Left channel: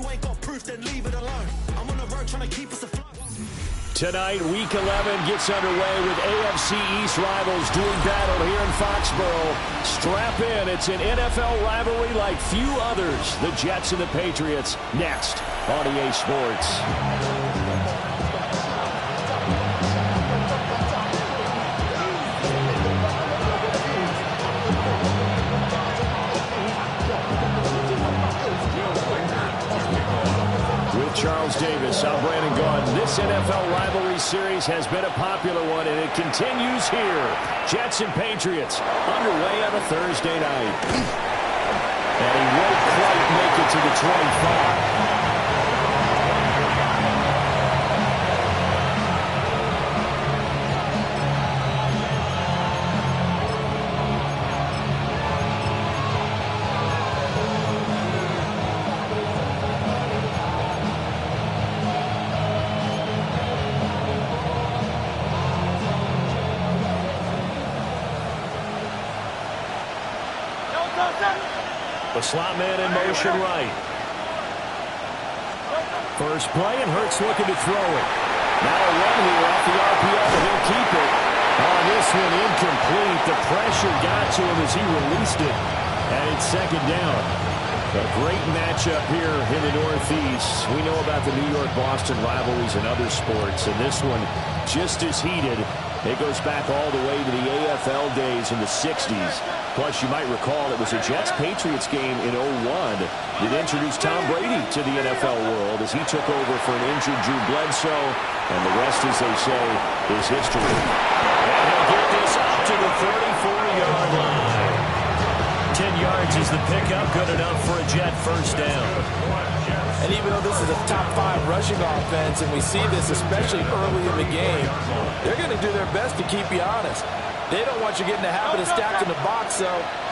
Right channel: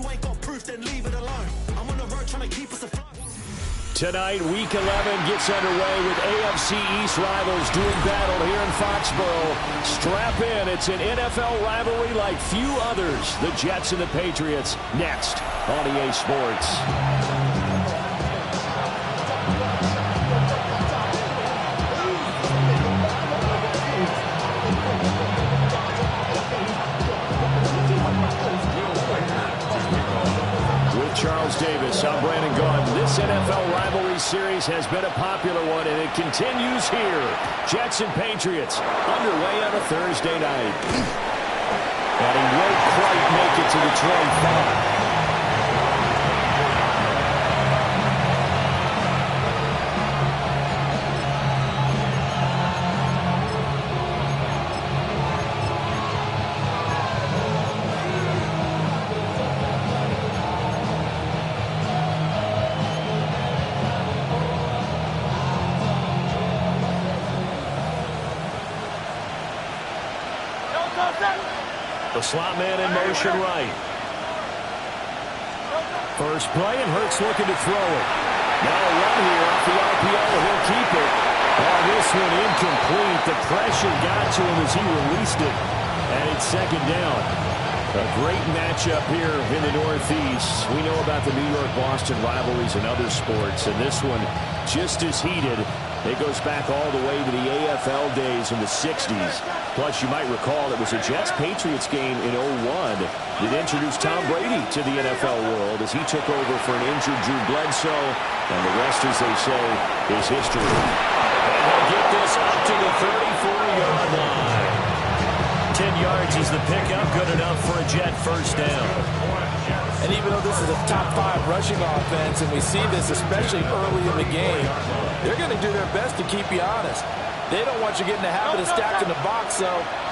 you ain't got proof, then leave it alone. I'm on the road trying to keep us afloat. Tonight, Week 11 gets underway with AFC East rivals doing battle here in Foxborough. Strap in. It's an NFL rivalry like few others. The Jets and the Patriots next on EA Sports. Charles Davis, I'm Brandon Gaudin. This NFL rivalry series has been a popular one, and it continues here. Jets and Patriots underway on a Thursday night. And he won't quite make it to the 25. The slot man in motion right. First play, and Hurts looking to throw it. Now a run here off the RPO, and he'll keep it. Oh, this one incomplete. The pressure got to him as he released it. And it's second down. A great matchup here in the Northeast. We know about the New York-Boston rivalries in other sports, and this one just as heated. It goes back all the way to the AFL days in the 60s. Plus, you might recall it was a Jets-Patriots game in 01 that introduced Tom Brady to the NFL world as he took over for an injured Drew Bledsoe. And the rest, as they say, is history. And he'll get this up to the 34-yard line. 10 yards is the pickup, good enough for a Jet first down. And even though this is a top-5 rushing offense, and we see this especially early in the game, they're going to do their best to keep you honest. They don't want you getting the habit of stacking the box, so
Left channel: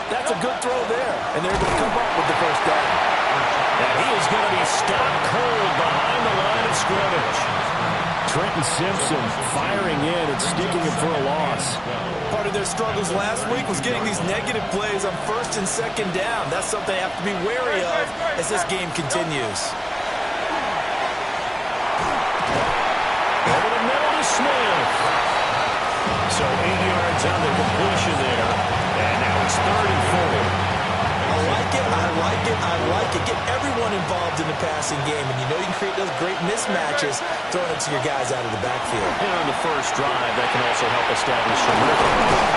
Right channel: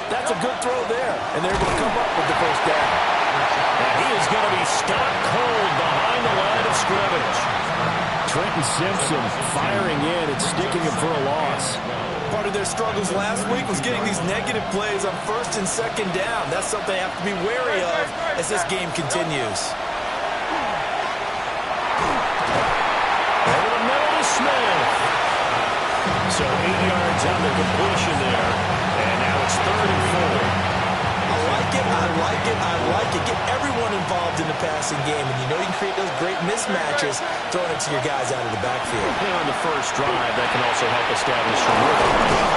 that's a good throw there. And they're going to come up with the first down. And he is going to be stopped cold behind the line of scrimmage. Trenton Simpson firing in and sticking him for a loss. Part of their struggles last week was getting these negative plays on first and second down. That's something they have to be wary of as this game continues. Over the middle to Smith. So 8 yards on the completion there. And now it's 3rd and 4. I like it, I like it, I like it. Get everyone involved in the passing game, and you know you can create those great mismatches throwing it to your guys out of the backfield. And on the first drive, that can also help establish some rhythm.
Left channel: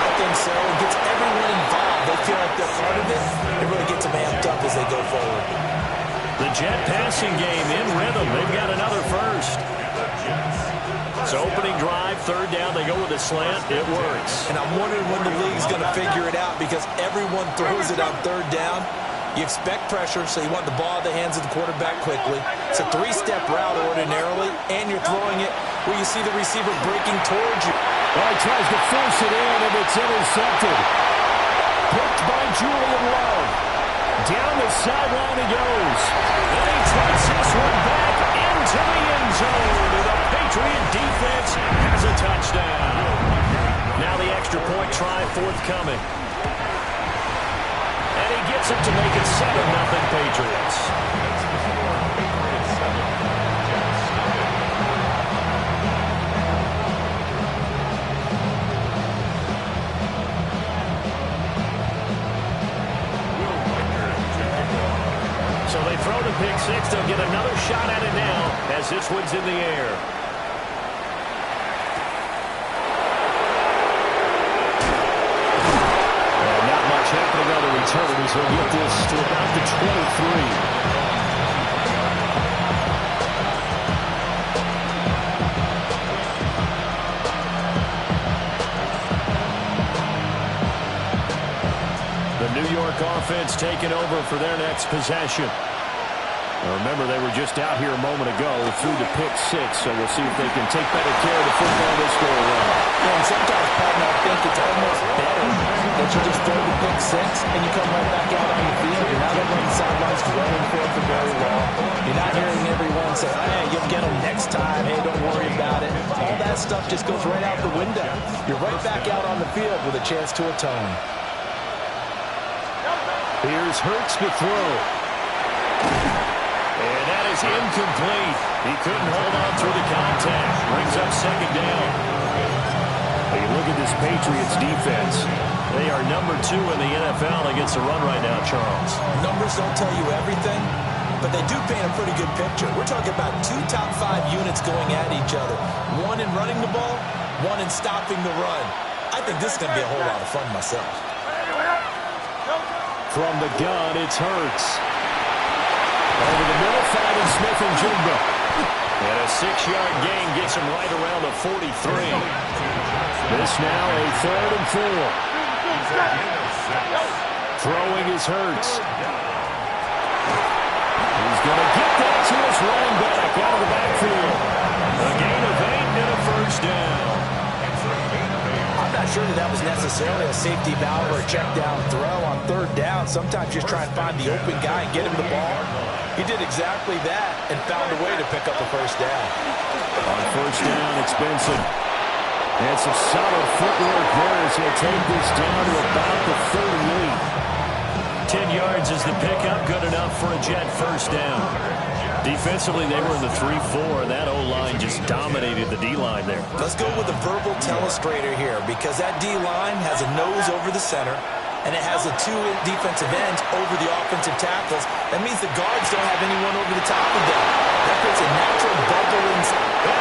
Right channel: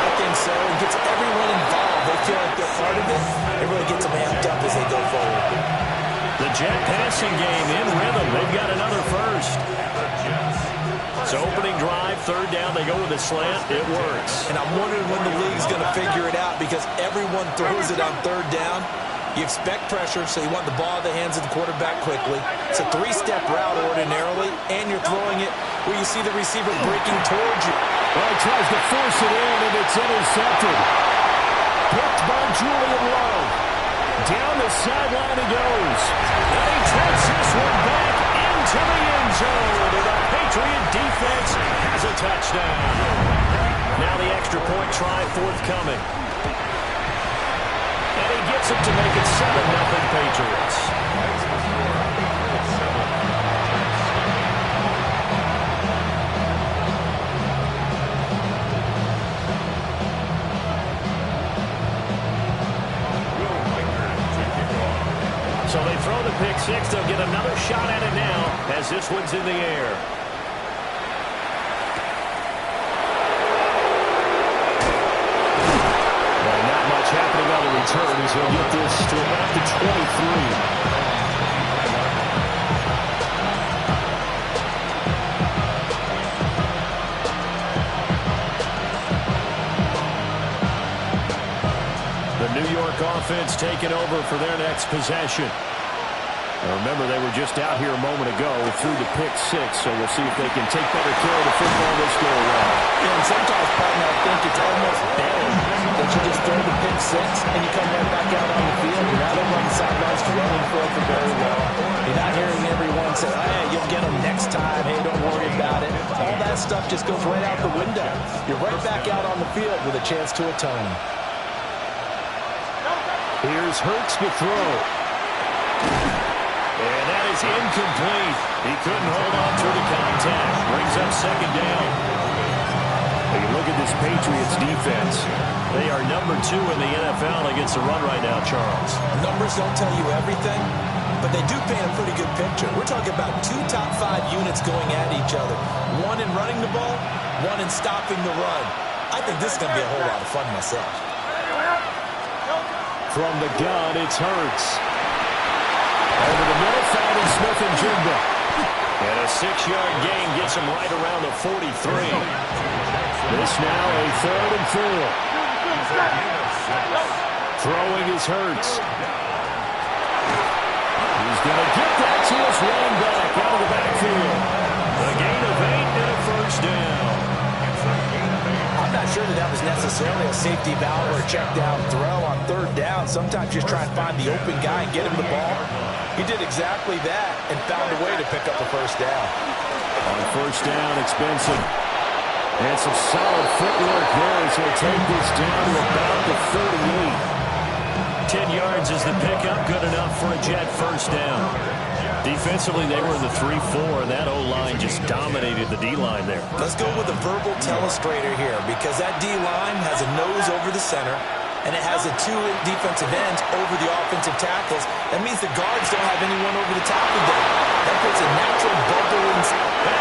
I think so. It gets everyone involved. They feel like they're part of it. It really gets them amped up as they go forward. The Jet passing game in rhythm. They've got another first. So opening drive, 3rd down, they go with a slant. It works. And I'm wondering when the league's going to figure it out because everyone throws it on 3rd down. You expect pressure, so you want the ball in the hands of the quarterback quickly. It's a 3-step route ordinarily, and you're throwing it where you see the receiver breaking towards you. Well, he tries to force it in, and it's intercepted. Picked by Julian Love. Down the sideline he goes. And he takes this one back into the end zone. And the Patriot defense has a touchdown. Now the extra point try forthcoming. And he gets it to make it 7-0 Patriots. So they throw the pick six. They'll get another shot at it now as this one's in the air. And not much happening on the return as he'll get this to about the 23. New York offense taking over for their next possession. Now remember, they were just out here a moment ago through the pick six, so we'll see if they can take better care of the football this go around. Yeah, and sometimes, partner, I think it's almost better that you just throw the pick six and you come right back out on the field. You're not over on the sidelines dwelling for it for very long. You're not hearing everyone say, hey, you'll get them next time. Hey, don't worry about it. All that stuff just goes right out the window. You're right back out on the field with a chance to atone. Here's Hurts to throw. And that is incomplete. He couldn't hold on through the contact. Brings up second down. Well, you look at this Patriots defense. They are number 2 in the NFL against the run right now, Charles. Numbers don't tell you everything, but they do paint a pretty good picture. We're talking about 2 top 5 units going at each other. One in running the ball, one in stopping the run. I think this is going to be a whole lot of fun myself. From the gun, it's Hurts. Over the middle, finding Smith-Njigba. And a 6-yard gain gets him right around the 43. This now a 3rd and 4. Throwing is Hurts. He's going to get that to his running back out of the backfield. A gain of 8 and a first down. I'm not sure that was necessarily a safety valve or a check down throw on 3rd down. Sometimes just try and find the open guy and get him the ball. He did exactly that and found a way to pick up a first down. On first down, it's Benson. And some solid footwork there as he'll take this down to about the 38. 10 yards is the pickup, good enough for a Jet first down. Defensively, they were in the 3-4, and that O-line just dominated the D-line there. Let's go with a verbal telestrator here, because that D-line has a nose over the center, and it has the 2 defensive ends over the offensive tackles. That means the guards don't have anyone over the top of them. That creates a natural bubble. And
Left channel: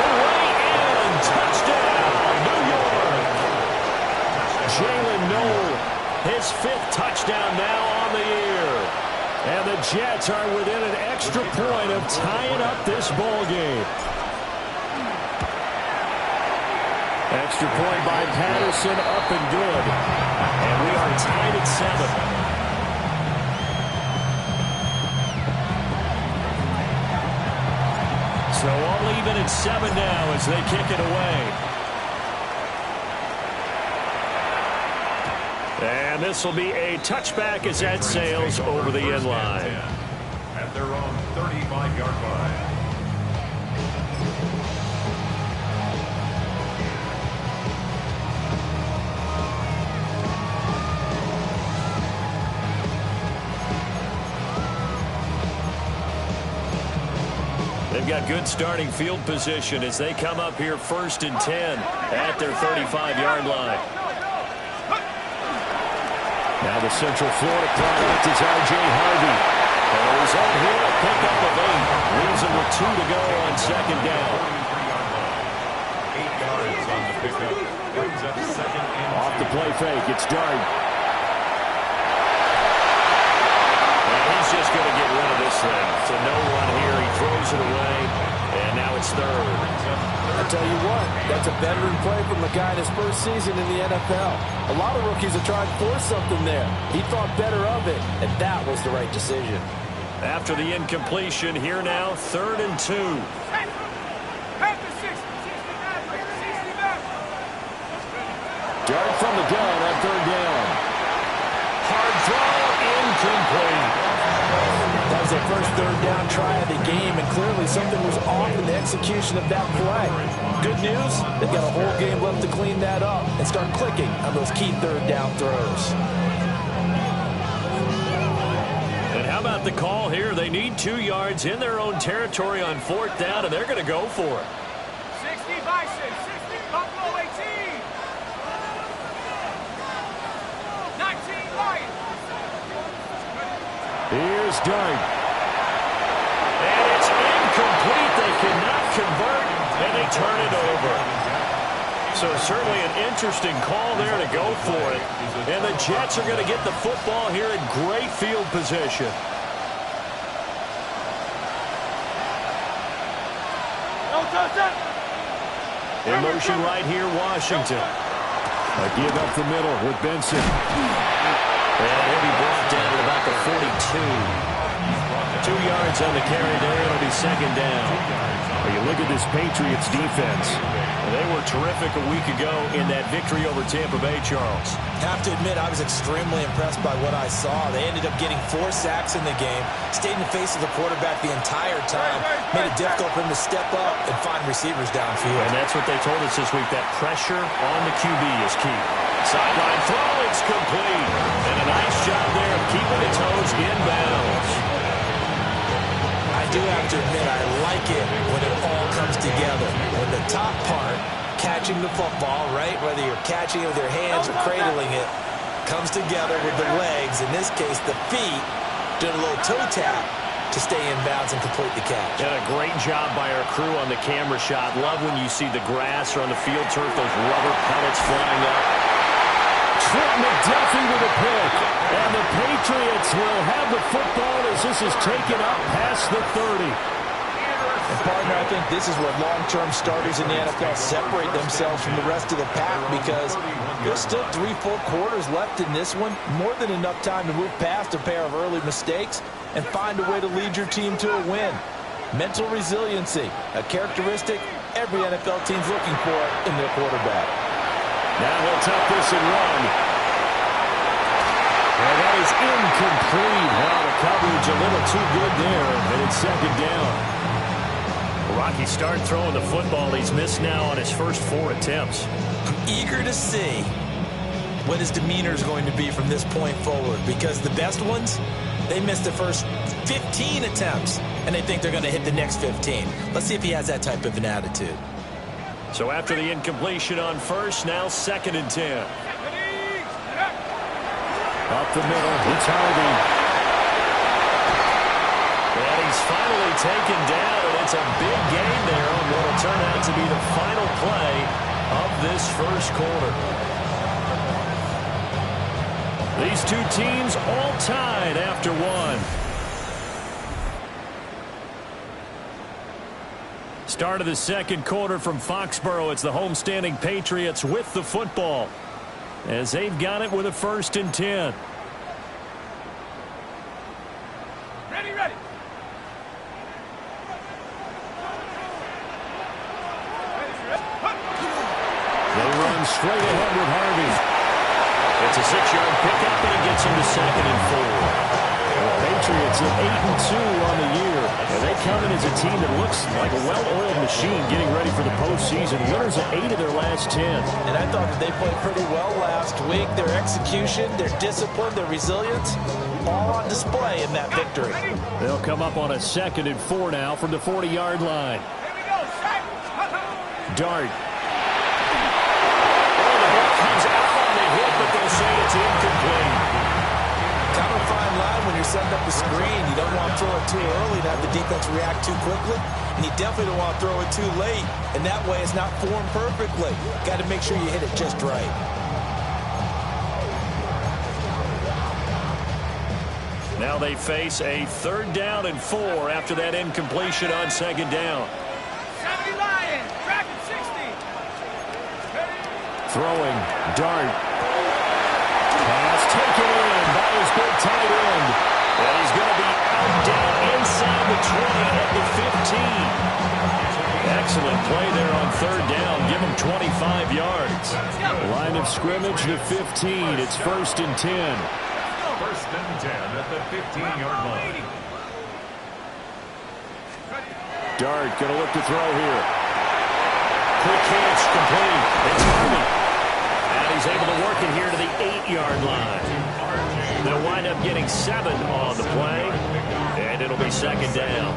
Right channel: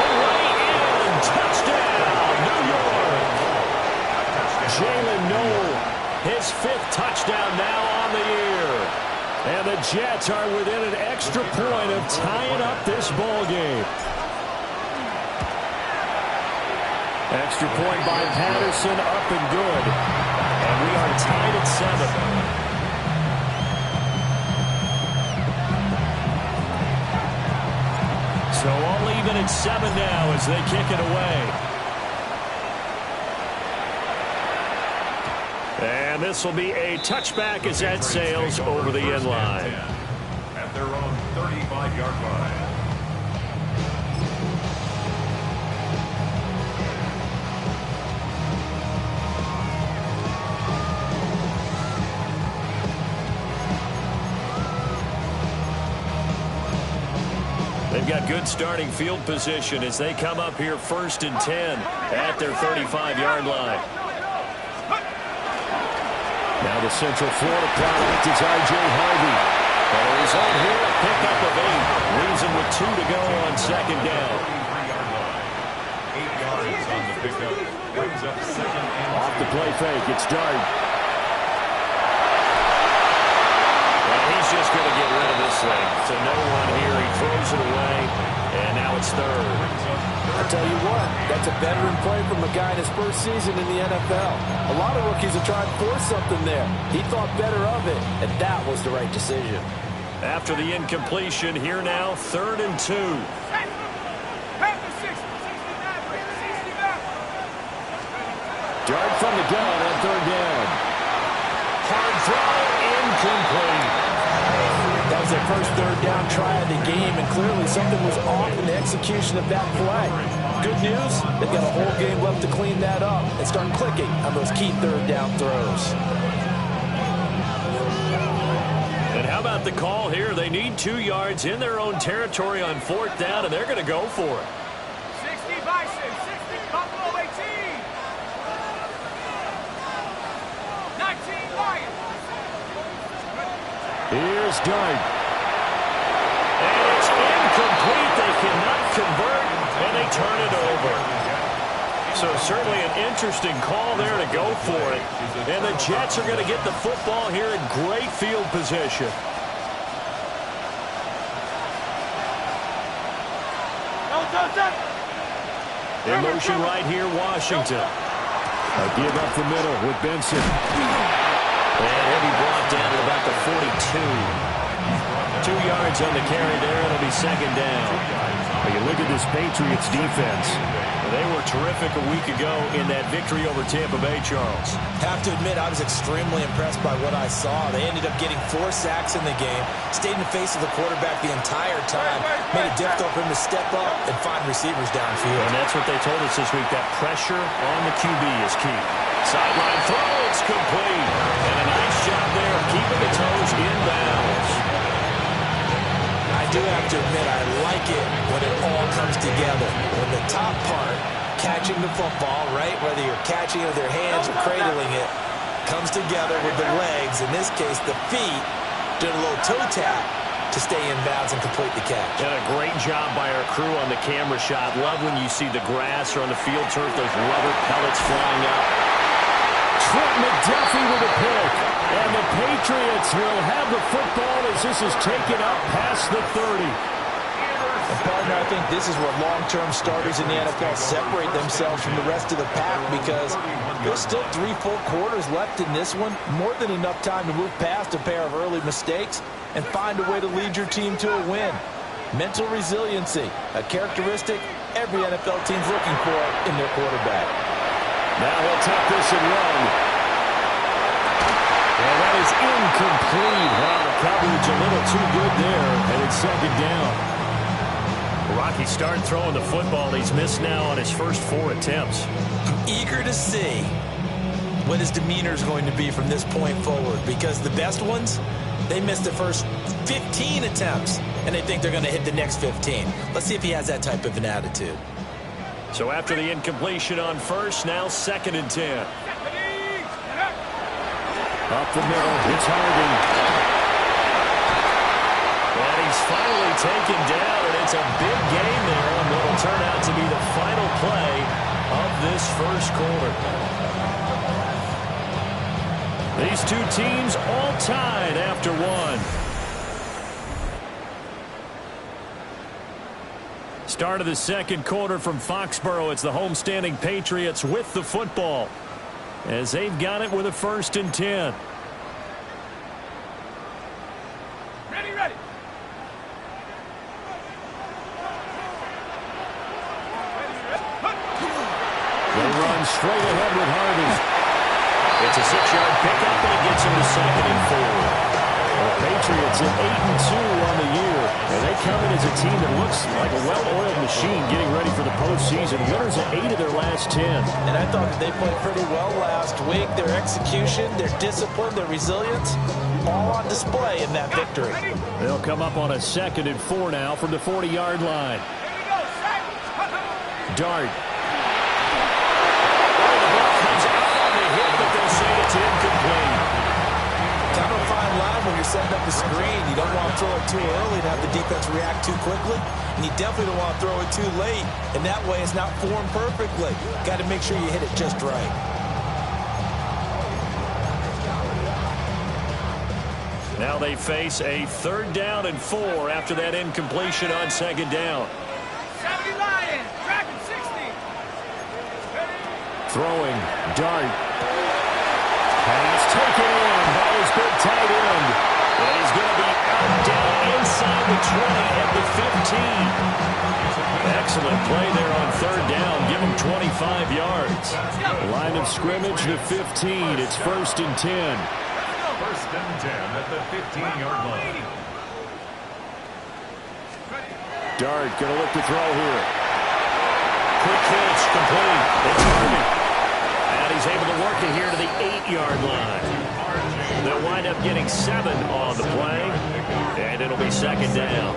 all the way in. Touchdown, New York. Jalen Noel, his 5th touchdown now on the year. And the Jets are within an extra point of tying up this ball game. Extra point by Patterson, up and good. And we are tied at 7. So all even at 7 now as they kick it away. And this will be a touchback as that sails over the end line. At their own 35-yard line. They've got good starting field position as they come up here 1st and 10 at their 35-yard line. Now the Central Florida product is R.J. Harvey. And a result here, a pickup of 8. Leaves him with 2 to go on second down. 8 yards on the pickup. Brings up second and 2. Off the play fake, it's Dart. And he's just going to get rid of this thing. To no one here, he throws it away. And now it's 3rd. I tell you what, that's a veteran play from a guy in his first season in the NFL. A lot of rookies are trying to force something there. He thought better of it, and that was the right decision. After the incompletion, here now, 3rd and 2. Dart from the gun on 3rd down. Hard throw, incomplete. That was their first 3rd down try of the game, and clearly something was off in the execution of that play. Good news, they've got a whole game left to clean that up and start clicking on those key 3rd down throws. And how about the call here? They need 2 yards in their own territory on 4th down, and they're going to go for it. 60 Bison, 60 Buffalo 18. 19 Lions. Here's Dart. And it's incomplete. They cannot convert, and they turn it over. So certainly an interesting call there to go for it. And the Jets are going to get the football here in great field position. In motion right here, Washington. A give up the middle with Benson. And he'll be brought down at about the 42. 2 yards on the carry there. It'll be second down. Well, you look at this Patriots defense. They were terrific a week ago in that victory over Tampa Bay, Charles. Have to admit, I was extremely impressed by what I saw. They ended up getting 4 sacks in the game, stayed in the face of the quarterback the entire time, made it difficult for him to step up and find receivers downfield. And that's what they told us this week, that pressure on the QB is key. Sideline throw, it's complete. And a nice job there of keeping the toes in bounds. do have to admit, I like it when it all comes together. When the top part, catching the football, right, whether you're catching it with your hands or cradling it, comes together with the legs, in this case the feet, doing a little toe tap to stay in bounds and complete the catch. And a great job by our crew on the camera shot. Love when you see the grass or on the field turf, those rubber pellets flying up. Trent McDuffie with a pick. And the Patriots will have the football as this is taken up past the 30. And partner, I think this is where long-term starters in the NFL separate themselves from the rest of the pack, because there's still 3 full quarters left in this one. More than enough time to move past a pair of early mistakes and find a way to lead your team to a win. Mental resiliency, a characteristic every NFL team's looking for in their quarterback. Now he'll tuck this and run. And that is incomplete. Now the coverage a little too good there, and it's second down. Rocky started throwing the football. He's missed now on his first 4 attempts. I'm eager to see what his demeanor is going to be from this point forward, because the best ones, they missed the first 15 attempts, and they think they're going to hit the next 15. Let's see if he has that type of an attitude. So after the incompletion on first, now 2nd and 10. Up the middle, it's Harvey. And he's finally taken down, and it's a big gain there on what will turn out to be the final play of this first quarter. These two teams all tied after 1. Start of the second quarter from Foxborough. It's the homestanding Patriots with the football, as they've got it with a 1st and 10. Ready. They run straight ahead with Harvey. It's a 6-yard pickup, and it gets him to 2nd and 4. The Patriots at 8-2 on the year, and they come in as a team that looks like a well-oiled machine getting ready for the postseason. Winners of 8 of their last 10. And I thought that they played pretty well last week. Their execution, their discipline, their resilience, all on display in that victory. They'll come up on a 2nd and 4 now from the 40-yard line. Here we go, Dart. Oh, the ball comes out on the hit, but they'll say it's incomplete. Kind of a fine line when you're setting up a screen. You don't want to throw it too early and have the defense react too quickly, and you definitely don't want to throw it too late, and that way it's not formed perfectly. Got to make sure you hit it just right. Now they face a 3rd down and 4 after that incompletion on 2nd down. 70 Lions, tracking 60. Throwing, Dart. Pass taken in by his big tight end. And he's going to be out down inside the 20 at the 15. Excellent play there on 3rd down. Give him 25 yards. Line of scrimmage, the 15. It's 1st and 10. 1st and 10 at the 15-yard line. Dart going to look to throw here. Quick hitch, complete. It's Harvey. And he's able to work it here to the 8-yard line. They'll wind up getting 7 on the play, and it'll be 2nd down.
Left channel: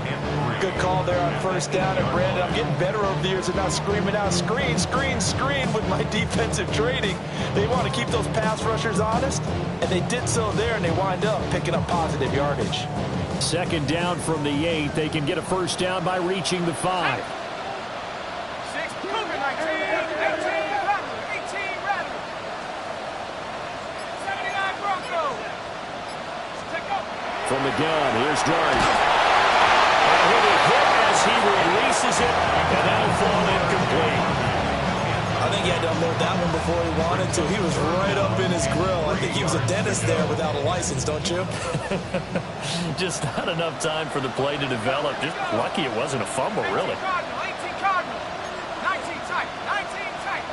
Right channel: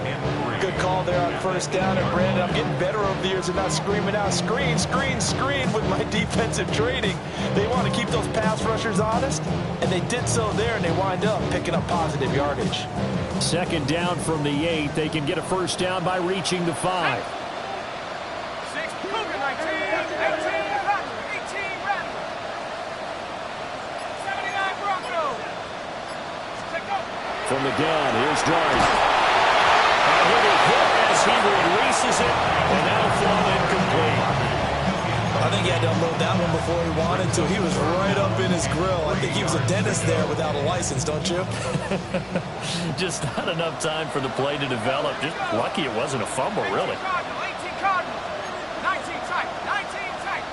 Good call there on 1st down, and Brandon, I'm getting better over the years and not screaming out, screen, screen, screen with my defensive training. They want to keep those pass rushers honest, and they did so there, and they wind up picking up positive yardage. 2nd down from the 8. They can get a 1st down by reaching the 5. 6, Cougar 19, 18, Rattler, 18, Rattler. 79 Broncos. Take off. From the gun, here's Dart. And he'll be hit as he releases it, and that'll fall incomplete. I think he had to unload that one before he wanted to. He was right up in his grill. I think he was a dentist there without a license, don't you? Just not enough time for the play to develop. Just lucky it wasn't a fumble, really. 18 Cardinal, 19 tight, 19 tight.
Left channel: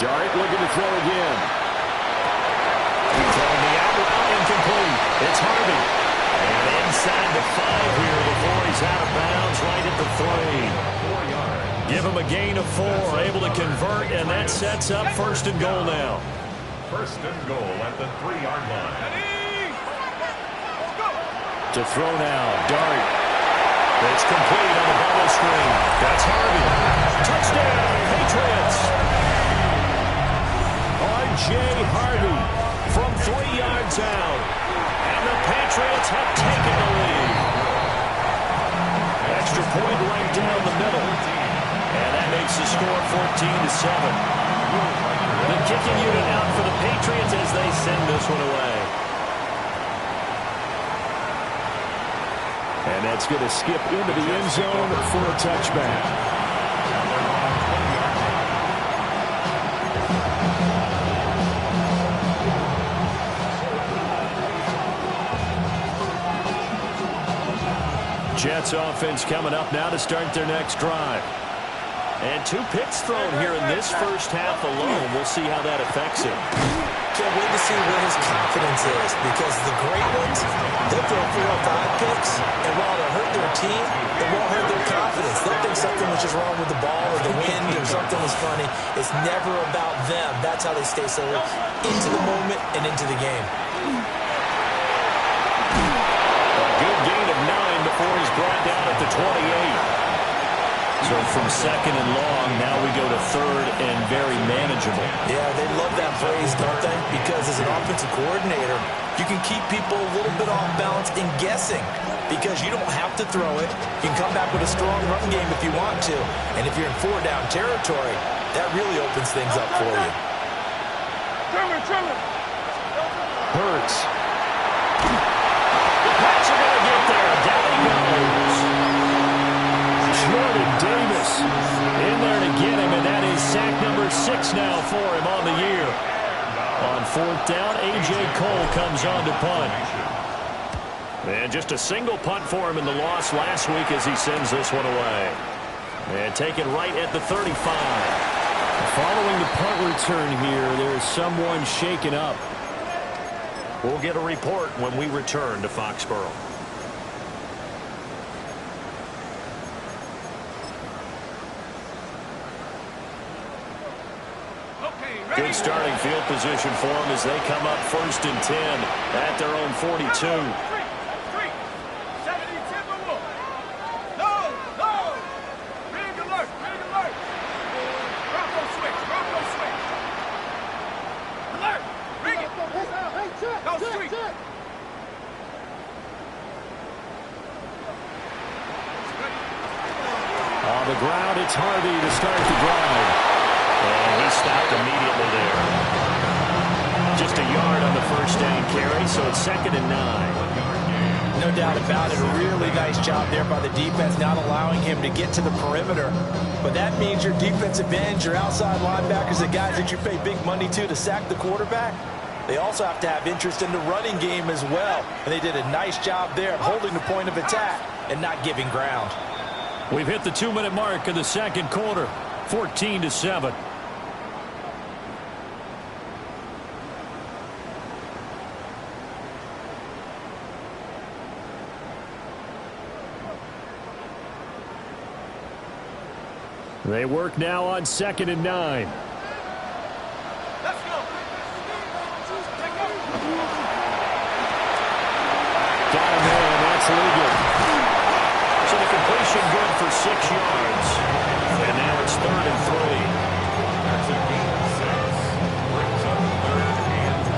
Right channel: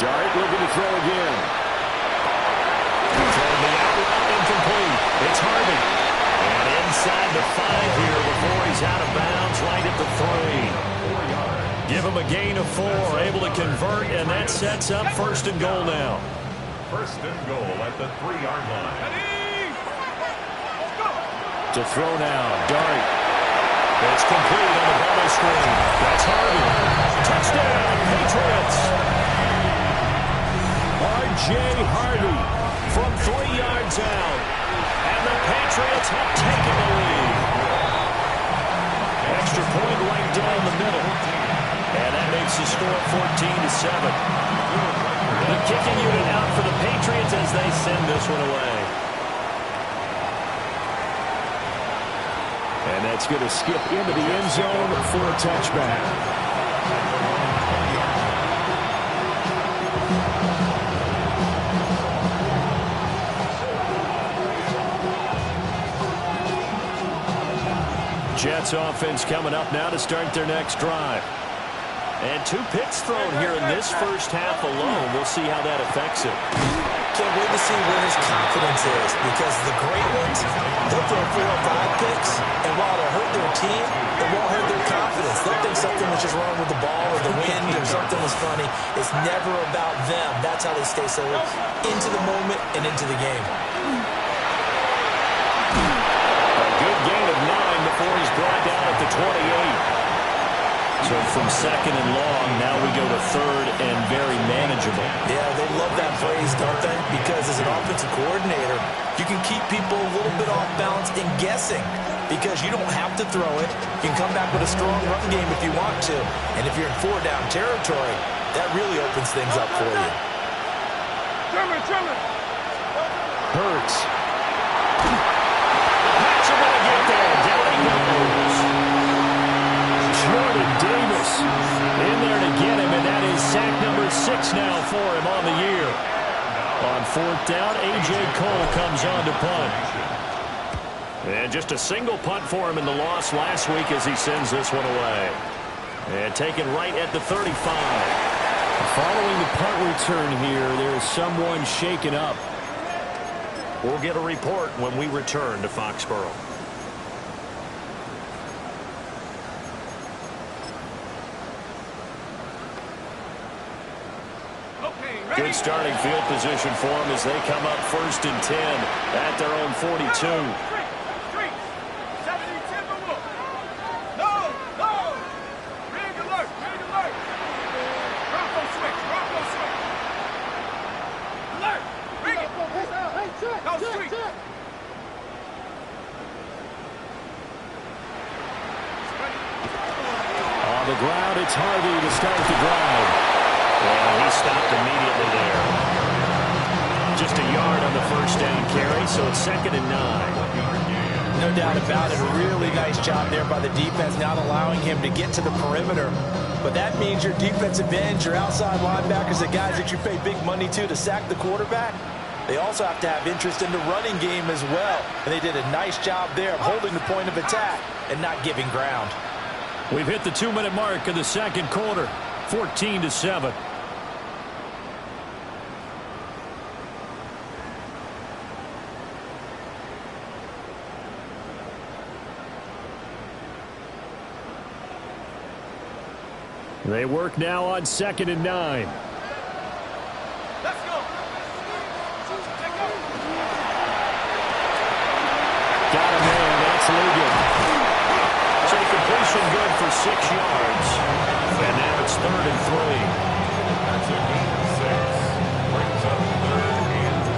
Dart looking to throw again. Throwing the out route, incomplete. It's Harvey. And inside the 5 here before he's out of bounds, right at the 3. 4 yards. Give him a gain of 4, able to convert, and that sets up 1st and goal now. 1st and goal at the 3-yard line. To throw now, Dart. It's complete on the bubble screen. That's Harvey. Touchdown, Patriots. R.J. Harvey from 3 yards out. And the Patriots have taken the lead. Extra point right down the middle. And that makes the score 14-7. The kicking unit out for the Patriots as they send this one away. And that's going to skip into the end zone for a touchback. Jets offense coming up now to start their next drive. And 2 picks thrown here in this first half alone. We'll see how that affects him. Can't wait to see where his confidence is, because the great ones, they'll throw 4 or 5 picks, and while it'll hurt their team, it won't hurt their confidence. They'll think something was just wrong with the ball or the wind or something was funny. It's never about them. That's how they stay so into the moment and into the game. A good gain of 9 before he's brought down at the 28. So from second and long, now we go to third and very manageable. Yeah, they love that phrase, don't they? Because as an offensive coordinator, you can keep people a little bit off balance and guessing, because you don't have to throw it. You can come back with a strong run game if you want to. And if you're in 4-down territory, that really opens things up for you. Hurts. The Pats are going to get there. Down he goes. Jordan Davis in there to get him, and that is sack number 6 now for him on the year. On 4th down, A.J. Cole comes on to punt. And just a single punt for him in the loss last week as he sends this one away. And taken right at the 35. Following the punt return here, there is someone shaken up. We'll get a report when we return to Foxborough. Good starting field position for them as they come up 1st and 10 at their own 42. Rig alert. Bronco switch. Alert. Rig it. Go street. On the ground, it's Harvey to start the drive. And he stopped immediately there. Just a yard on the 1st down carry, so it's 2nd and 9. No doubt about it. A really nice job there by the defense, not allowing him to get to the perimeter. But that means your defensive ends, your outside linebackers, the guys that you pay big money to sack the quarterback, they also have to have interest in the running game as well. And they did a nice job there of holding the point of attack and not giving ground. We've hit the 2-minute mark of the second quarter, 14-7. They work now on 2nd and 9. Let's go. Got him in. That's Ligon. So the completion good for 6 yards. And now it's 3rd and 3. That's a gain of 6. Brings up 3rd and 3.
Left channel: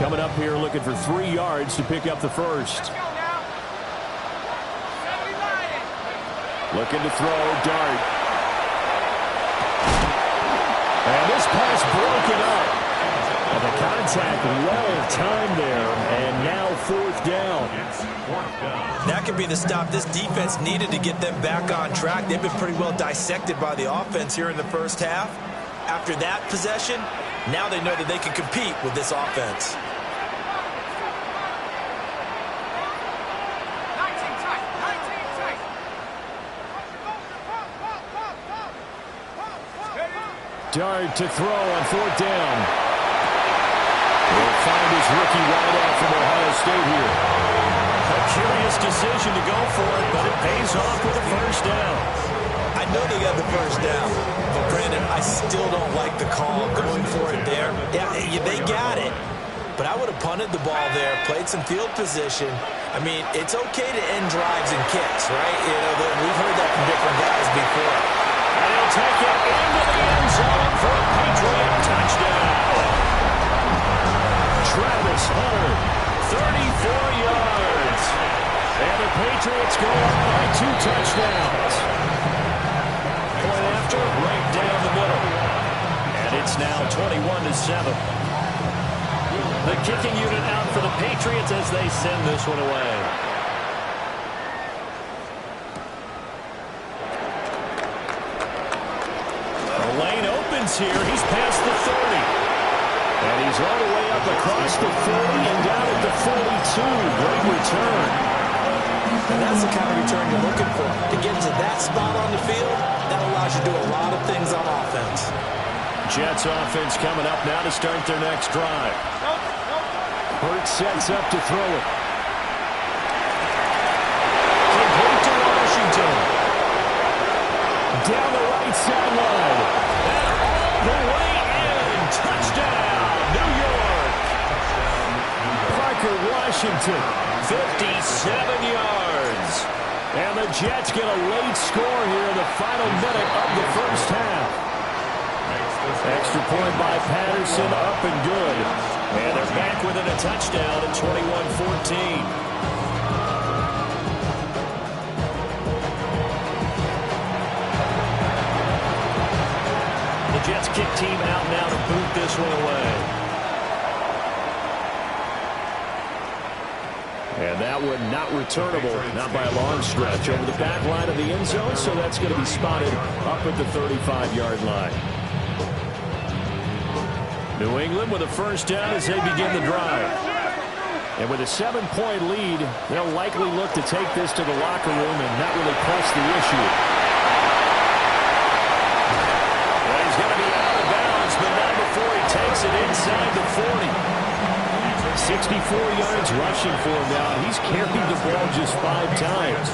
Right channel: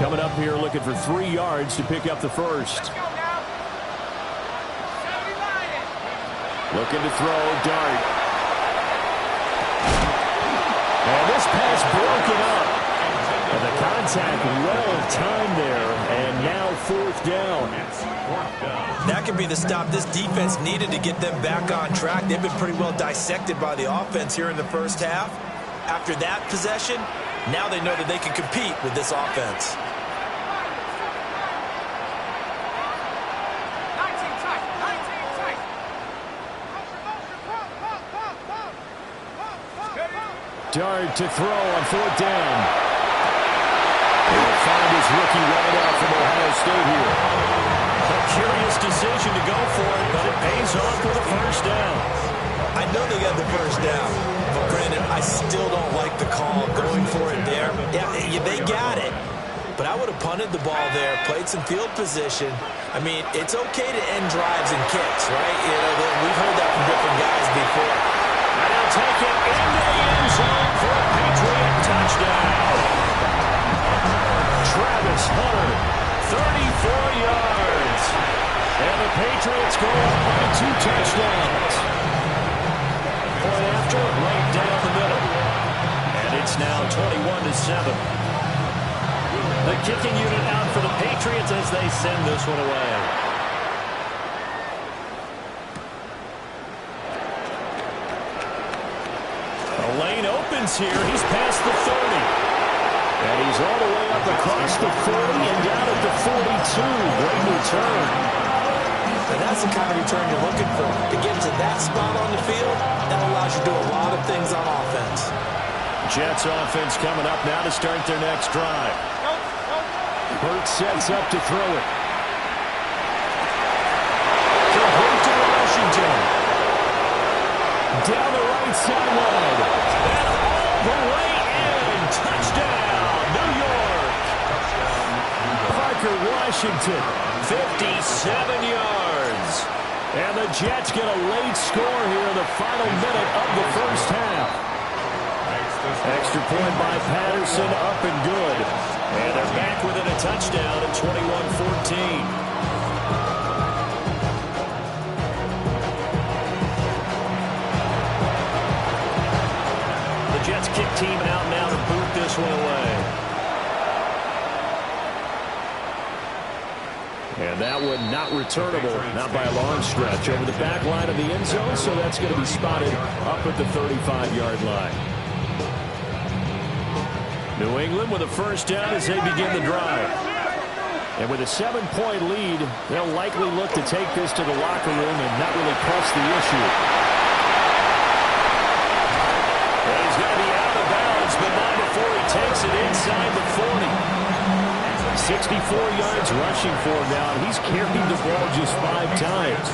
Coming up here looking for 3 yards to pick up the first. Let's go now. 70 Lions. Looking to throw, Dart. And this pass broken up. And the contact well timed there. And now 4th down. It's 4th down. That could be the stop this defense needed to get them back on track. They've been pretty well dissected by the offense here in the first half. After that possession, now they know that they can compete with this offense. 19 tight. Dart to throw on 4th down. He'll find his rookie wideout from Ohio State here. A curious decision to go for it, but it pays off with a first down. I know they got the first down, but Brandon, I still don't like the call going for it there. Yeah, they got it, but I would have punted the ball there, played some field position. I mean, it's okay to end drives and kicks, right? You know, we've heard that from different guys before. And he'll take it into the end zone for a Patriot touchdown. Travis Hunter, 34 yards. And the Patriots go up by 2 touchdowns. Point after, right down the middle. And it's now 21-7. The kicking unit out for the Patriots as they send this one away. The lane opens here. He's past the 30. And he's all the way up across the 40 and down at the 42. Great return. And that's the kind of return you're looking for. To get to that spot on the field, that allows you to do a lot of things on offense. Jets offense coming up now to start their next drive. Hurts sets up to throw it. Complete to Washington. Down the right sideline. And all the way in. Touchdown, New York. Parker Washington, 57 yards. And the Jets get a late score here in the final minute of the first half. Extra point by Patterson, up and good. And they're back within a touchdown at 21-14. The Jets kick team out now to boot this one away. And that one not returnable, not by a long stretch, over the back line of the end zone, so that's going to be spotted up at the 35-yard line. New England with a first down as they begin the drive. And with a 7-point lead, they'll likely look to take this to the locker room and not really press the issue. And he's going to be out of bounds, but not before he takes it inside the 40. 64 yards rushing for him now, and he's carried the ball just 5 times.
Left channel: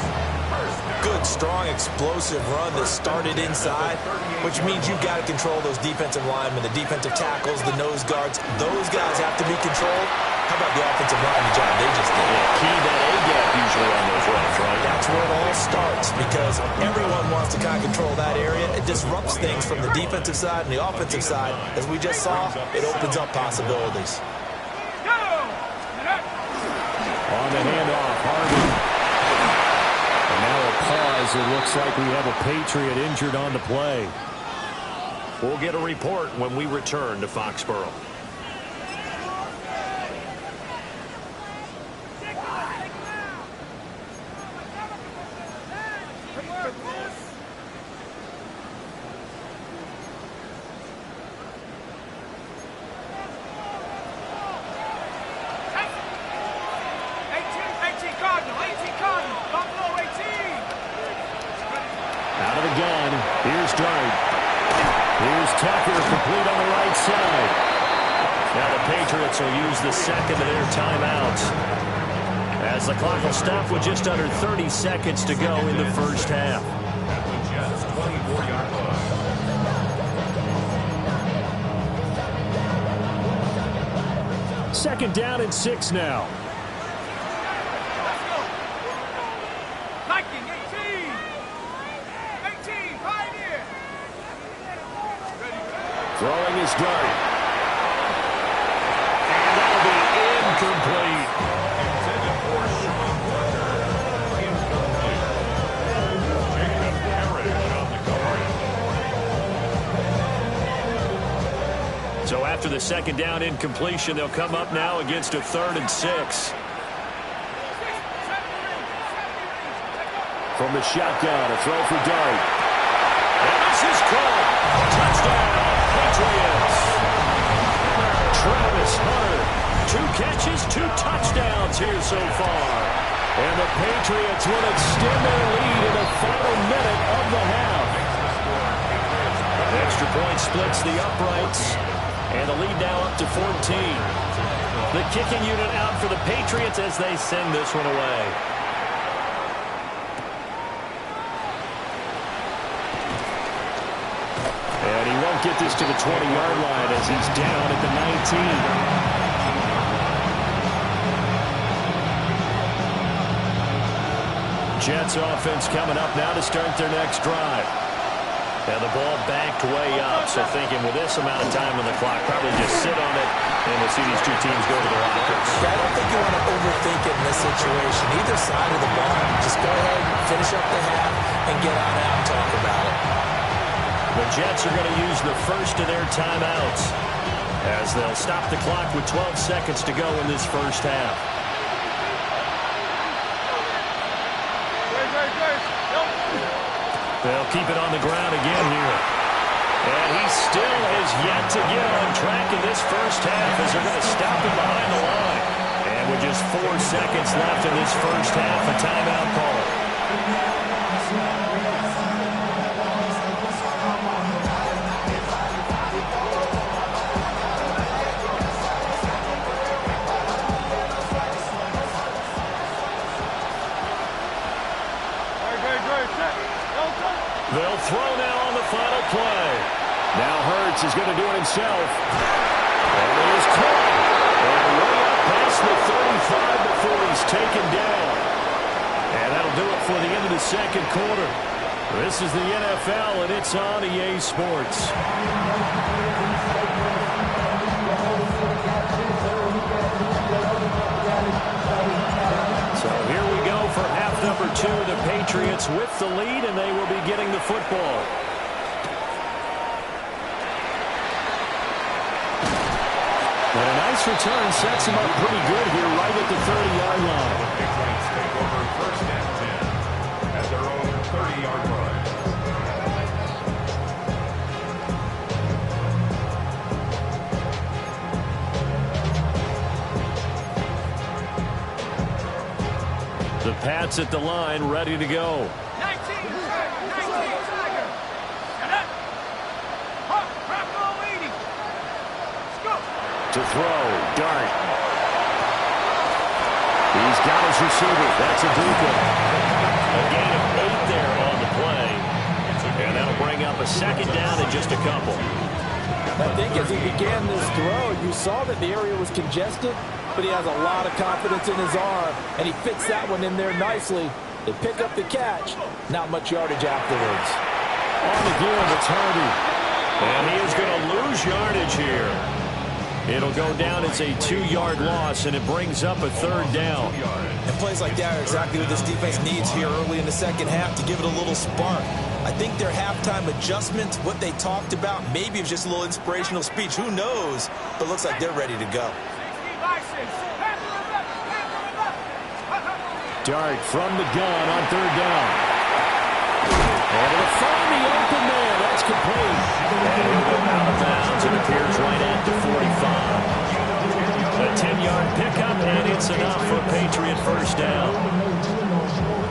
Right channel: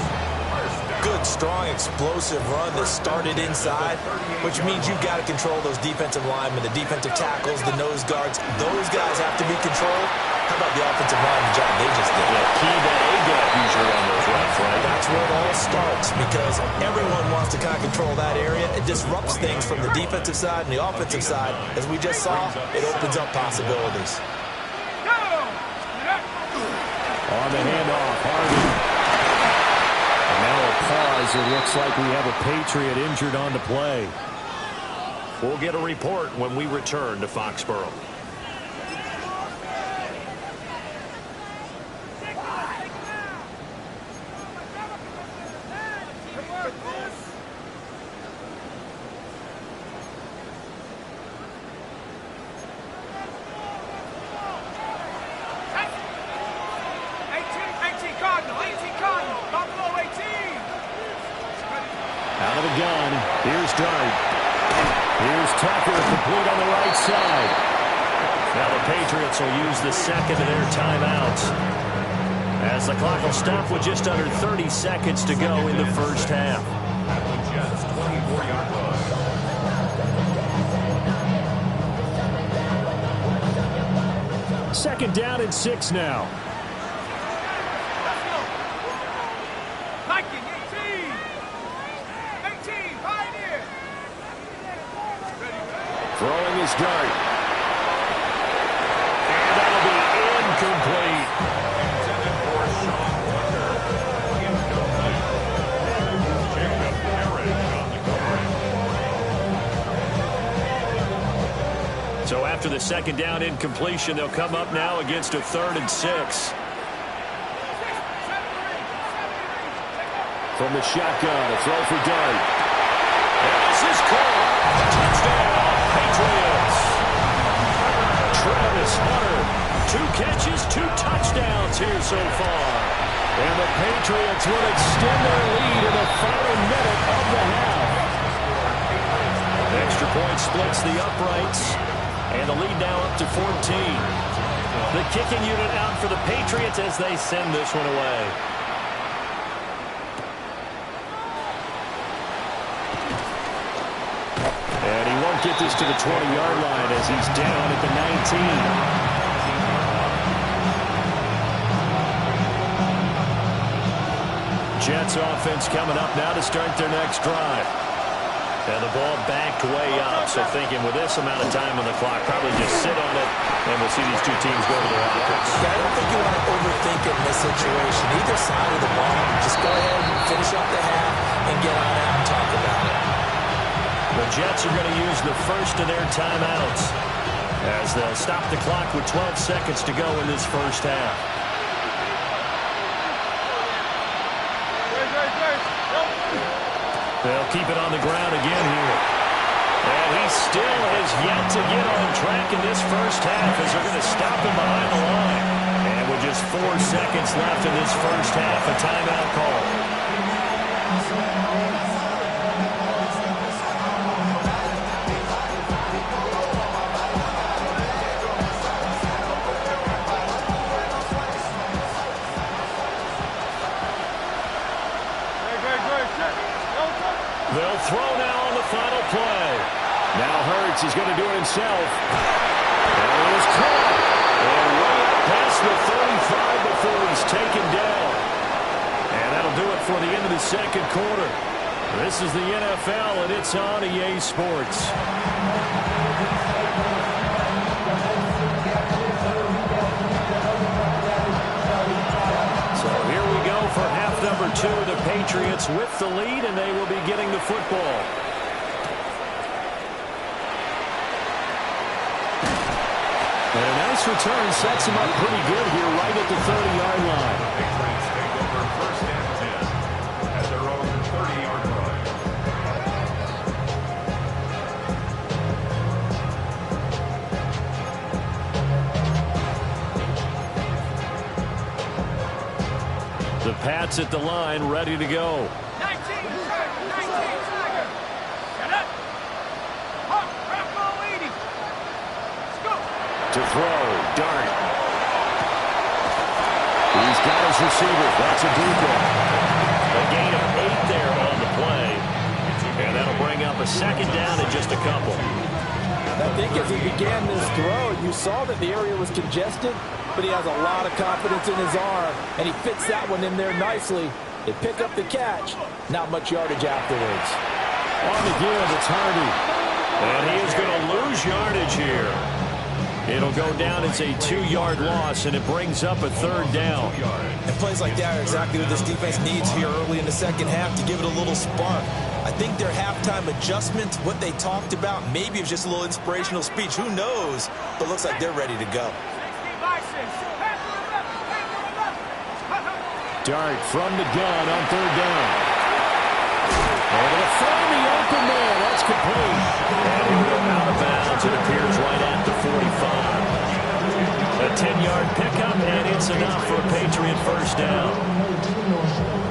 Good, strong, explosive run that started inside, which means you've got to control those defensive linemen, the defensive tackles, the nose guards. Those guys have to be controlled. How about the offensive line, the job they just did? Yeah, key that A-gap usually on those routes, right? That's where it all starts, because everyone wants to kind of control that area. It disrupts things from the defensive side and the offensive side. As we just saw, it opens up possibilities. On the handoff, Harvey. And now a pause. It looks like we have a Patriot injured on the play. We'll get a report when we return to Foxborough. Out of the gun. Here's Dart. Here's Tucker, complete on the right side. Now the Patriots will use the second of their timeouts, as the clock will stop with just under 30 seconds to go in the first half. At the Jets' 24-yard line. Second down and 6 now. Throwing his dart. And that'll be incomplete. Intended for Sean Tucker. Incomplete. Jacob Parrish on the coverage. So after the second down incompletion, they'll come up now against a 3rd and 6. From the shotgun, a throw for Dart. And this is caught. Touchdown, Patriots. Travis Hunter, 2 catches, 2 touchdowns here so far. And the Patriots will extend their lead in the final minute of the half. Extra point splits the uprights. And the lead now up to 14. The kicking unit out for the Patriots as they send this one away. And he won't get this to the 20-yard line as he's down at the 19. Jets offense coming up now to start their next drive. And the ball backed way up, so thinking with this amount of time on the clock, probably just sit on it, and we'll see these two teams go to the lockers. Yeah, I don't think you want to overthink it in this situation. Either side of the ball, just go ahead and finish up the half and get on out and talk about it. The Jets are going to use the first of their timeouts as they'll stop the clock with 12 seconds to go in this first half. They'll keep it on the ground again here. And he still has yet to get on track in this first half as they're going to stop him behind the line. And with just 4 seconds left in this first half, a timeout call. They'll throw now on the final play. Now Hurts is going to do it himself. And he is caught. And way up past the 35 before he's taken down. And that'll do it for the end of the second quarter. This is the NFL, and it's on EA Sports. So here we go for half number 2. The Patriots with the lead, and they will be getting the football. And a nice return sets him up pretty good here right at the 30-yard line. The Patriots take over first and 10 at their own 30-yard line. The Pats at the line, ready to go. 19 Tiger. Get it. Hawk, Bravo 80. Let's go. To throw, Dart. He's got his receiver. That's Ibuka. A gain of 8 there on the play. And that'll bring up a second down in just a couple. I think as he began this throw, you saw that the area was congested, but he has a lot of confidence in his arm, and he fits that one in there nicely. They pick up the catch. Not much yardage afterwards. On the give, it's Hardy. And he is going to lose yardage here. It'll go down as a 2-yard loss, and it brings up a third down. And plays like that are exactly what this defense needs here early in the second half to give it a little spark. I think their halftime adjustment, what they talked about, maybe it was just a little inspirational speech. Who knows? But looks like they're ready to go. Dart from the gun on third down. Able to find the open man. That's complete. And he'll go out of bounds. It appears right at the 45. A 10-yard pickup, and it's enough for a Patriot first down.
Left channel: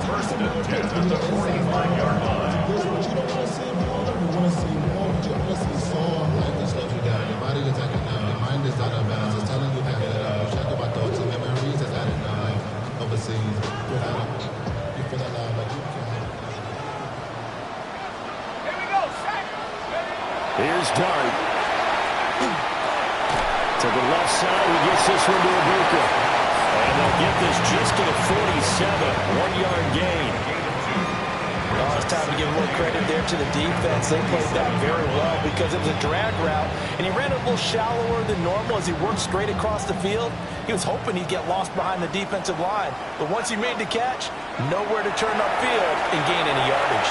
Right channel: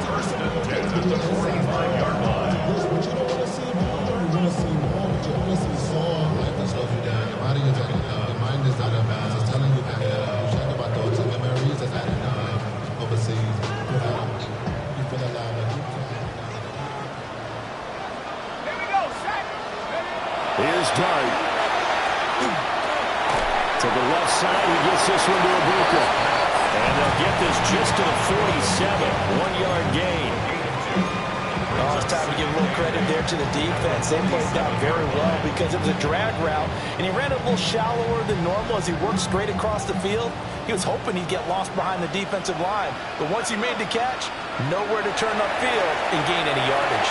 First and 10 at the 45-yard line. But you don't want to see more. You want to see more, but you want to see some. Life that slows you down. Your body is acting up. Your mind is out of bounds. It's telling you back it up. You check about thoughts and memories that's adding up. Like overseas. You feel alive like you can. Here we go, Shaq. Here's Dart. To the left side, he gets this one to Ibuka. And they'll get this just to the 47. 1-yard gain. Oh, it's time to give a little credit there to the defense. They played that very well because it was a drag route, and he ran it a little shallower than normal as he worked straight across the field. He was hoping he'd get lost behind the defensive line, but once he made the catch, nowhere to turn upfield and gain any yardage.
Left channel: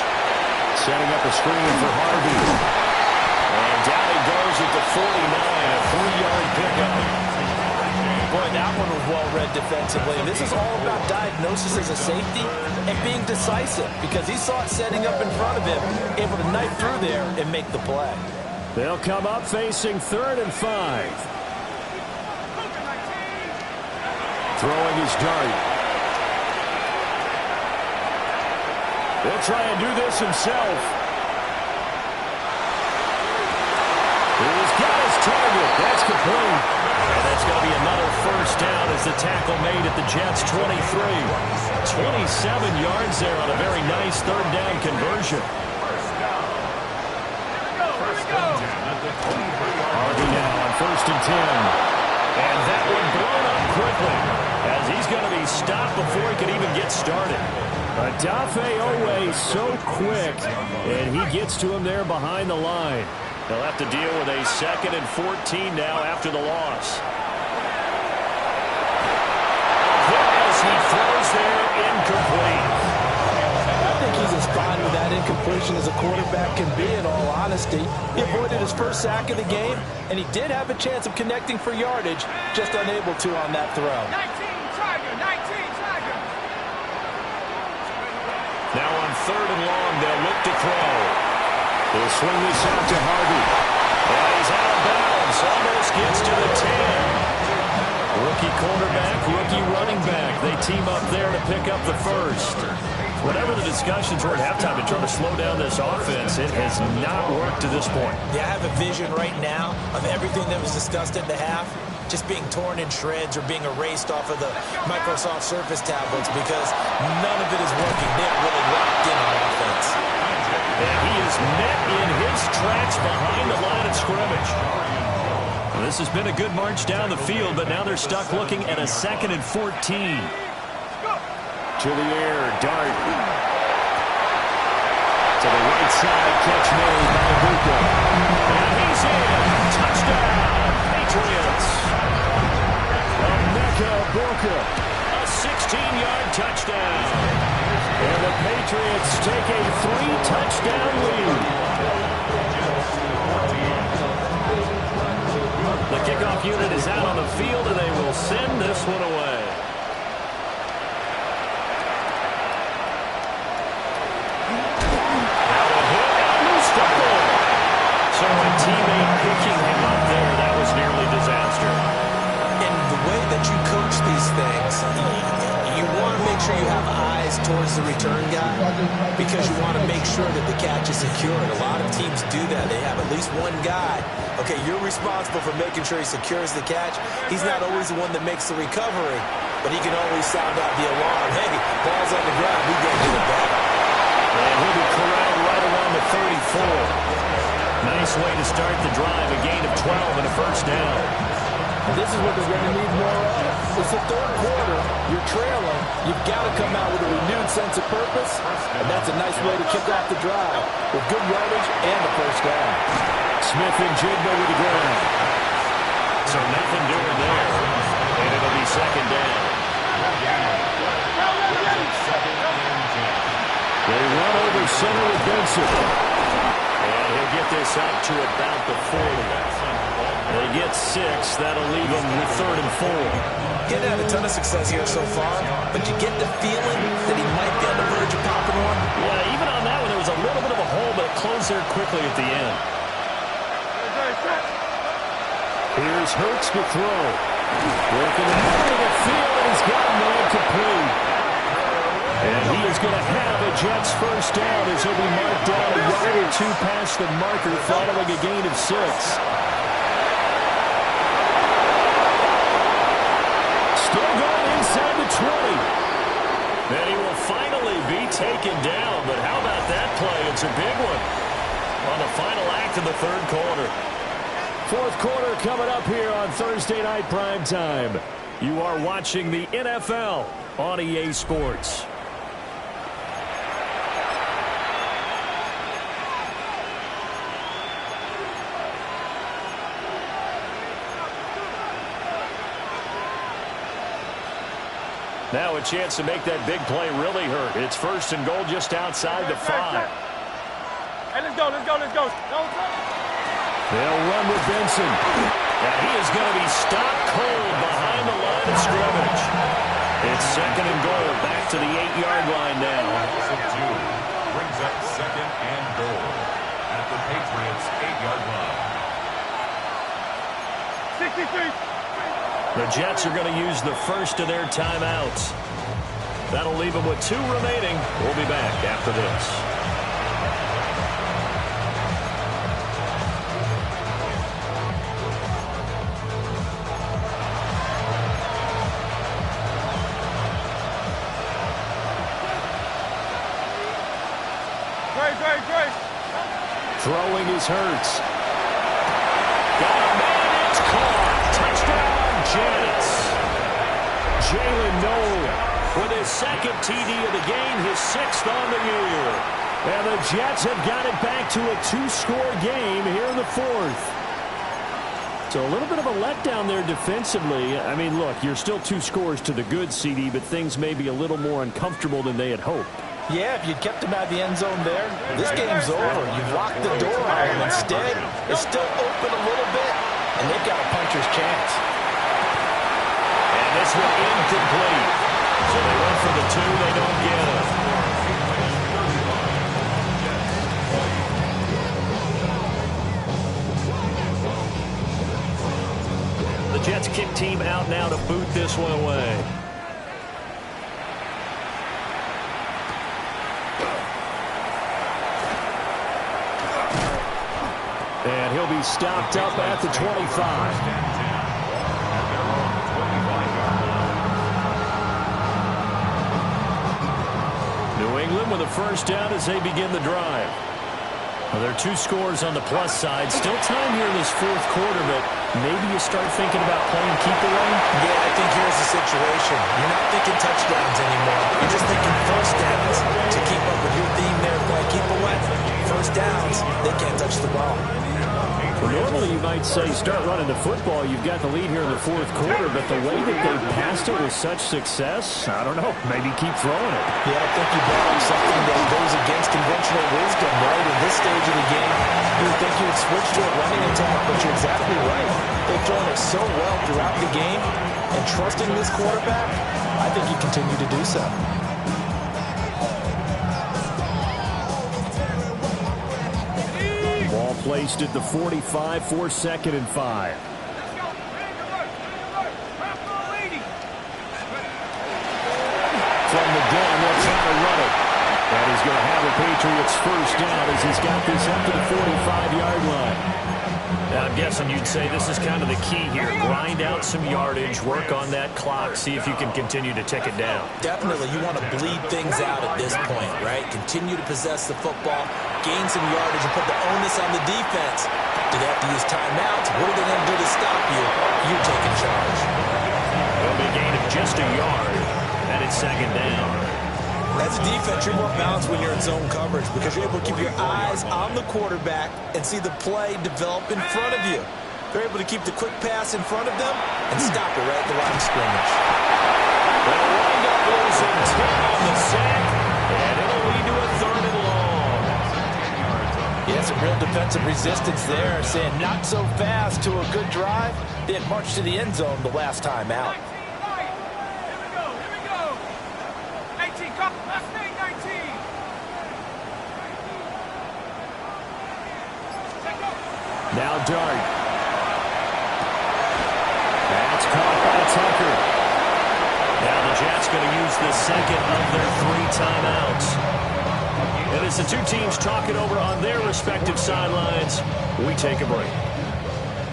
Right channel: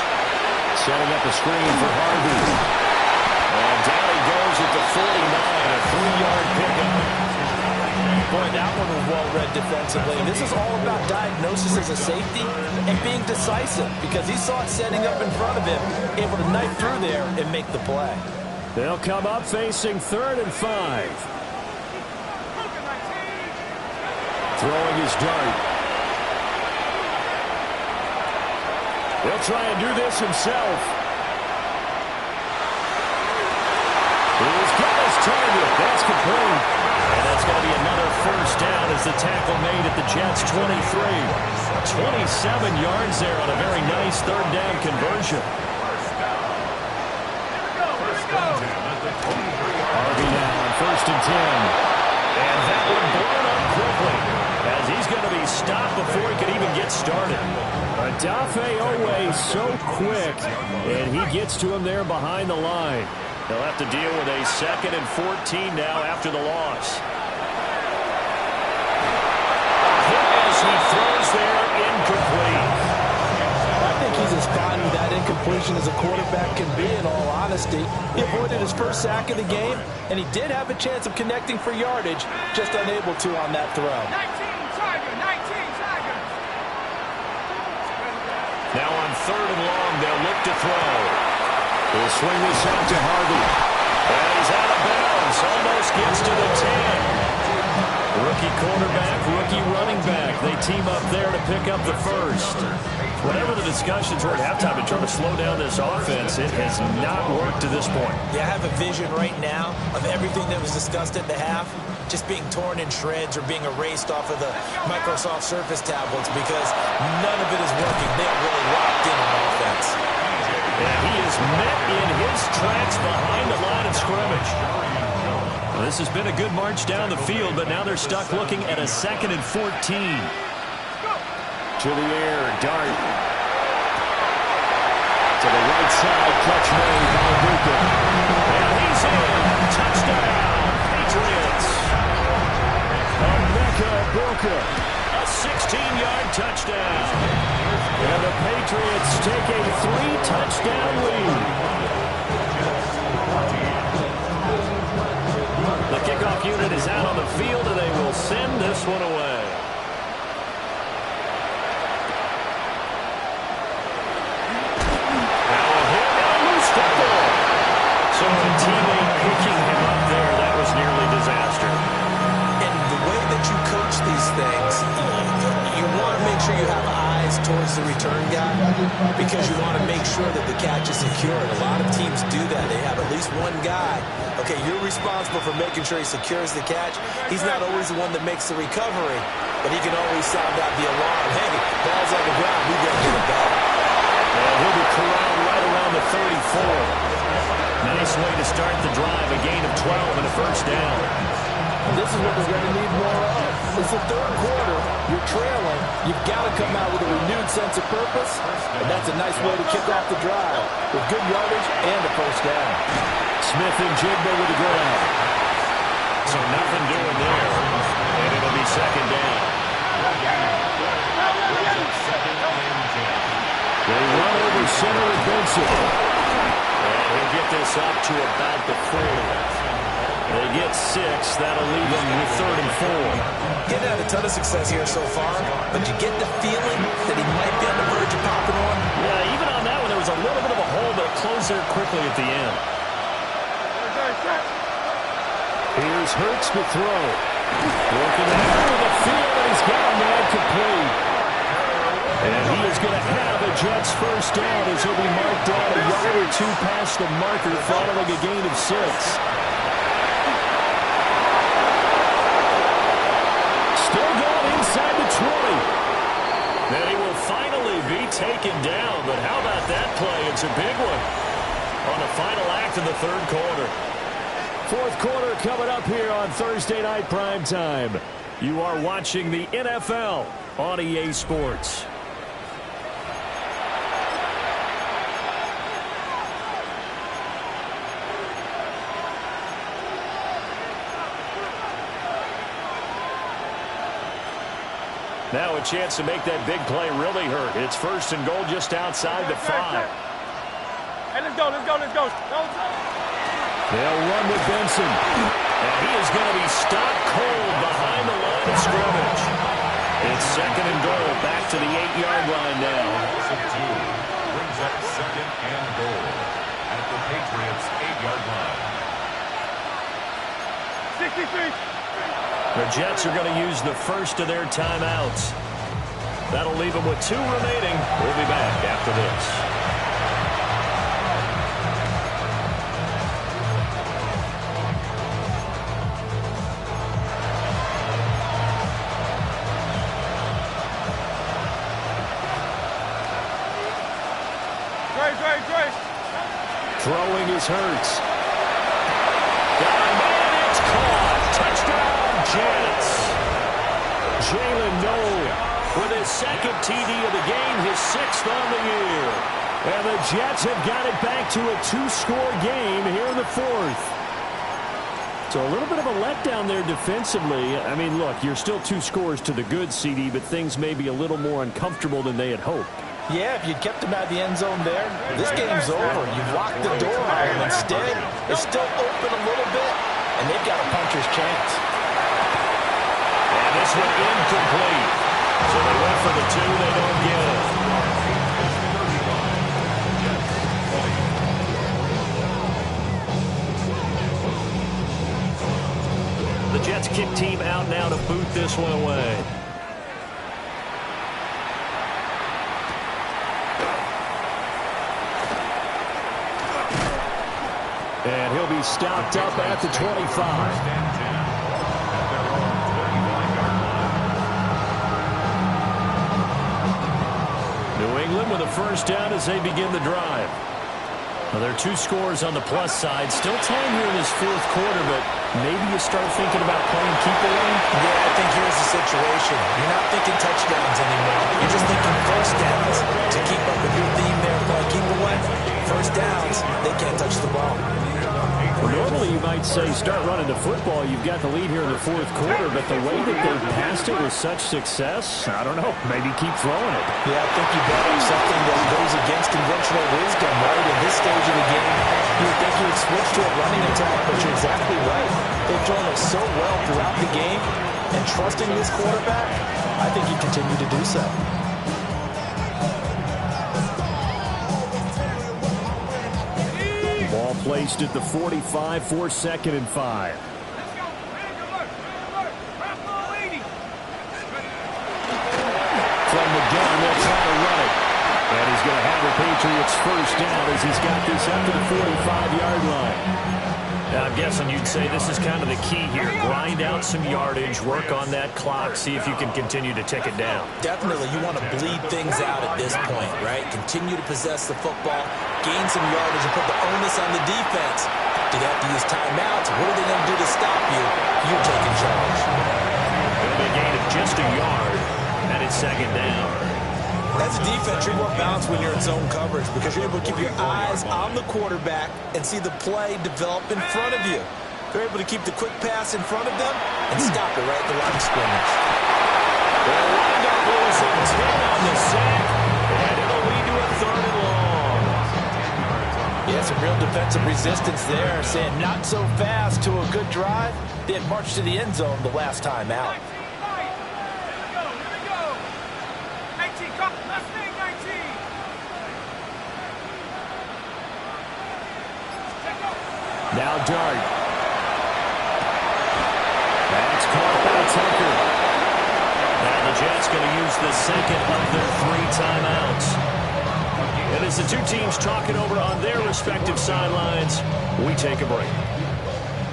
Setting up a screen for Harvey. And down he goes at the 49, a 3-yard pickup. Boy, that one was well-read defensively. This is all about diagnosis as a safety and being decisive because he saw it setting up in front of him, able to knife through there and make the play. They'll come up facing 3rd and 5. Throwing his Dart. He'll try and do this himself. Here's got his target. That's complete. And that's going to be another first down as the tackle made at the Jets' 23. 27 yards there on a very nice third down conversion. Harvey now on 1st and 10. And that one blown up quickly as he's going to be stopped before he could even get started. Odafe Oweh so quick, and he gets to him there behind the line. He'll have to deal with a 2nd and 14 now after the loss. A hit as he throws there, incomplete. I think he's as fine with that incompletion as a quarterback can be, in all honesty. He avoided his first sack of the game, and he did have a chance of connecting for yardage, just unable to on that throw. 19 Tiger, 19 Tiger. Now on 3rd and long, they'll look to throw. He'll swing this out to Harvey. And he's out of bounds, almost gets to the 10. Rookie quarterback, rookie running back. They team up there to pick up the first. Whatever the discussions were at halftime to try to slow down this offense, it has not worked to this point. Yeah, I have a vision right now of everything that was discussed at the half just being torn in shreds or being erased off of the Microsoft Surface tablets because none of it is working. They're really locked in on offense. And he is met in his tracks behind the line of scrimmage. Well, this has been a good march down the field, but now they're stuck looking at a 2nd and 14. To the air, Dart. To the right side, catch made by Ibuka. And he's in. Touchdown, Patriots. Emeka Ibuka, a 16-yard touchdown. And the Patriots take a 3-touchdown lead. The kickoff unit is out on the field, and they will send this one away. So a teammate picking him up there, that was nearly disaster. And the way that you coach these things, you want to make sure you have eyes towards the return guy because you want to make sure that the catch is secure. And a lot of teams do that. They have at least one guy. Okay, you're responsible for making sure he secures the catch. He's not always the one that makes the recovery, but he can always sound out the alarm. Hey, ball's on the ground. We got to get it back. And he'll be corralled right around the 34. Nice way to start the drive, a gain of 12 and a first down. This is what they're going to need more of. It's the 3rd quarter. You're trailing. You've got to come out with a renewed sense of purpose, and that's a nice way to kick off the drive with good yardage and a first down. Smith and Jigba with the grab. So nothing doing there, and it'll be 2nd down. They run over center with Benson. And he'll get this up to about the 40. They get 6. That'll leave them with 3rd and 4. Getting had a ton of success here so far, but you get the feeling that he might be on the verge of popping one. Yeah, even on that one, there was a little bit of a hole, but it closed there quickly at the end. Here's Hurts to throw. Working the middle of the field, and he's got a man complete. And he is going to have a Jets first down as he'll be marked down a yard or 2 past the marker following a gain of 6. Still going inside the 20. Then he will finally be taken down. But how about that play? It's a big one on the final act of the 3rd quarter. 4th quarter coming up here on Thursday Night Primetime. You are watching the NFL on EA Sports. Now a chance to make that big play really hurt. It's 1st and goal just outside the 5. Hey, let's go. They'll run with Benson. And he is going to be stopped cold behind the line of scrimmage. It's 2nd and goal, back to the 8-yard line now. Brings up 2nd and goal at the Patriots' 8-yard line. 63. The Jets are going to use the first of their timeouts. That'll leave them with 2 remaining. We'll be back after this. Throwing is Hurts. Got a man, it's caught. Touchdown, Jets. Jalen Noel with his second TD of the game, his 6th on the year. And the Jets have got it back to a 2-score game here in the 4th. So a little bit of a letdown there defensively. I mean, look, you're still 2 scores to the good, CD, but things may be a little more uncomfortable than they had hoped. Yeah, if you'd kept him out of the end zone there, this game's over. You've locked the door on him. Instead, it's still open a little bit, and they've got a puncher's chance. And this one incomplete. So they went for the 2, they don't get it. The Jets kick team out now to boot this one away. And he'll be stopped up at the 25. At their own 25-yard line. New England with a first down as they begin the drive. Well, there are 2 scores on the plus side. Still time here in this 4th quarter, but maybe you start thinking about playing keep away. Yeah, I think here's the situation. You're not thinking touchdowns anymore. You're just thinking first downs. To keep up with your theme there, playing keep away. First downs, they can't touch the ball. Well, normally you might say start running the football. You've got the lead here in the 4th quarter, but the way that they've passed it with such success, I don't know, maybe keep throwing it. Yeah, I think you brought up something that goes against conventional wisdom, right? In this stage of the game, you would think you would switch to a running attack, but you're exactly right. They've thrown it so well throughout the game, and trusting this quarterback, I think you continue to do so. Ball placed at the 45 for 2nd and 5. Let's go. Big alert. Big alert. Purple lady. From the gun, they'll try to run it. And he's going to have the Patriots first down as he's got this up to the 45-yard line. Now, I'm guessing you'd say this is kind of the key here. Grind out some yardage, work on that clock, see if you can continue to tick it down. Definitely, you want to bleed things out at this point, right? Continue to possess the football, gain some yardage, and put the onus on the defense. Do they have to use timeouts? What are they going to do to stop you? You're taking charge. It'll be a gain of just a yard, and it's 2nd down. As a defense, you're more balanced when you're in zone coverage because you're able to keep your eyes on the quarterback and see the play develop in front of you. They're able to keep the quick pass in front of them and stop it right at the line of scrimmage. They'll wind up losing 10 on the sack, and it'll lead to a 3rd and long. Yeah, some real defensive resistance there, saying not so fast to a good drive. They had marched to the end zone the last time out. 19, right. Here we go. 18, come. Last thing, 19. Now Dart. That's caught by Tucker. Now the Jets going to use the 2nd of their 3 timeouts. And as the 2 teams talk it over on their respective sidelines, we take a break.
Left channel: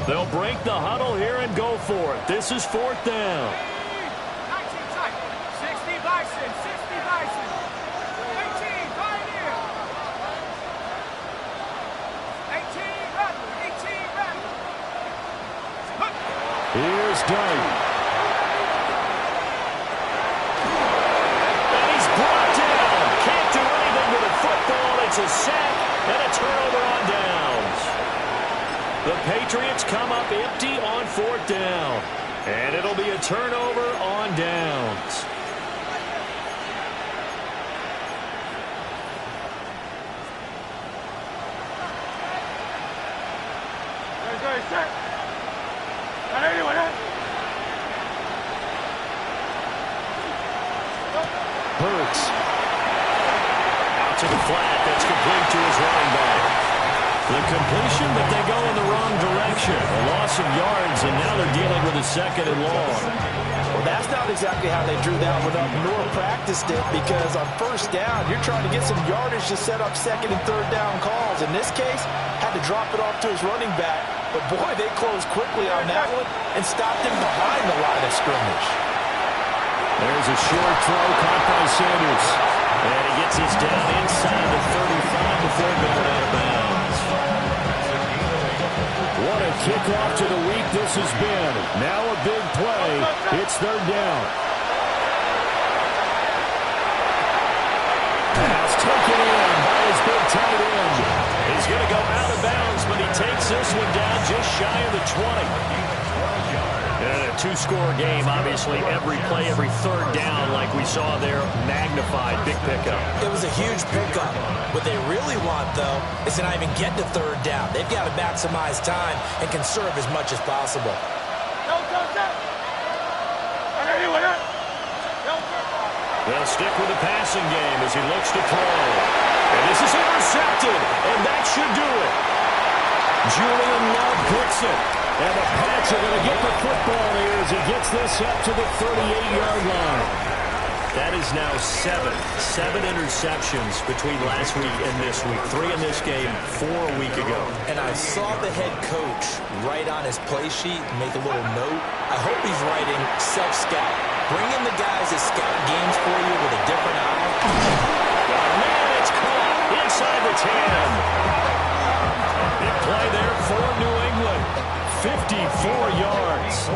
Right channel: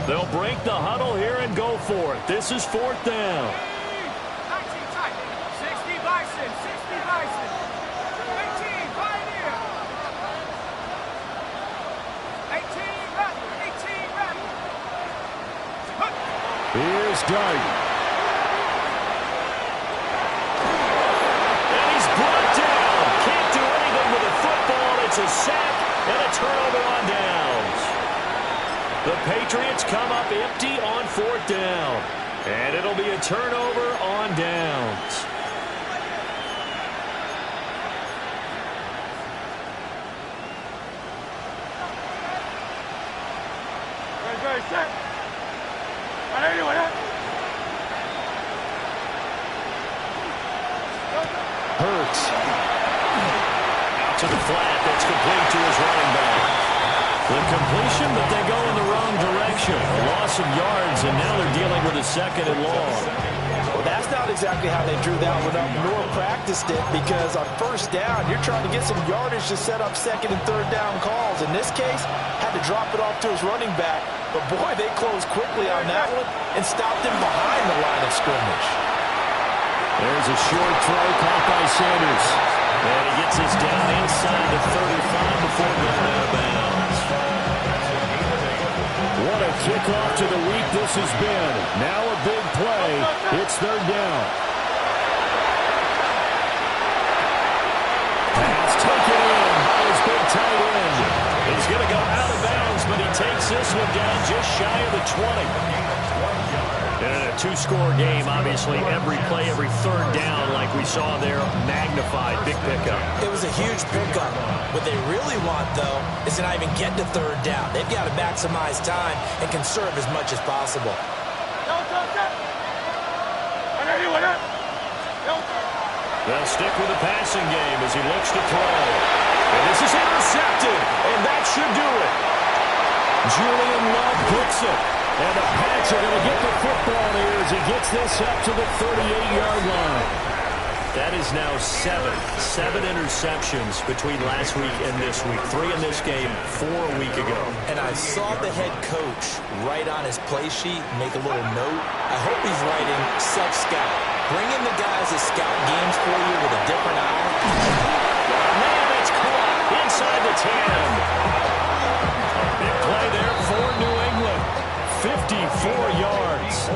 They'll break the huddle here and go for it. This is 4th down. 19 tight. 60 Bison. 60 Bison. 18 Pioneer. 18 Rattler. 18 Rattler. Here's Dart. And he's brought down. Can't do anything with a football. It's a sack and a turnover on downs. The Patriots come up empty on 4th down. And it'll be a turnover on downs. Very set. Anyone else? Hurts. Out to the flat. That's complete to his running back. The completion, but they go in the wrong direction. A loss of yards, and now they're dealing with a 2nd and long. Well, that's not exactly how they drew that one up, nor practiced it, because on 1st down, you're trying to get some yardage to set up 2nd and 3rd down calls. In this case, had to drop it off to his running back. But, boy, they closed quickly on that one and stopped him behind the line of scrimmage. There's a short throw caught by Sanders. And he gets us down inside the 35 before going out of bounds. What a kickoff to the week this has been. Now a big play. It's third down. Pass taken in by his big tight end. He's going to go out of bounds, but he takes this one down just shy of the 20. And a two-score game, obviously, every play, every third down, like we saw there, magnified, big pickup. It was a huge pickup. What they really want, though, is to not even get to third down. They've got to maximize time and conserve as much as possible. They'll stick with the passing game as he looks to throw. And this is intercepted, and that should do it. Julian Love picks it. And the Pats are going to get the football here as he gets this up to the 38-yard line. That is now seven interceptions between last week and this week. 3 in this game, 4 a week ago. And I saw the head coach write on his play sheet, make a little note. I hope he's writing self-scout. Bring in the guys that scout games for you with a different eye. Oh, man, it's caught inside the 10. Big play there for New England. 54 yards.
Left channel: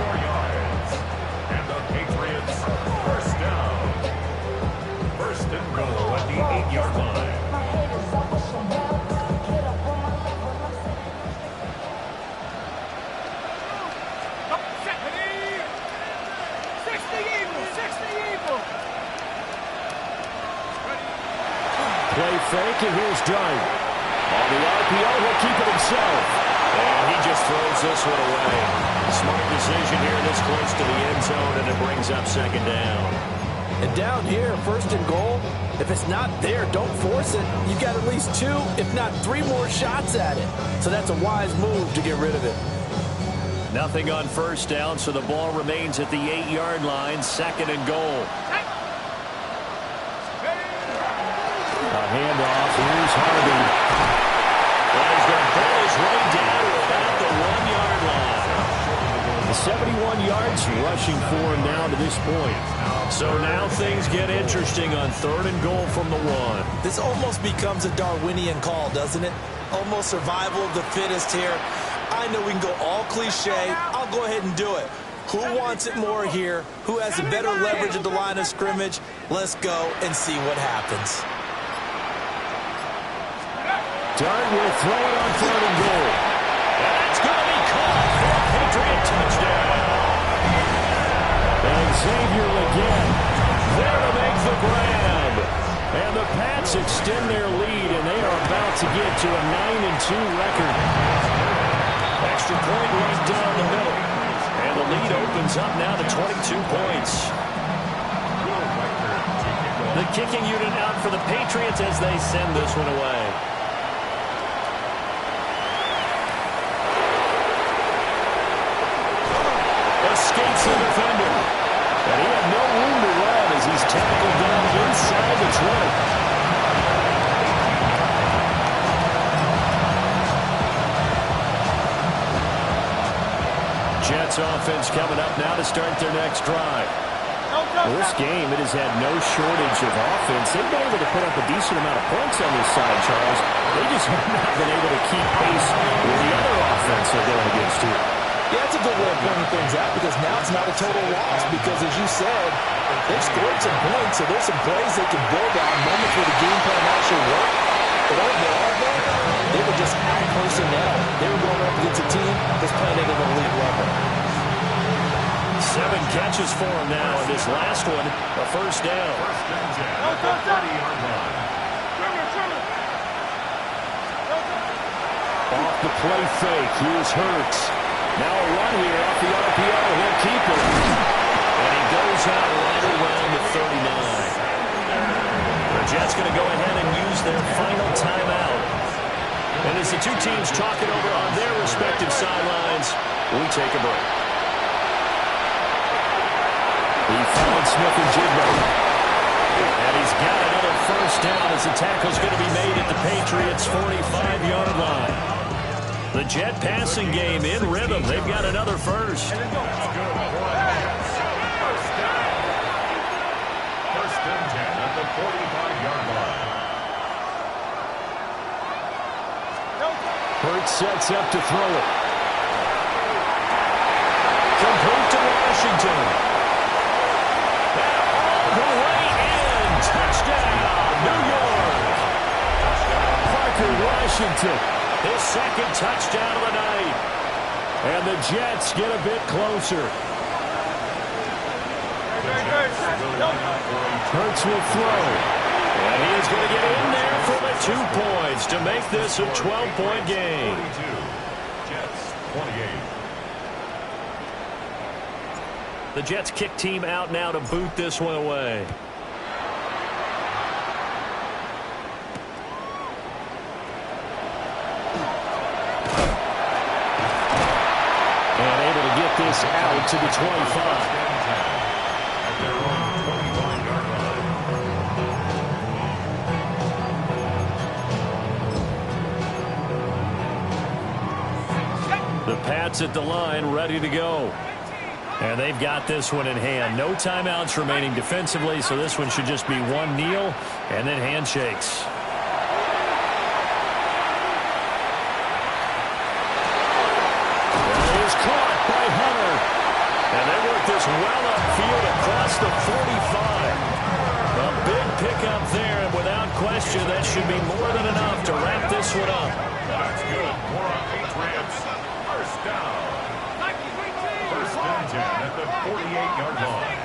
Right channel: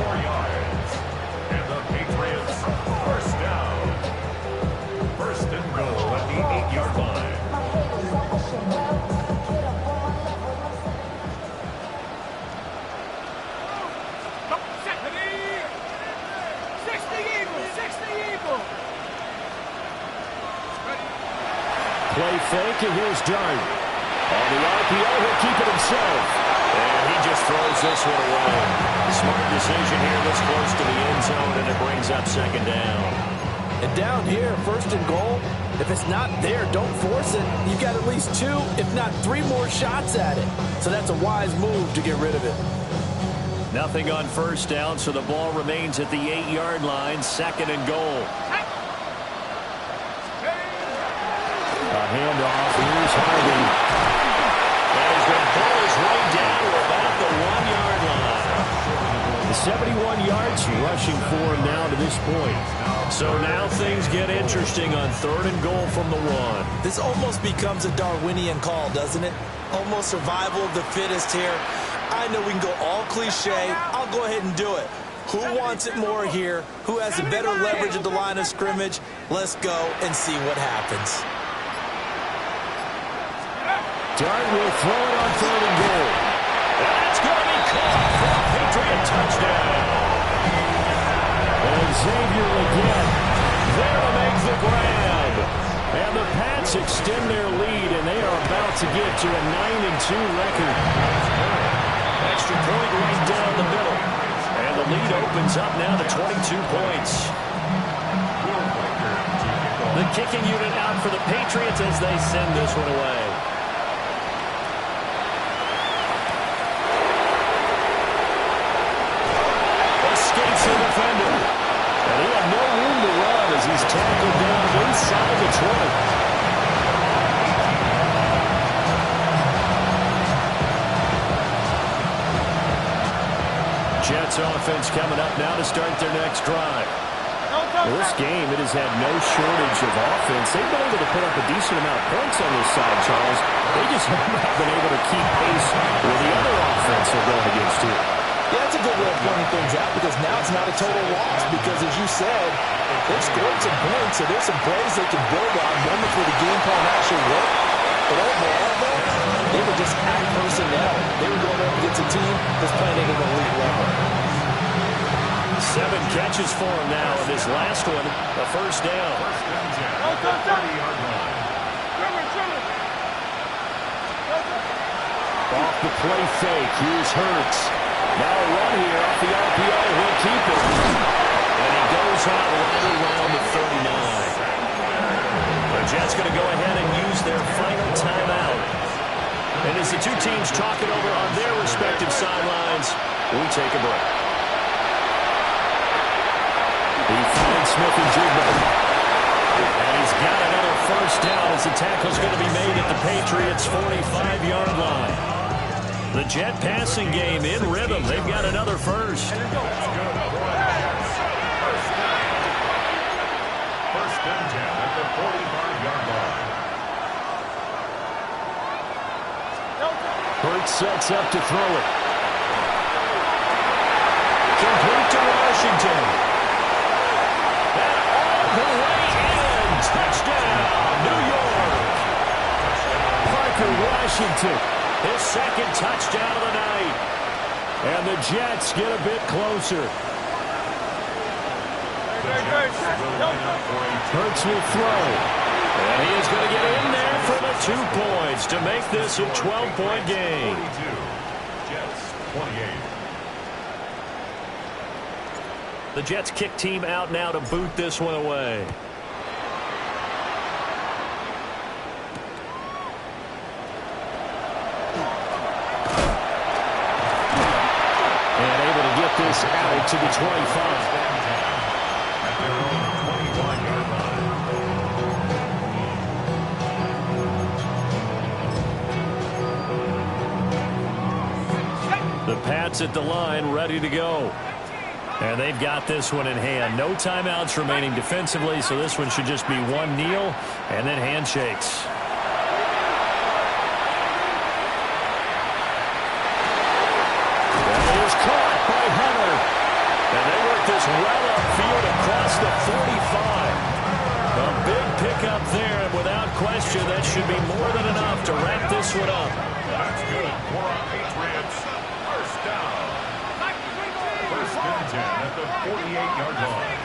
And the Patriots first down. First and goal at the 8-yard line. Play fake, and here's Dart. On the RPO, he'll keep it himself. And he just throws this one away. Smart decision here this close to the end zone, and it brings up second down. And down here, first and goal, if it's not there, don't force it. You've got at least 2, if not 3 more shots at it. So that's a wise move to get rid of it. Nothing on first down, so the ball remains at the 8-yard line, second and goal. A handoff. Here's Harvey. And he's going to pull his way down to about the 1-yard line. The 71 yards rushing for him now to this point. So now things get interesting on third and goal from the 1. This almost becomes a Darwinian call, doesn't it? Almost survival of the fittest here. I know we can go all cliche. I'll go ahead and do it. Who wants it more here? Who has the better leverage at the line of scrimmage? Let's go and see what happens. Dart will throw it on third and goal. That's going to be caught for a Patriot touchdown. And Xavier Legette there to make the grab. And the Pats extend their lead, and they are about to get to a 9-2 record. Extra point right down the middle. And the lead opens up now to 22 points. The kicking unit out for the Patriots as they send this one away. Escapes the defender. And he had no room to run as he's tackled down inside the 20. Jets offense coming up now to start their next drive. Well, this game, it has had no shortage of offense. They've been able to put up a decent amount of points on this side, Charles. They just have not been able to keep pace with the other offense they're going against here. Yeah, that's a good way of pointing things out because now it's not a total loss because, as you said, they've scored some points, so there's some plays they can build on, moments where the game plan actually worked. But overall, though, they were just out personnel. They were going up against a team that's playing at an elite level. 7 catches for him now, and this last one, a first down. First and 10 at the 30-yard line. Off the play fake, here's Hurts. Now a run here off the RPO. He'll keep it. And he goes out right around the 39. The Jets going to go ahead and use their final timeout. And as the two teams talk it over on their respective sidelines, we take a break. He finds Smith-Njigba. And he's got another first down as the tackle's going to be made at the Patriots' 45-yard line. The Jet passing game in rhythm. They've got another first. That's good for the Jets. First down. First and 10 at the 45-yard line. Hurts sets up to throw it. Complete to Washington. And all the way in. Touchdown, New York. Parker Washington, His second touchdown of the night. and the Jets get a bit closer. Hurts will throw. And he is going to get in there for the 2 points to make this a 12-point game. 42. Jets 28. The Jets kick team out now to boot this one away. And able to get this out to the 25. At their own 25-yard line. The Pats at the line, ready to go. And they've got this one in hand. No timeouts remaining defensively, so this one should just be one kneel and then handshakes. That is caught by Hunter. And they work this well upfield across the 45. A big pickup there, and without question, that should be more than enough to wrap this one up. That's good for our Patriots. First down. First and 10 at the 48-yard line.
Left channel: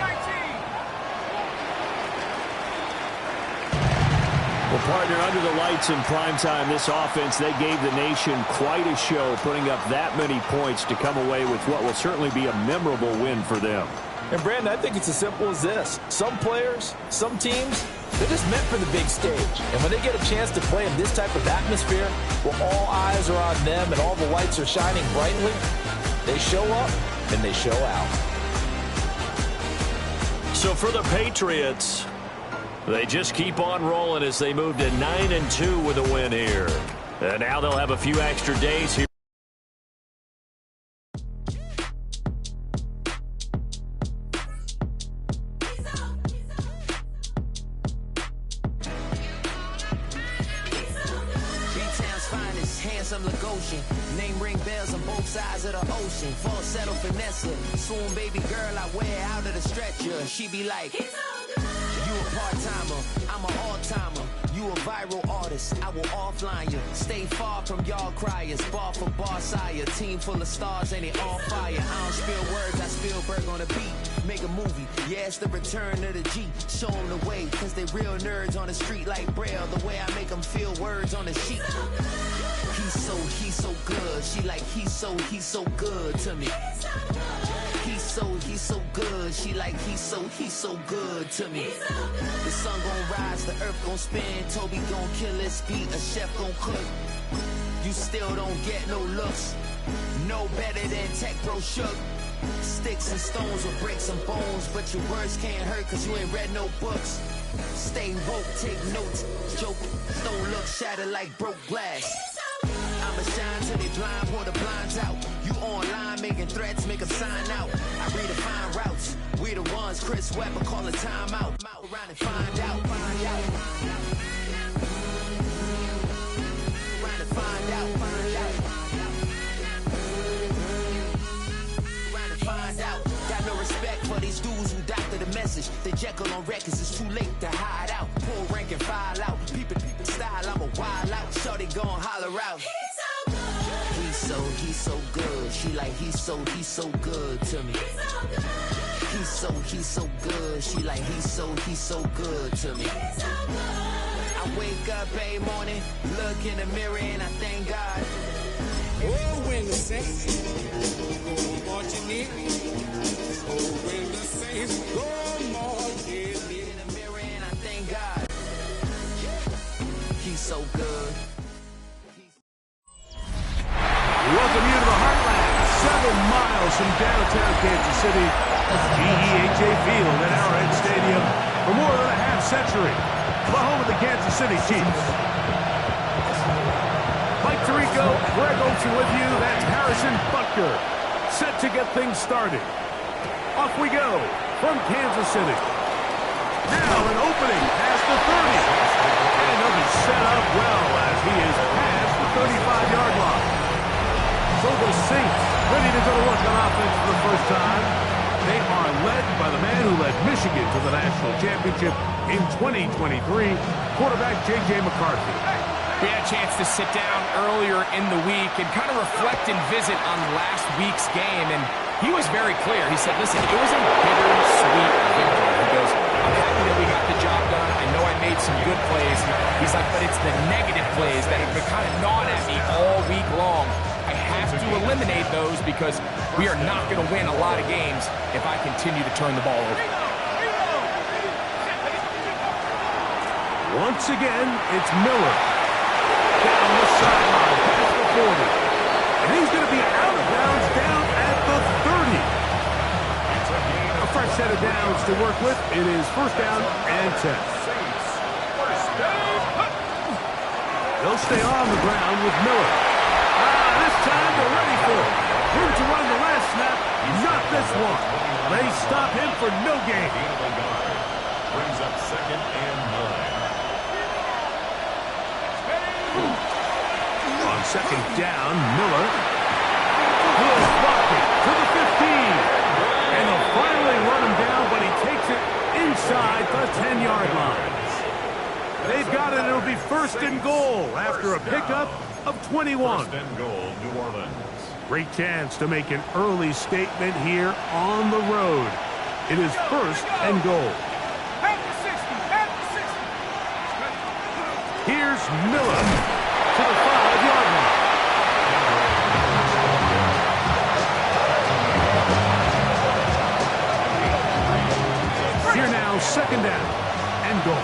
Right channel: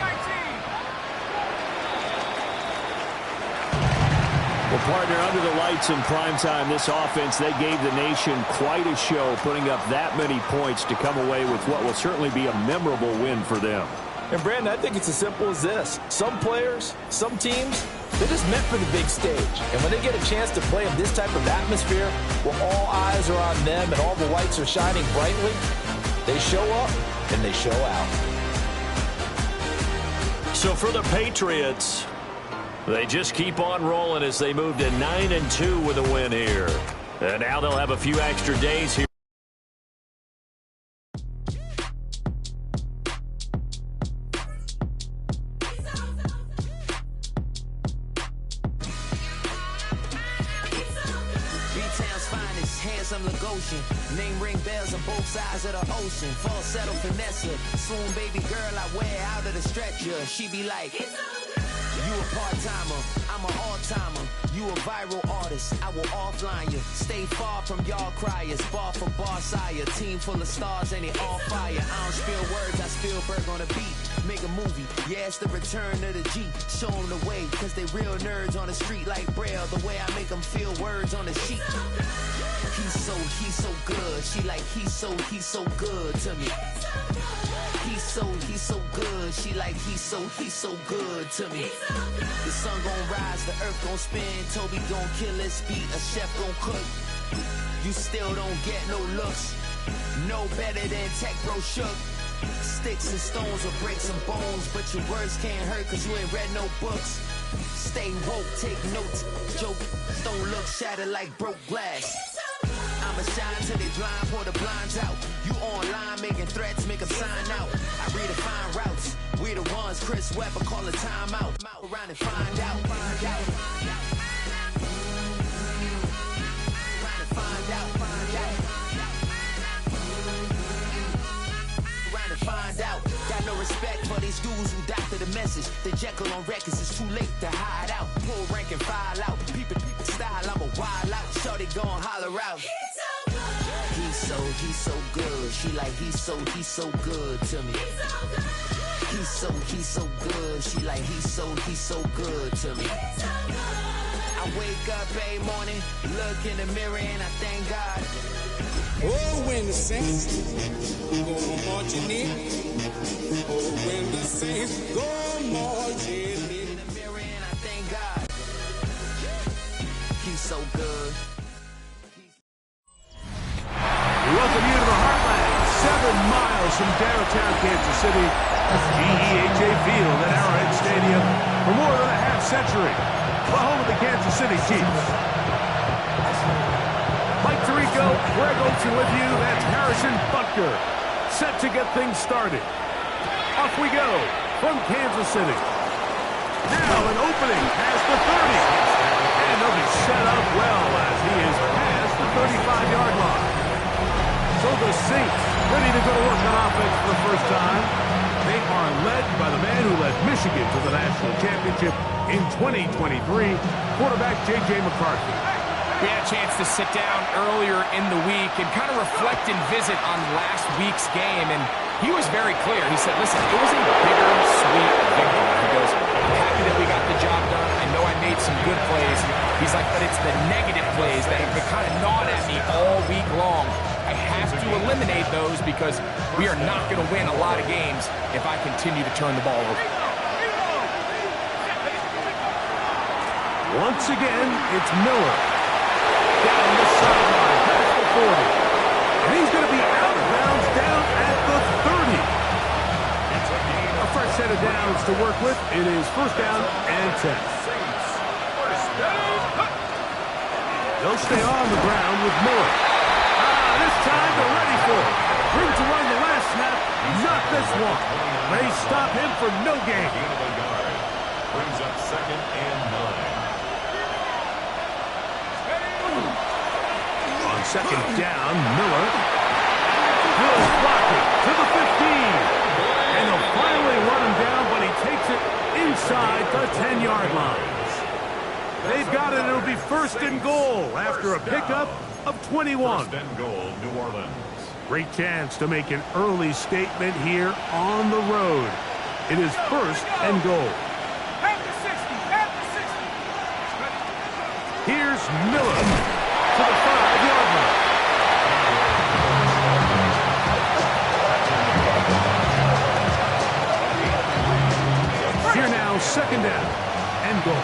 Well, partner, under the lights in primetime, this offense, they gave the nation quite a show, putting up that many points to come away with what will certainly be a memorable win for them. And, Brandon, I think it's as simple as this. Some players, some teams, they're just meant for the big stage. And when they get a chance to play in this type of atmosphere where all eyes are on them and all the lights are shining brightly, they show up and they show out. So for the Patriots, they just keep on rolling as they move to 9-2 with a win here. And now they'll have a few extra days here. Handsome Lagosian, name ring bells on both sides of the ocean. Falsetto Vanessa, swoon baby girl I wear out of the stretcher. She be like, you a part-timer, I'm an all-timer. You a viral artist, I will offline you. Stay far from y'all criers, bar for bar sire. Team full of stars and they all fire. I don't spill words, I Spielberg on the beat. Make a movie, yeah, it's the return of the G. Show them the way, cause they real nerds on the street like Braille. The way I make them feel words on the sheet. He's so good. She like, he's so good to me. He's so good. She like, he's so good to me. The sun gon' rise, the earth gon' spin. Toby gon' kill this beat, a chef gon' cook. You still don't get no looks. No better than Tech Bro Shook. Sticks and stones will break some bones, but your words can't hurt cause you ain't read no books. Stay woke, take notes, joke, don't look shattered like broke glass. I'ma shine till they blind, pour the blinds out. You online making threats, make them sign out. I redefine routes, we the ones Chris Webber call a timeout. Around and find out. Around and find out. Around and find out. Got no respect for these dudes who doctor the message. The Jekyll on records, it's too late to hide out. Pull rank and file out. Peep style, I'm a wild out. Shorty gon' holler out. He's so good. She like, he's so good to me. He's so good. She like, he's so good to me. I wake up every morning, look in the mirror and I thank God. Oh, when the saints go marching in. Oh, when the saints go marching in. In the mirror and I thank God. He's so good. We welcome you to the Heartland, 7 miles from downtown Kansas City. GEHA Field at Arrowhead Stadium for more than a half-century. The home of the Kansas City Chiefs. Mike Tirico, Greg Olsen with you. That's Harrison Butker, set to get things started. Off we go from Kansas City. Now an opening past the 30. And he'll be set up well as he is past the 35-yard line. So the Saints ready to go to work on offense for the first time. They are led by the man who led Michigan to the national championship in 2023, quarterback J.J. McCarthy. We had a chance to sit down earlier in the week and kind of reflect and visit on last week's game, and he was very clear. He said, listen, it was a bittersweet victory. He goes, I'm happy that we got the job done. I know I made some good plays. He's like, but it's the negative plays that have been kind of gnawing at me all week long. I have to eliminate those because we are not going to win a lot of games if I continue to turn the ball over. Once again, it's Miller. Down the sideline, past the 40. And he's going to be out of bounds down at the 30. A fresh set of downs to work with. It is first down and 10. They'll stay on the ground with Miller. This time they're ready for it. Room to run the last snap, not this one. They stop him for no gain. Brings up second and 9. On second down, Miller. Good blocking to the 15. And they'll finally run him down, but he takes it inside the 10-yard line. They've got it. It'll be first and goal after a pickup of 21. First and goal, New Orleans. Great chance to make an early statement here on the road. It is first and goal. Here's Miller to the 5-yard line. Here now, second down and goal.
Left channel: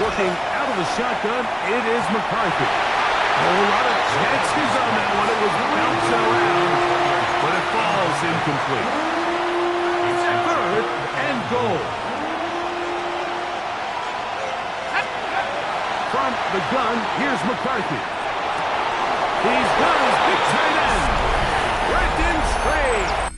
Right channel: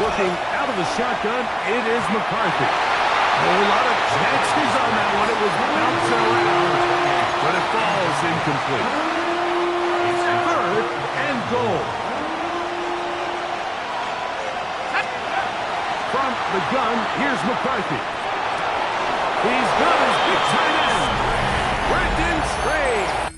Working out of the shotgun, it is McCarthy. A whole lot of chances on that one. It was bouncing around, but it falls incomplete. It's third and goal. From the gun, here's McCarthy. He's got his big tight end, Brenton Strange.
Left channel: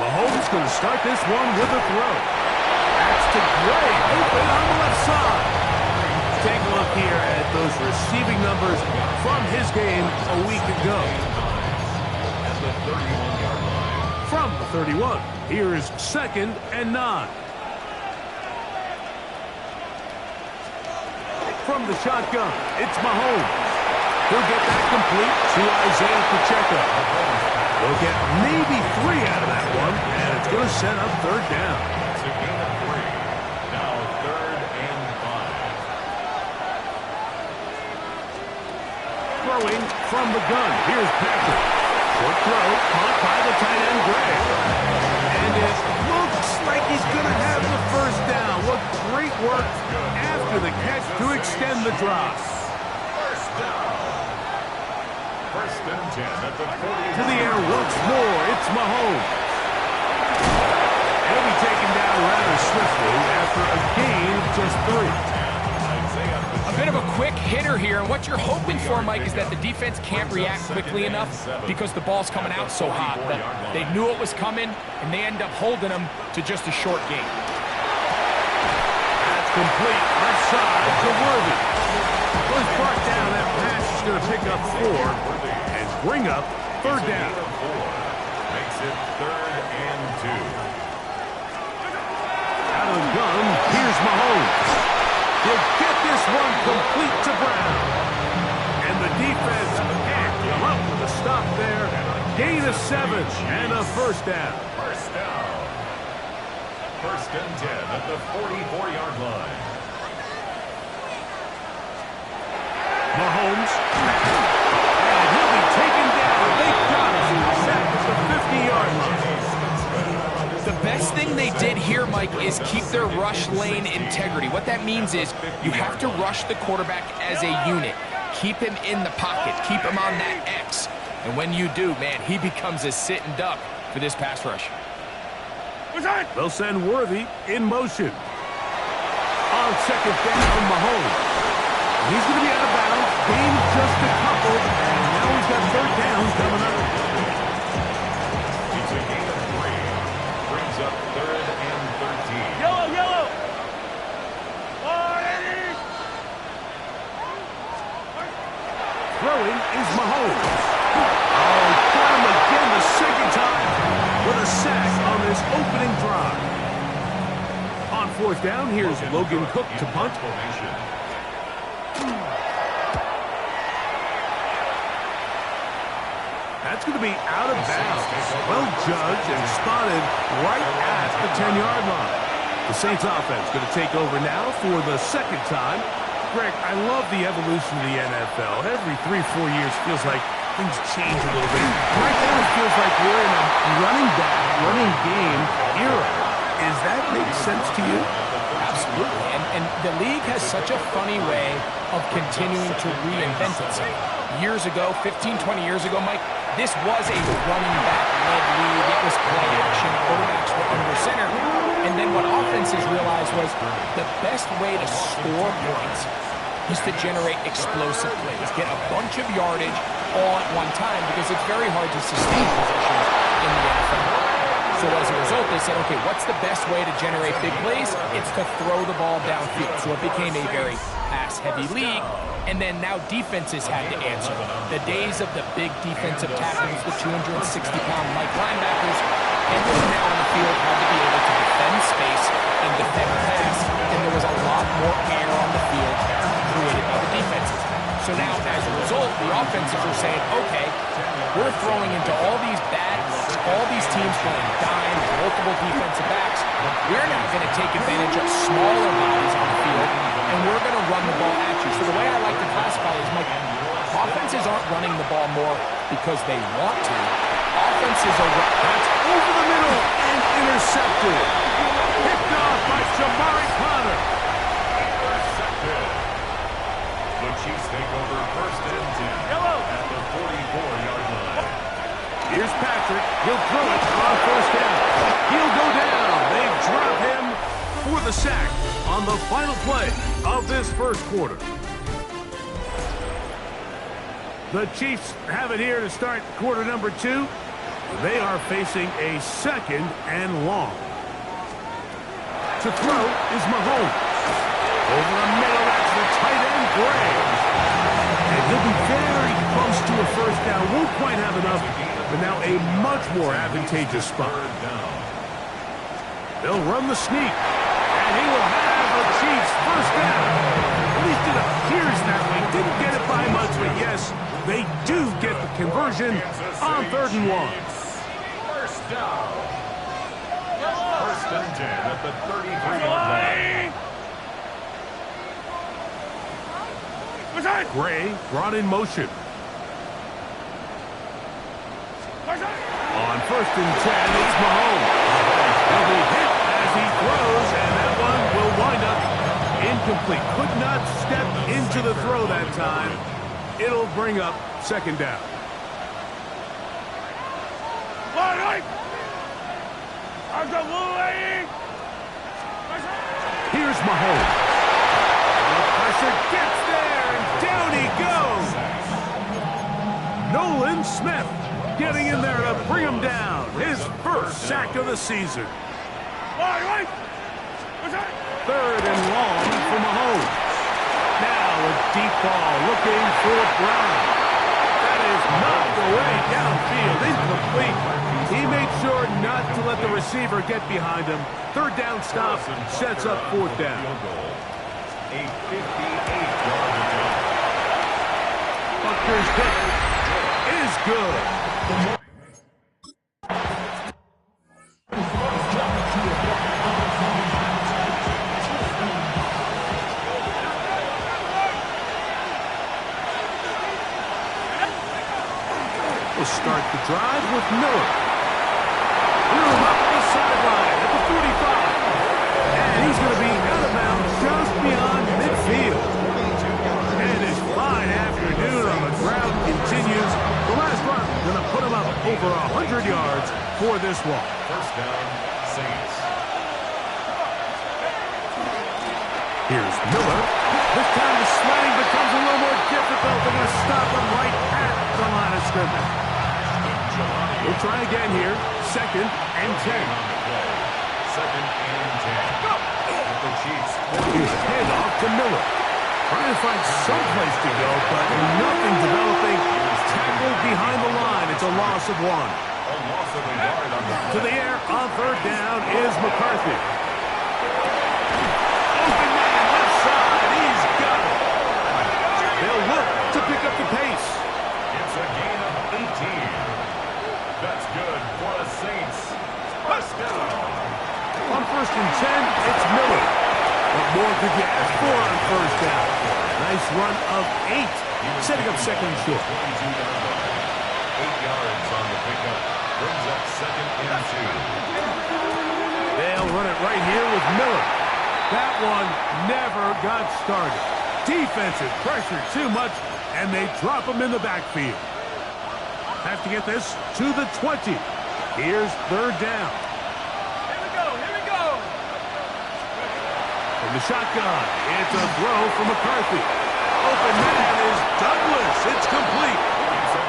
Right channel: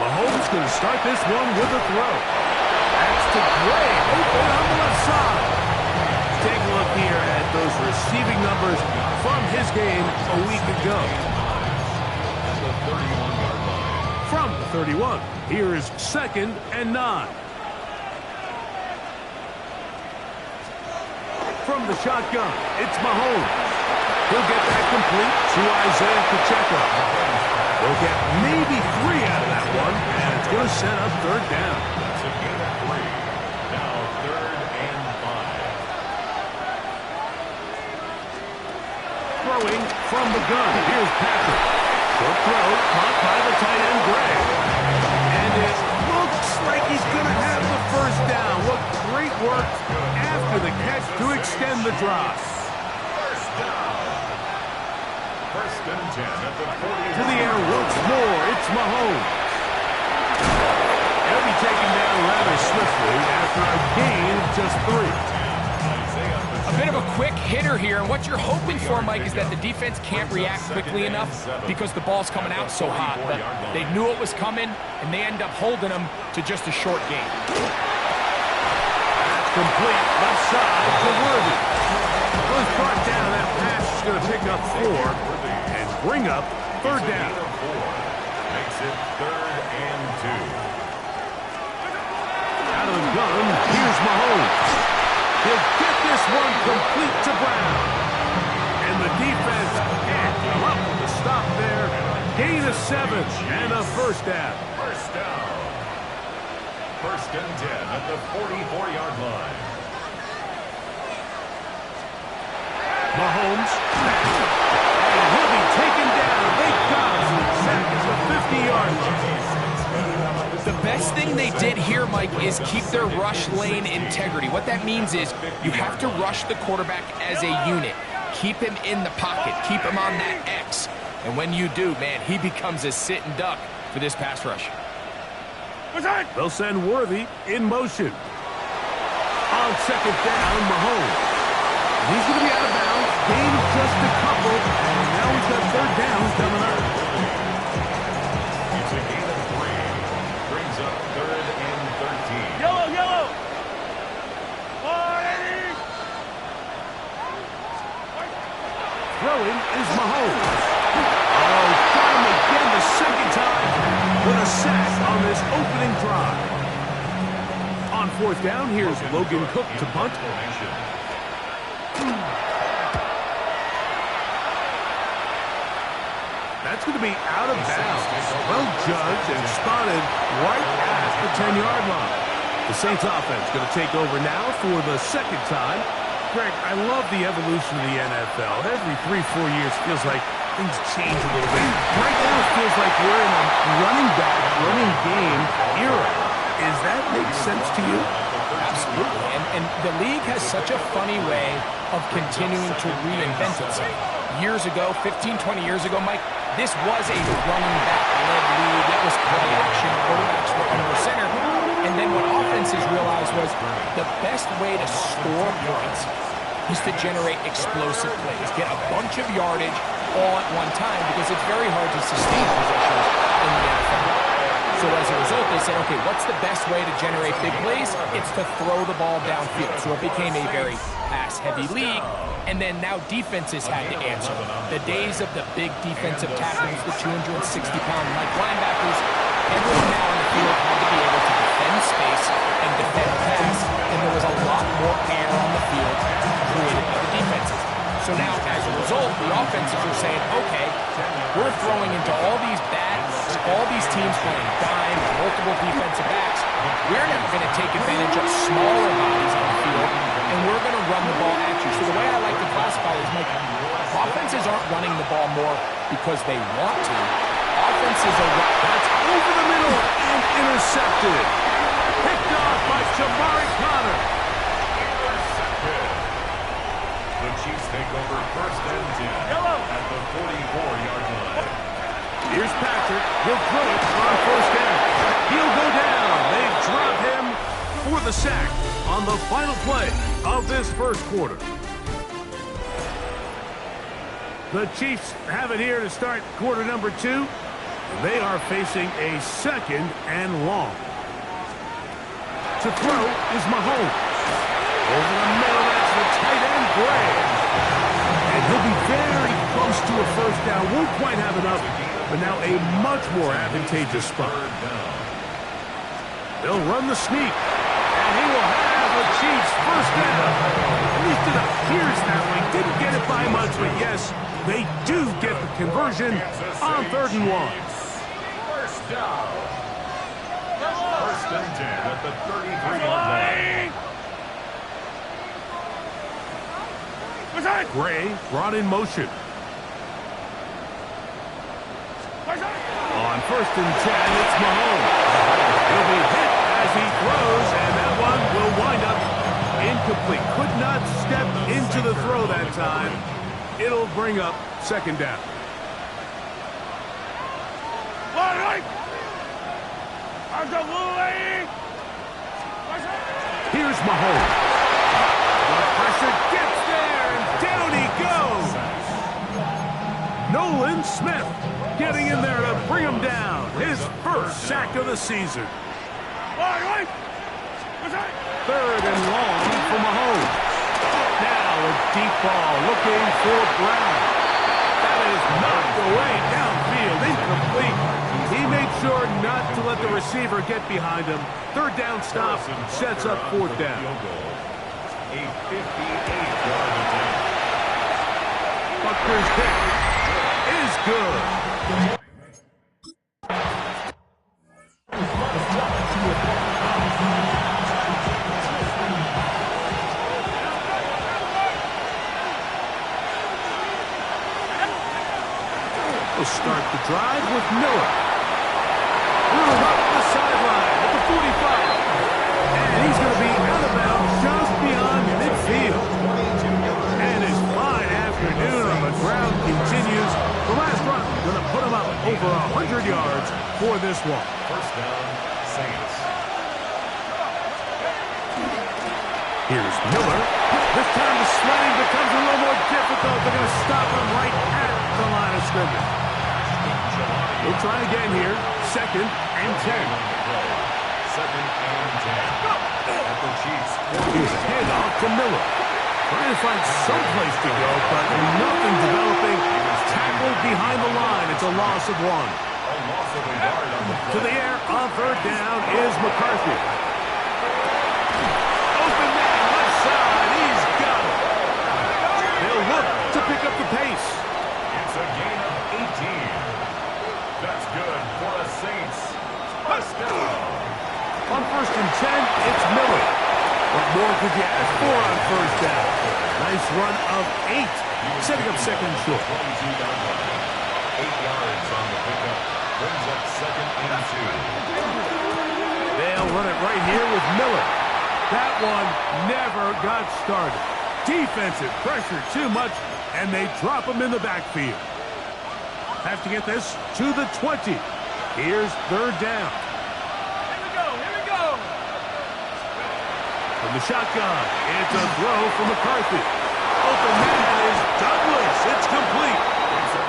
Mahomes going to start this one with a throw. That's to Gray, open on the left side. Take a look here at those receiving numbers from his game a week ago. At the 31-yard line. From the 31, here is second and 9. From the shotgun, it's Mahomes. He'll get that complete to Isaiah Pacheco. They'll get maybe 3 out of that one, and it's going to set up third down. That's a gain of 3. Now third and 5. Throwing from the gun. Here's Patrick. Short throw, caught by the tight end, Gray. And it looks like he's going to have the first down. What great work after the catch to extend the drive. First down. First and 10 at the 40. To the air once more, it's Mahomes. He'll be taken down rather swiftly after a gain of just 3. A bit of a quick hitter here, and what you're hoping for, Mike, is that the defense can't react quickly enough because the ball's coming out so hot. But they knew it was coming, and they end up holding them to just a short gain. That's complete left side to Worthy. Goes brought down. That pass is going to pick up 4 and bring up third down. Makes it third and 2. Out of the gun, here's Mahomes. He'll get this one complete to Brown. And the defense can't come up with a stop there. Gain of 7 and a first down. First down. First and 10 at the 44-yard line. Mahomes, and he'll be taken down. They got him. Sack at the 50-yard line. The best thing they did here, Mike, is keep their rush lane integrity. What that means is you have to rush the quarterback as a unit. Keep him in the pocket. Keep him on that X. And when you do, man, he becomes a sitting duck for this pass rush. They'll send Worthy in motion. On second down, Mahomes. He's going to be out of bounds. Gain just a couple, and now we've got third down coming up. It's a gain of 3. Brings up 3rd and 13. Yellow! Throwing is Mahomes. Oh, got him again the second time with a sack on this opening drive. On fourth down, here's Logan Cook to punt. That's going to be out of bounds. Well judged and spotted right at the 10-yard line. The Saints offense going to take over now for the second time. Greg, I love the evolution of the NFL. Every 3-4 years feels like things change a little bit. Right now it feels like we're in a running back, running game era. Does that make sense to you? Absolutely. And the league has such a funny way of continuing to reinvent itself. Years ago, 15, 20 years ago, Mike, this was a running back-led league. It was play action. Quarterbacks were under center. And then what offenses realized was the best way to score points is to generate explosive plays. Get a bunch of yardage all at one time because it's very hard to sustain possessions in the NFL. So as a result, they said, okay, what's the best way to generate big plays? It's to throw the ball downfield. So it became a very pass-heavy league. And then now defenses had to answer. The days of the big defensive tackles, the 260-pound Mike linebackers, everyone now on the field had to be able to defend space and defend pass, and there was a lot more air on the field created by the defenses. So now, as a result, the offenses are saying, okay, we're throwing into all these bad looks, all these teams playing dime, multiple defensive backs. We're now going to take advantage of smaller bodies on the field, and we're going to run the ball at you. So the way I like to classify it is, Mike, offenses aren't running the ball more because they want to. Offenses are... That's over the middle and intercepted. Picked off by Jamari Conner. Intercepted. The Chiefs take over 1st and 10 at the 44-yard line. Here's Patrick. He'll throw it on 1st down. He'll go down. They drop him for the sack on the final play of this first quarter. The Chiefs have it here to start quarter number 2. They are facing a 2nd and long. To throw is Mahomes. Over the middle, that's the tight end, Gray. And he'll be very close to a 1st down. Won't quite have enough, but now a much more advantageous spot. They'll run the sneak, and he will have the Chiefs 1st down. At least it appears that way. Didn't get it by much, but yes, they do get the conversion on 3rd and 1. 1st down. 1st and 10 at the 33-yard line. Gray brought in motion. On 1st and 10, it's Mahomes. He'll be hit as he throws, and that one will wind up incomplete. Could not step into the throw that time. It'll bring up 2nd down. Here's Mahomes. The pressure gets there, and down he goes. Nolan Smith getting in there to bring him down. His 1st sack of the season. 3rd and long for Mahomes. Now a deep ball looking for Brown. That is knocked away downfield, incomplete. He made sure not to let the receiver get behind him. 3rd down stop sets up 4th down. A 58-yard attempt. Buckner's kick is good. We'll start the drive with Miller. Threw him up the sideline at the 45. And he's going to be out of bounds just beyond midfield. And his fine afternoon on the ground continues. The last run going to put him up over 100 yards for this one. 1st down, Saints. Here's Miller. This time the sledding becomes a little more difficult. They're going to stop him right at the line of scrimmage. We'll try again here. 2nd and 10. Second and 10. At the Chiefs. Here's a handoff to Miller. Trying to find some place to go, but nothing developing. Tackled behind the line. It's a loss of 1. A loss of a yard on the play. To the air on 3rd down is McCarthy. Open man, left side. He's got it. They'll look to pick up the pace. It's a gain of 18. That's good for the Saints. First down. On 1st and 10, it's Miller. What more could you ask for on 1st down? Nice run of 8, setting up 2nd and short. 22-yard line. 8 yards on the pickup. Brings up 2nd and 2. They'll run it right here with Miller. That one never got started. Defensive pressure too much, and they drop him in the backfield. Have to get this to the 20. Here's 3rd down. Here we go, here we go. From the shotgun, it's a throw from McCarthy. Open man is Douglas. It's complete.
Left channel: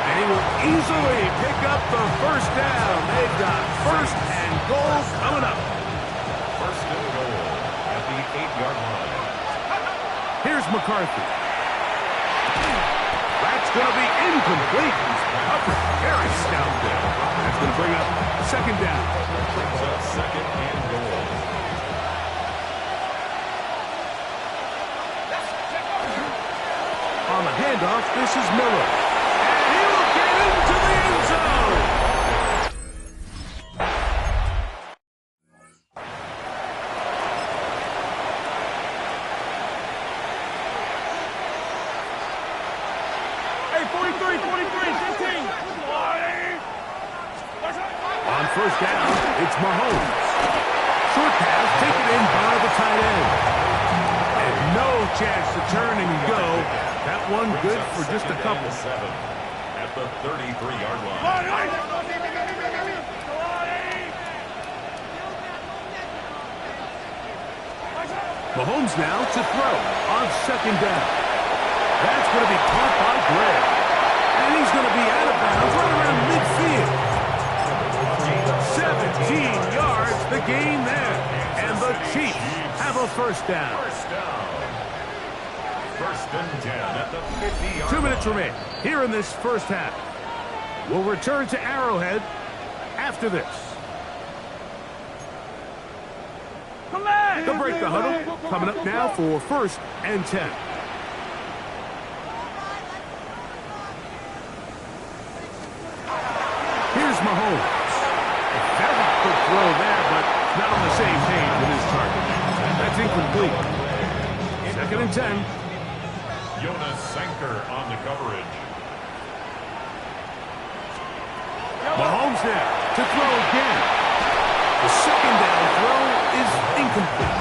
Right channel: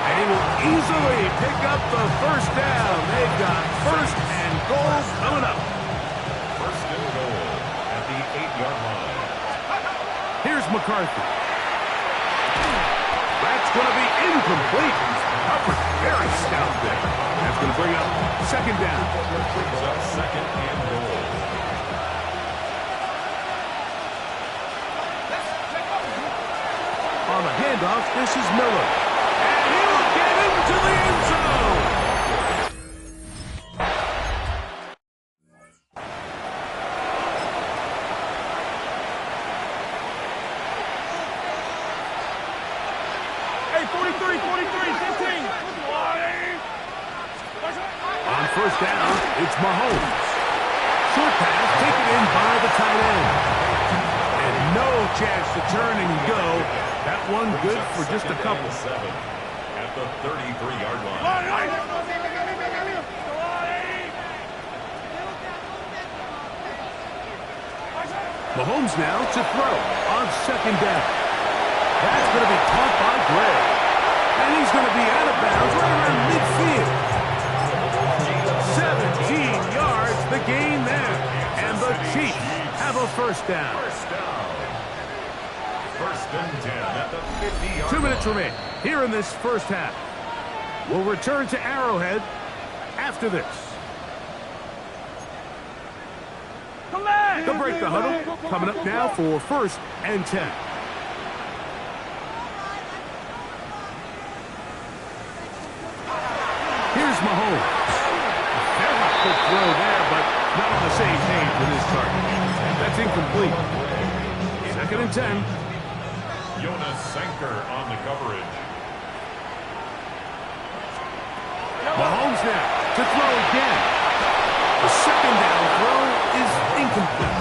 And he will easily pick up the 1st down. They've got 1st and goal coming up. 1st and goal at the 8-yard line. Here's McCarthy. That's going to be incomplete. Coverage very stout there. That's going to bring up 2nd down. Brings up 2nd and goal. On the handoff, this is Miller. And he will get into the end zone. Hey, 43, 15. On 1st down, it's Mahomes. Short pass taken in by the tight end. And no chance to turn and go. That one good for just a couple. 7 at the 33-yard line. Mahomes now to throw on 2nd down. That's going to be caught by Gregg. And he's going to be out of bounds right around midfield. 17 yards, the gain there. And the Chiefs have a 1st down. 1st and 10 at the 50-yard 2 minutes line. remain here in this 1st half. We'll return to Arrowhead after this. They'll break the huddle. Coming up now for 1st and 10. Here's Mahomes. A very quick throw there, but not on the same page with his target. That's incomplete. 2nd and 10. Jonas Sanker on the coverage. Mahomes now to throw again. The 2nd down throw is incomplete.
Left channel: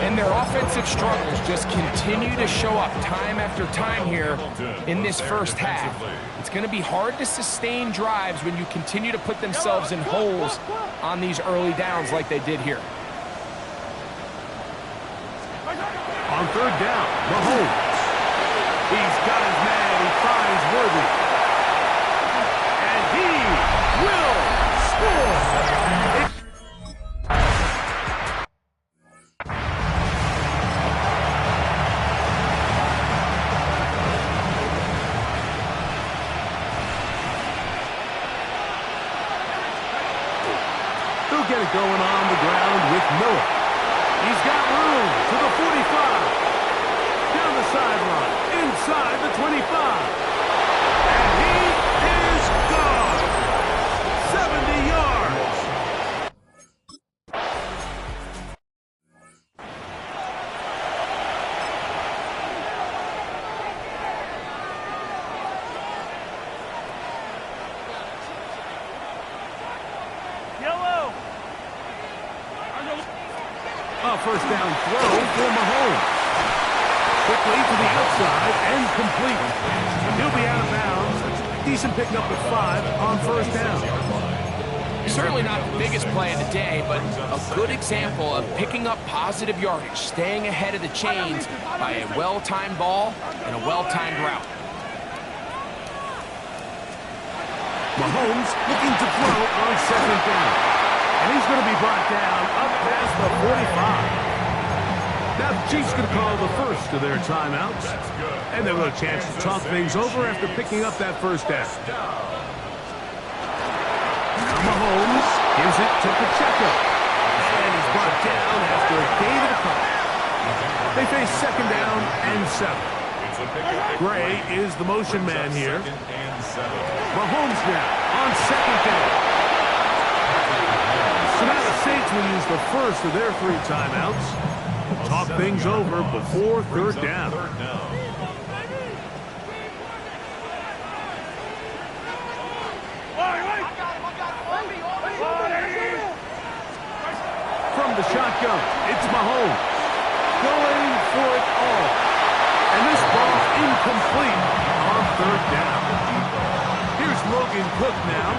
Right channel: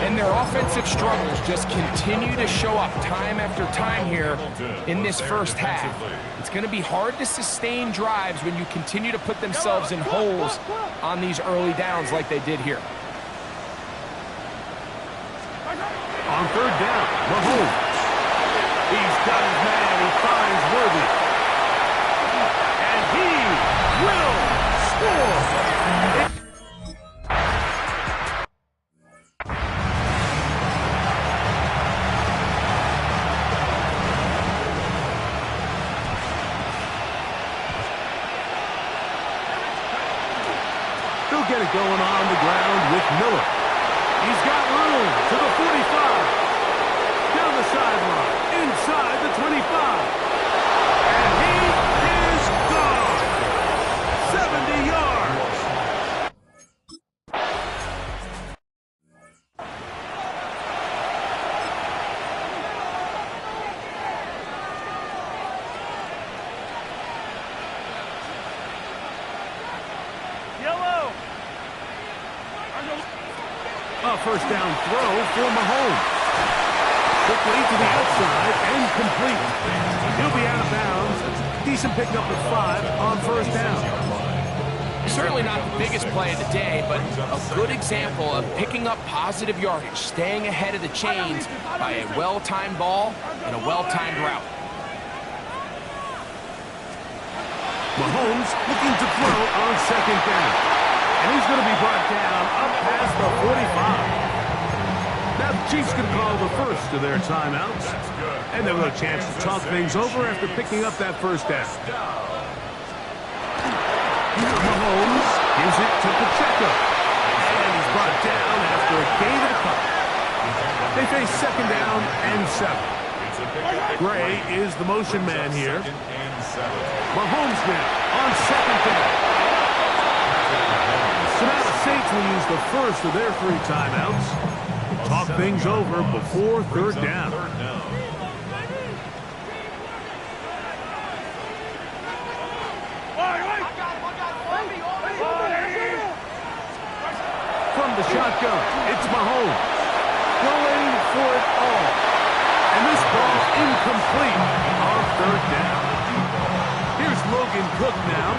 And their offensive struggles just continue to show up time after time here in this 1st half. It's going to be hard to sustain drives when you continue to put themselves in holes on these early downs like they did here. On 3rd down, Mahomes. He's got his man. He finds Worthy. And he will score. They'll get it going on the ground with Miller. He's got room to the 45. Down the sideline, inside the 25. And he is gone. 70 yards. Yellow. A 1st down throw for Mahomes. Quickly to the outside and complete. He'll be out of bounds. That's a decent pickup with 5 on 1st down. Certainly not the biggest play of the day, but a good example of picking up positive yardage, staying ahead of the chains by a well-timed ball and a well-timed route. Mahomes looking to throw on second down. And he's going to be brought down up past the 45. Now the Chiefs going to call the first of their timeouts. And they'll have a chance to talk things over after picking up that first down. Now Mahomes gives it to Pacheco. And he's brought down after a gain of a couple. They face second down and 7. Gray is the motion man here. Mahomes now on second down. So now the Saints will use the first of their 3 timeouts. Talk things over before third down. From the shotgun, it's Mahomes going for it all. And this ball incomplete on third down. Here's Logan Cook now.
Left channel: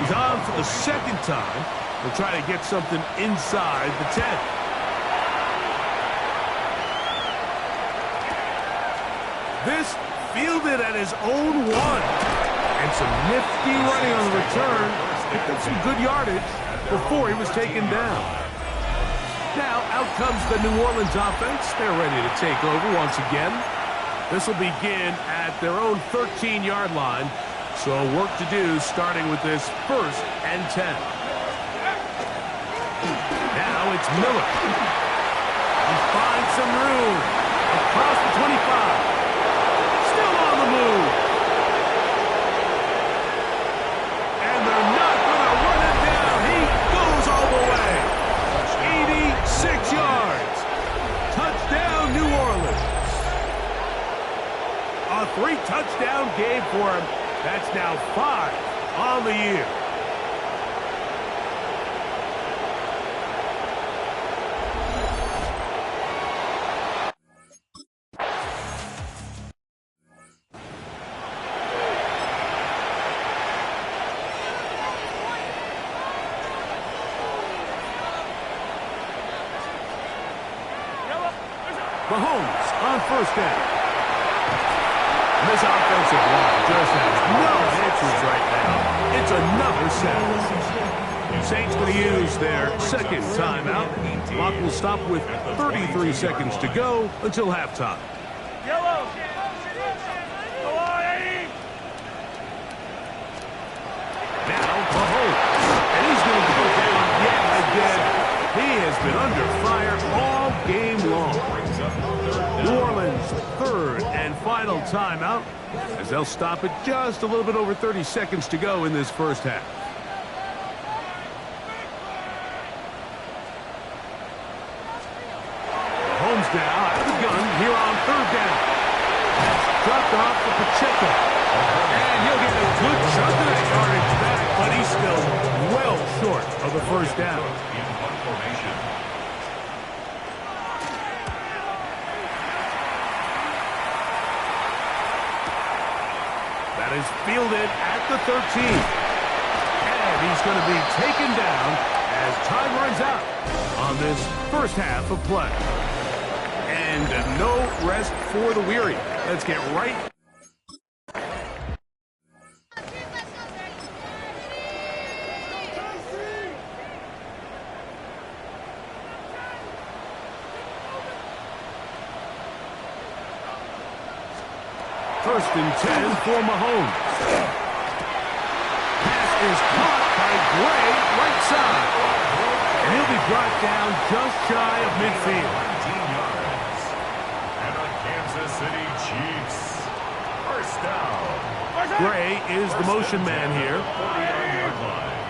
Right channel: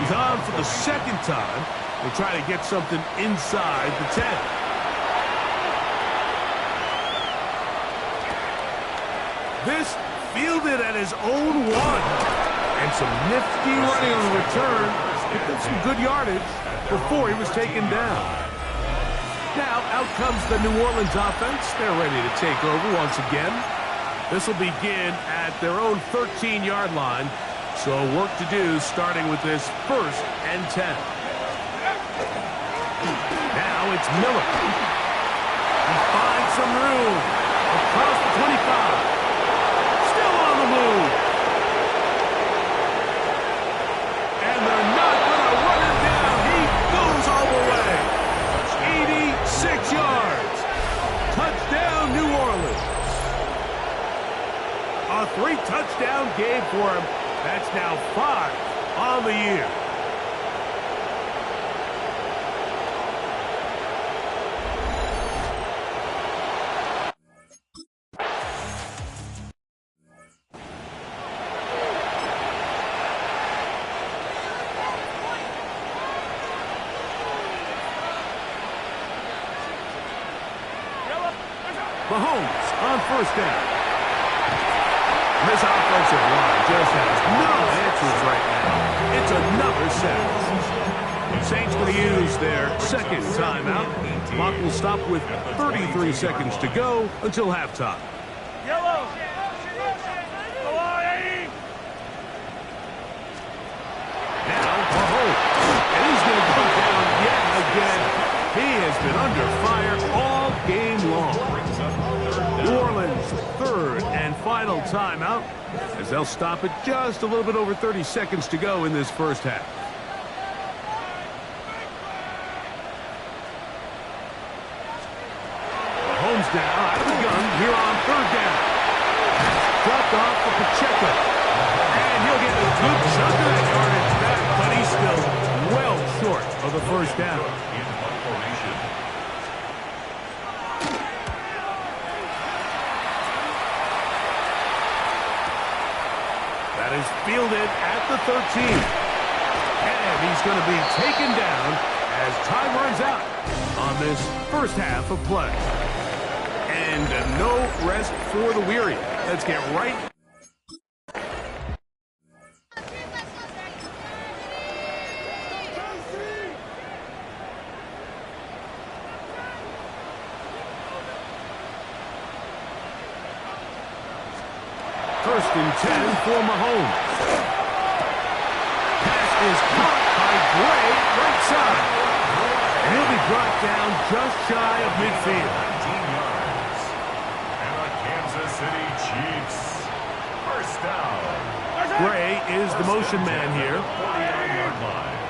He's on for the second time. They'll try to get something inside the 10. This fielded at his own 1. And some nifty running on the return. Picked up some good yardage before he was taken down. Now out comes the New Orleans offense. They're ready to take over once again. This will begin at their own 13-yard line. So work to do starting with this 1st and 10. Now it's Miller. He finds some room across the 25. Still on the move. And they're not going to run him down. He goes all the way. 86 yards. Touchdown, New Orleans. A 3-touchdown game for him. That's now 5 on the year. Mahomes on first down. This offensive line just has no answers right now. It's another sack. Saints going to use their second timeout. Clock will stop with 33 seconds to go until halftime. Yellow. Now Mahomes. And he's going to go down yet again. He has been under fire all game long. New Orleans' 3rd and final timeout as they'll stop it just a little bit over 30 seconds to go in this first half. Mahomes now out of the gun here on 3rd down. That's dropped off for Pacheco. And he'll get a good chunk of that yardage back, but he's still well short of the first down. That is fielded at the 13. And he's going to be taken down as time runs out on this first half of play. And no rest for the weary. Let's get right. First and 10 for Mahomes. Pass is caught by Gray, right side. And he'll be brought down just shy of midfield. 19 yards. And the Kansas City Chiefs. First down. Gray is the motion man here. 49-yard line.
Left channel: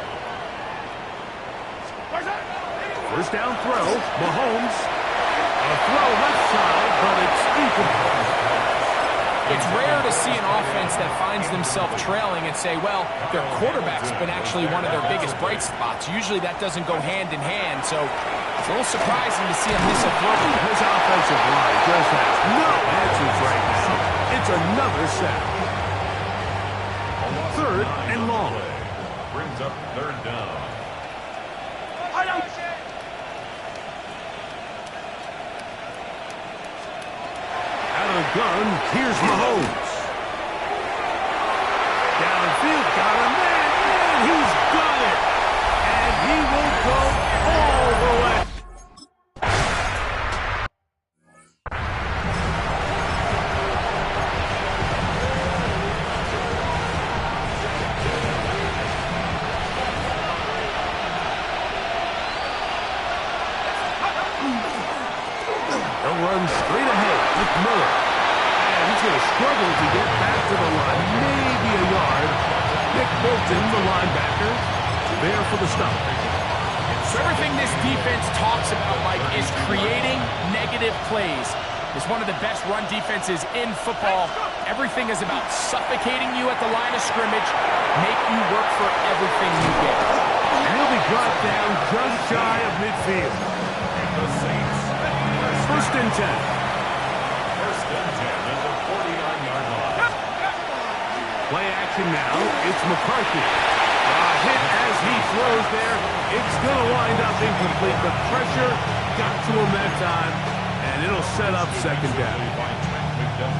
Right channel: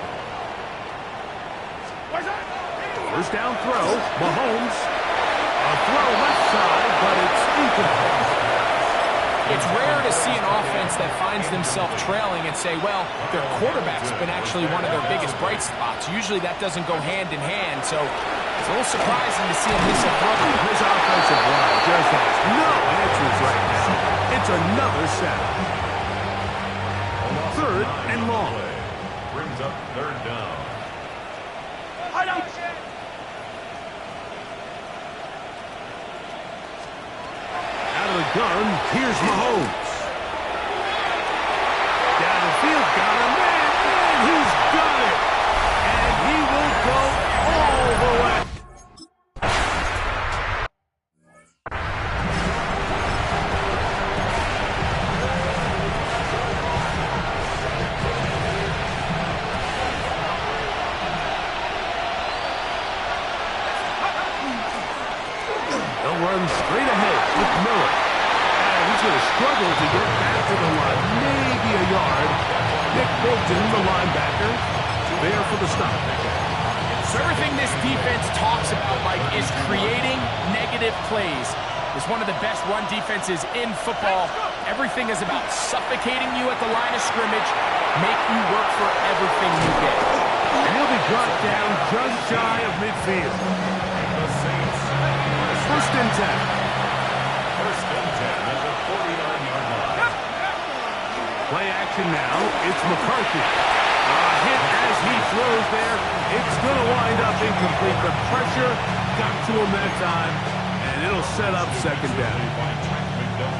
First down throw. Mahomes. A throw left side, but it's incomplete. It's rare to see an offense that finds themselves trailing and say, well, their quarterback's been actually one of their biggest bright spots. Usually that doesn't go hand in hand, so it's a little surprising to see him miss a throw. This offensive line just has no answers right now. It's another sack. 3rd and long. Brings up third down. Out of the gun, here's Mahomes. Downfield, got a man, and he's got it. And he will go all the way. They'll run straight ahead with Miller. And he's going to struggle to get back to the line. Maybe a yard. Nick Bolton, the linebacker, there for the stop. So everything this defense talks about, Mike, is creating negative plays. It's one of the best run defenses in football. Everything is about suffocating you at the line of scrimmage, make you work for everything you get. And he'll be brought down just shy of midfield. The Saints. First and 10. First and 10 at the 49-yard line. Play action now. It's McCarthy. A hit as he throws there. It's going to wind up incomplete. The pressure got to him that time, and it'll set up second down.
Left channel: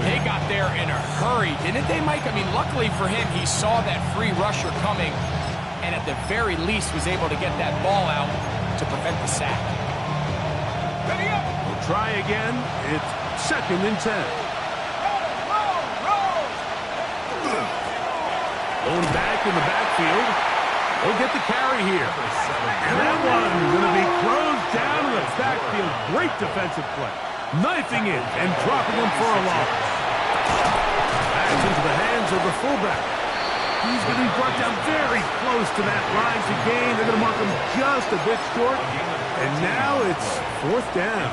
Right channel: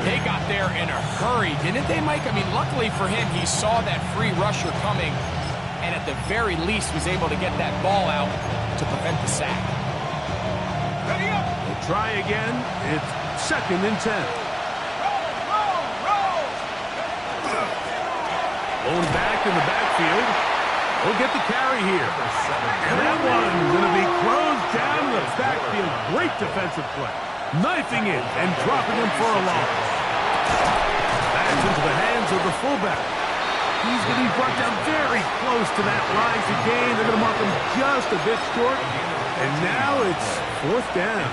They got there in a hurry, didn't they, Mike? I mean, luckily for him, he saw that free rusher coming, and at the very least was able to get that ball out to prevent the sack. We'll try again. It's second and 10. Going back in the backfield. He'll get the carry here. And that one's going to be closed down in the backfield. Great defensive play. Knifing in and dropping him for a loss. Back into the hands of the fullback. He's going to be brought down very close to that line to gain. They're going to mark him just a bit short. And now it's fourth down.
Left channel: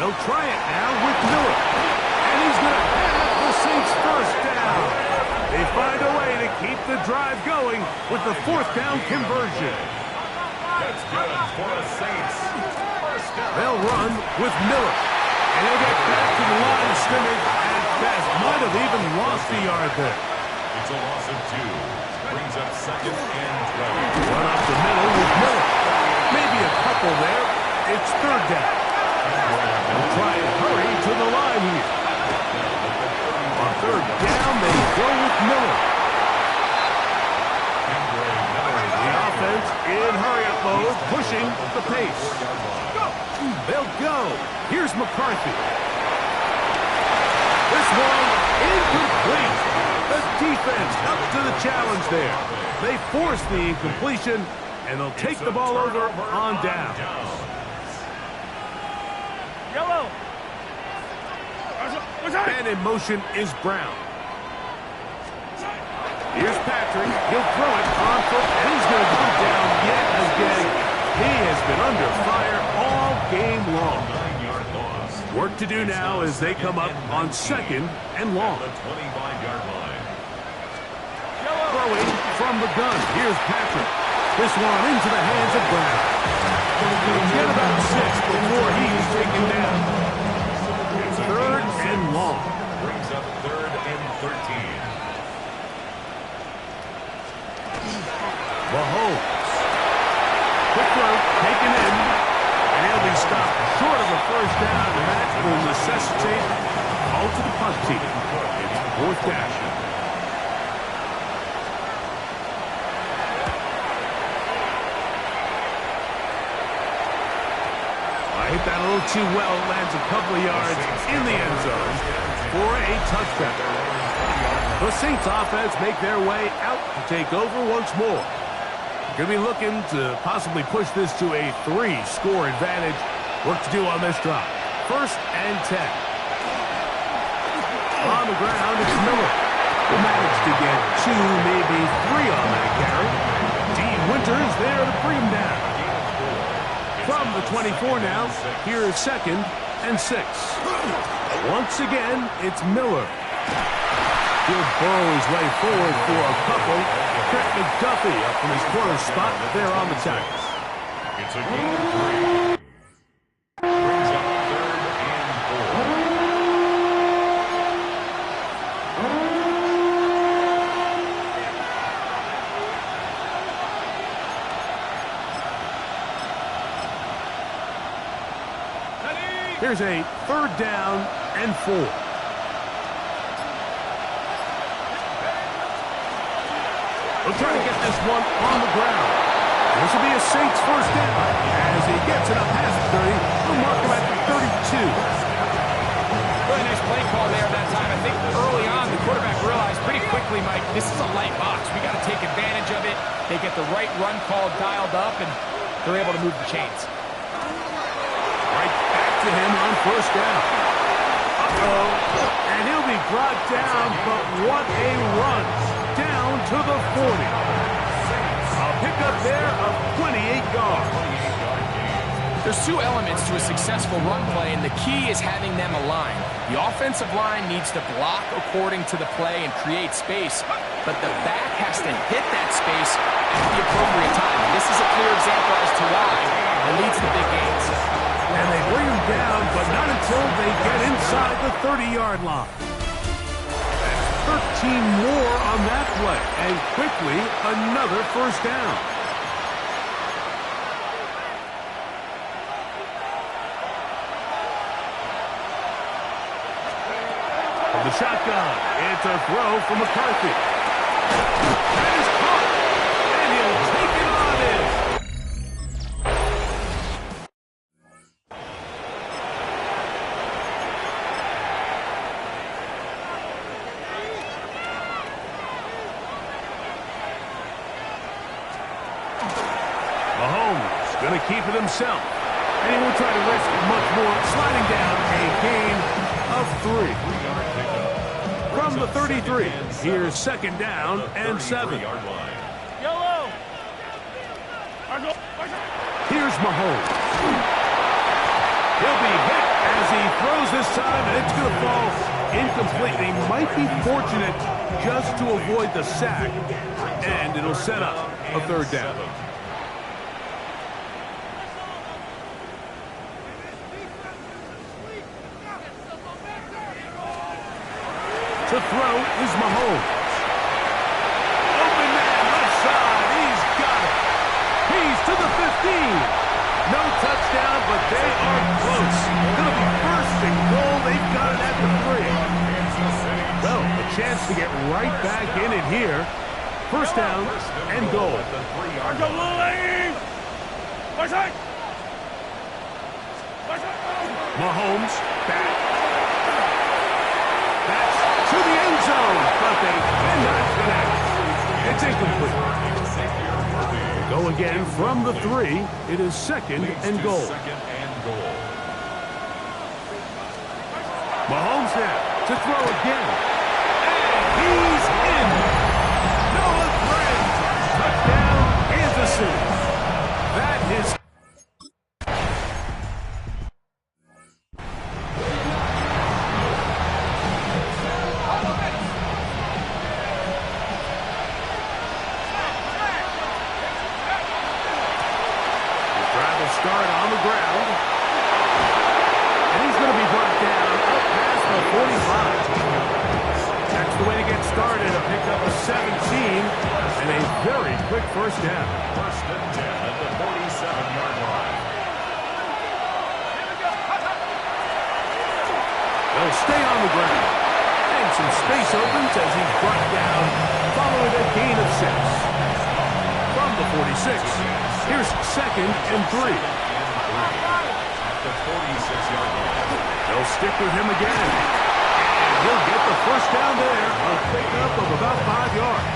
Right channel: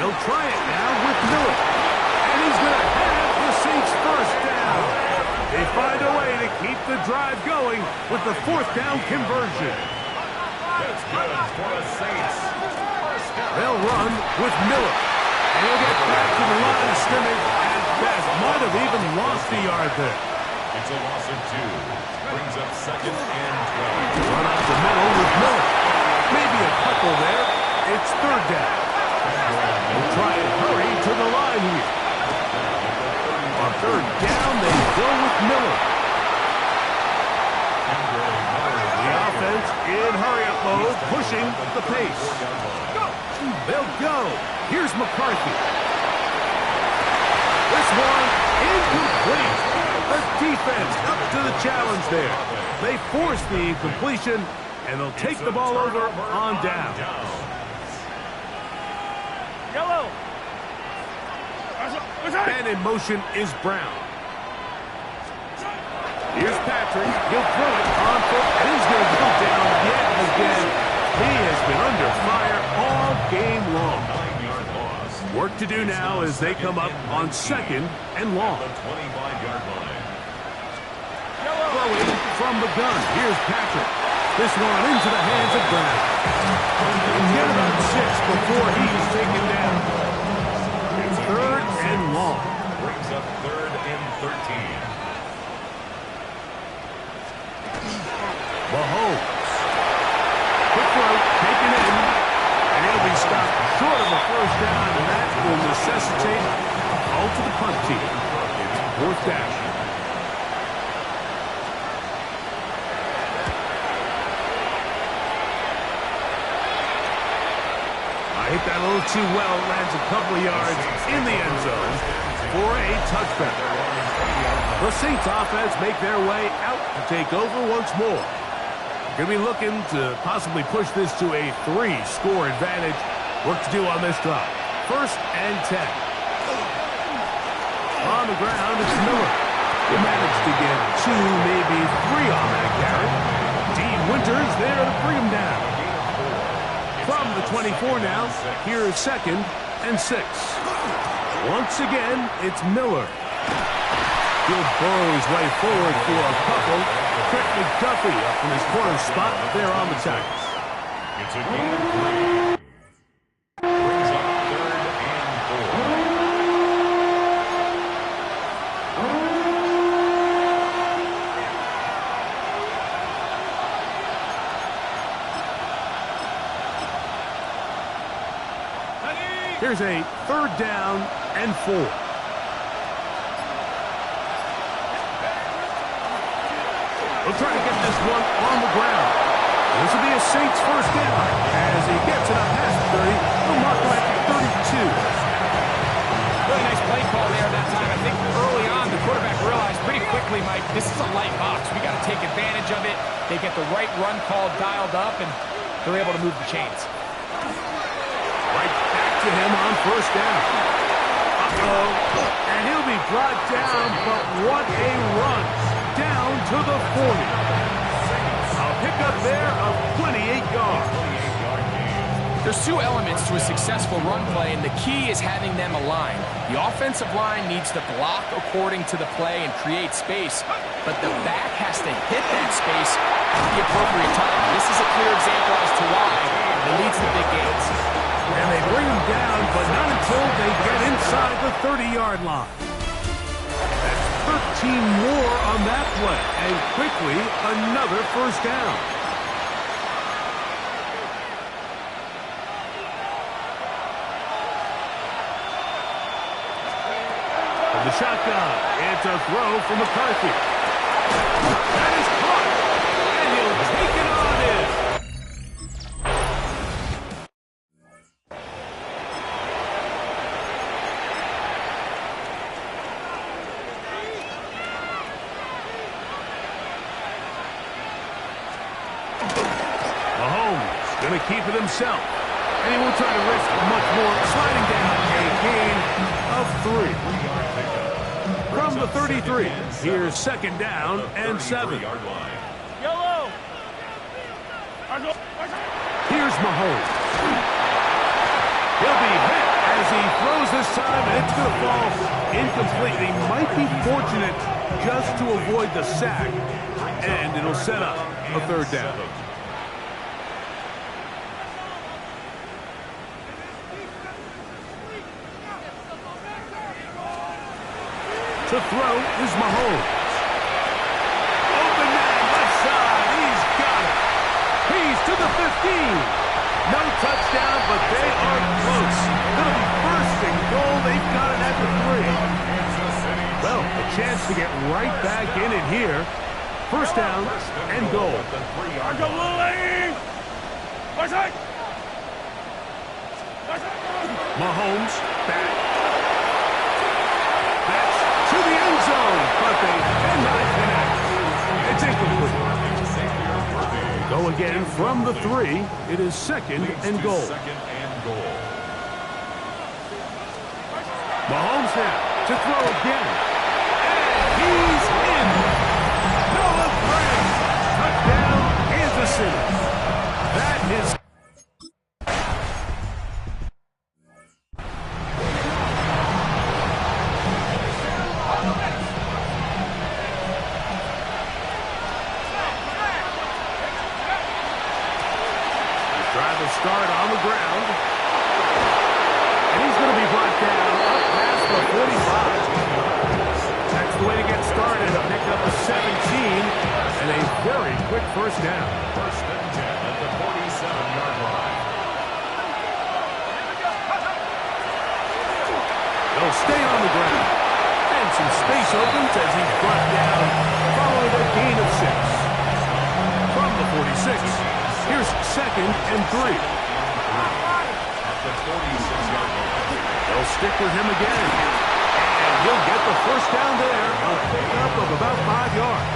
They'll try it now with Miller. And he's going to have the Saints first down. They find a way to keep the drive going with the fourth down conversion. That's good for the Saints. First down. They'll run with Miller. And he'll get back to the line of scrimmage at best. Might have even lost a yard there. It's a loss of 2. Brings up second and 12. Run up the middle with Miller. Maybe a couple there. It's third down. They'll try and hurry to the line here. On third down, they go with Miller. The offense in hurry-up mode, pushing the pace. They'll go. Here's McCarthy. This one incomplete. The defense up to the challenge there. They force the incompletion, and they'll take the ball over on down. Yellow. And in motion is Brown. Here's Patrick. He'll throw it on foot, and he's going to go down yet again. He has been under fire all game long. 9-yard loss. Work to do now as they come up on second and long. The 25-yard line. Throwing from the gun. Here's Patrick. This one into the hands of Brown. He'll get about 6 before he's taken down. Third and long. Brings up third and 13. Mahomes. Quick throw, taken in, and he'll be stopped short of a first down, and that will necessitate a call to the punt team. It's fourth down. Hit that a little too well, lands a couple of yards in the end zone for a touchback. The Saints offense make their way out to take over once more. Going to be looking to possibly push this to a 3-score advantage. Work to do on this drive. First and 10. On the ground, it's Miller. He managed to get 2, maybe 3 on that carry. Dean Winters there to bring him down. From the 24 now, here is second and 6. Once again, it's Miller. He'll burrow his way forward for a couple. Trent McDuffie up from his corner spot there on the tackles. It's a gain of 3. Brings up third and 4. Here's a 3rd down and 4. They'll try to get this one on the ground. This will be a Saints first down. As he gets it up past the 30, they'll mark him at the 32. Really nice play call there that time. I think early on the quarterback realized pretty quickly, Mike, this is a light box. We got to take advantage of it. They get the right run call dialed up, and they're able to move the chains. Right back to him on first down. And he'll be brought down, but what a run. Down to the 40. A pickup there of 28 yards. There's 2 elements to a successful run play, and the key is having them aligned. The offensive line needs to block according to the play and create space, but the back has to hit that space at the appropriate time. This is a clear example as to why it leads to big gains. And they bring him down, but not until they get inside the 30-yard line. That's 13 more on that play, and quickly another first down. From the shotgun, it's a throw from McCarthy. That is caught, and he'll take it on in. Mahomes going to keep it himself. And he won't try to risk much more. Sliding down a gain of 3. From the 33, here's 2nd down and 7. Yellow. Here's Mahomes. He'll be hit as he throws this time, and it's going to fall incomplete. He might be fortunate just to avoid the sack, and it'll set up a 3rd down. To throw is Mahomes. Open man, left side. He's got it. He's to the 15. No touchdown, but they are close. Going to be 1st and goal. They've got it at the 3. Well, a chance to get right back in it here. 1st down and goal. Mahomes back. That's to the end zone, but they cannot connect. It's incomplete. Go again from the 3. It is 2nd and goal. Mahomes now to throw again. And he's in. Noah Gray. Touchdown, Kansas City. That is... Start on the ground. And he's going to be brought down up past the 45. That's the way to get started. A pickup of 17 and a very quick 1st down. 1st and 10 at the 47-yard line. They'll stay on the ground. And some space opens as he's brought down following a gain of 6. From the 46. Here's 2nd and 3. At the 46-yard line. They'll stick with him again. And he'll get the 1st down there. A pickup of about 5 yards.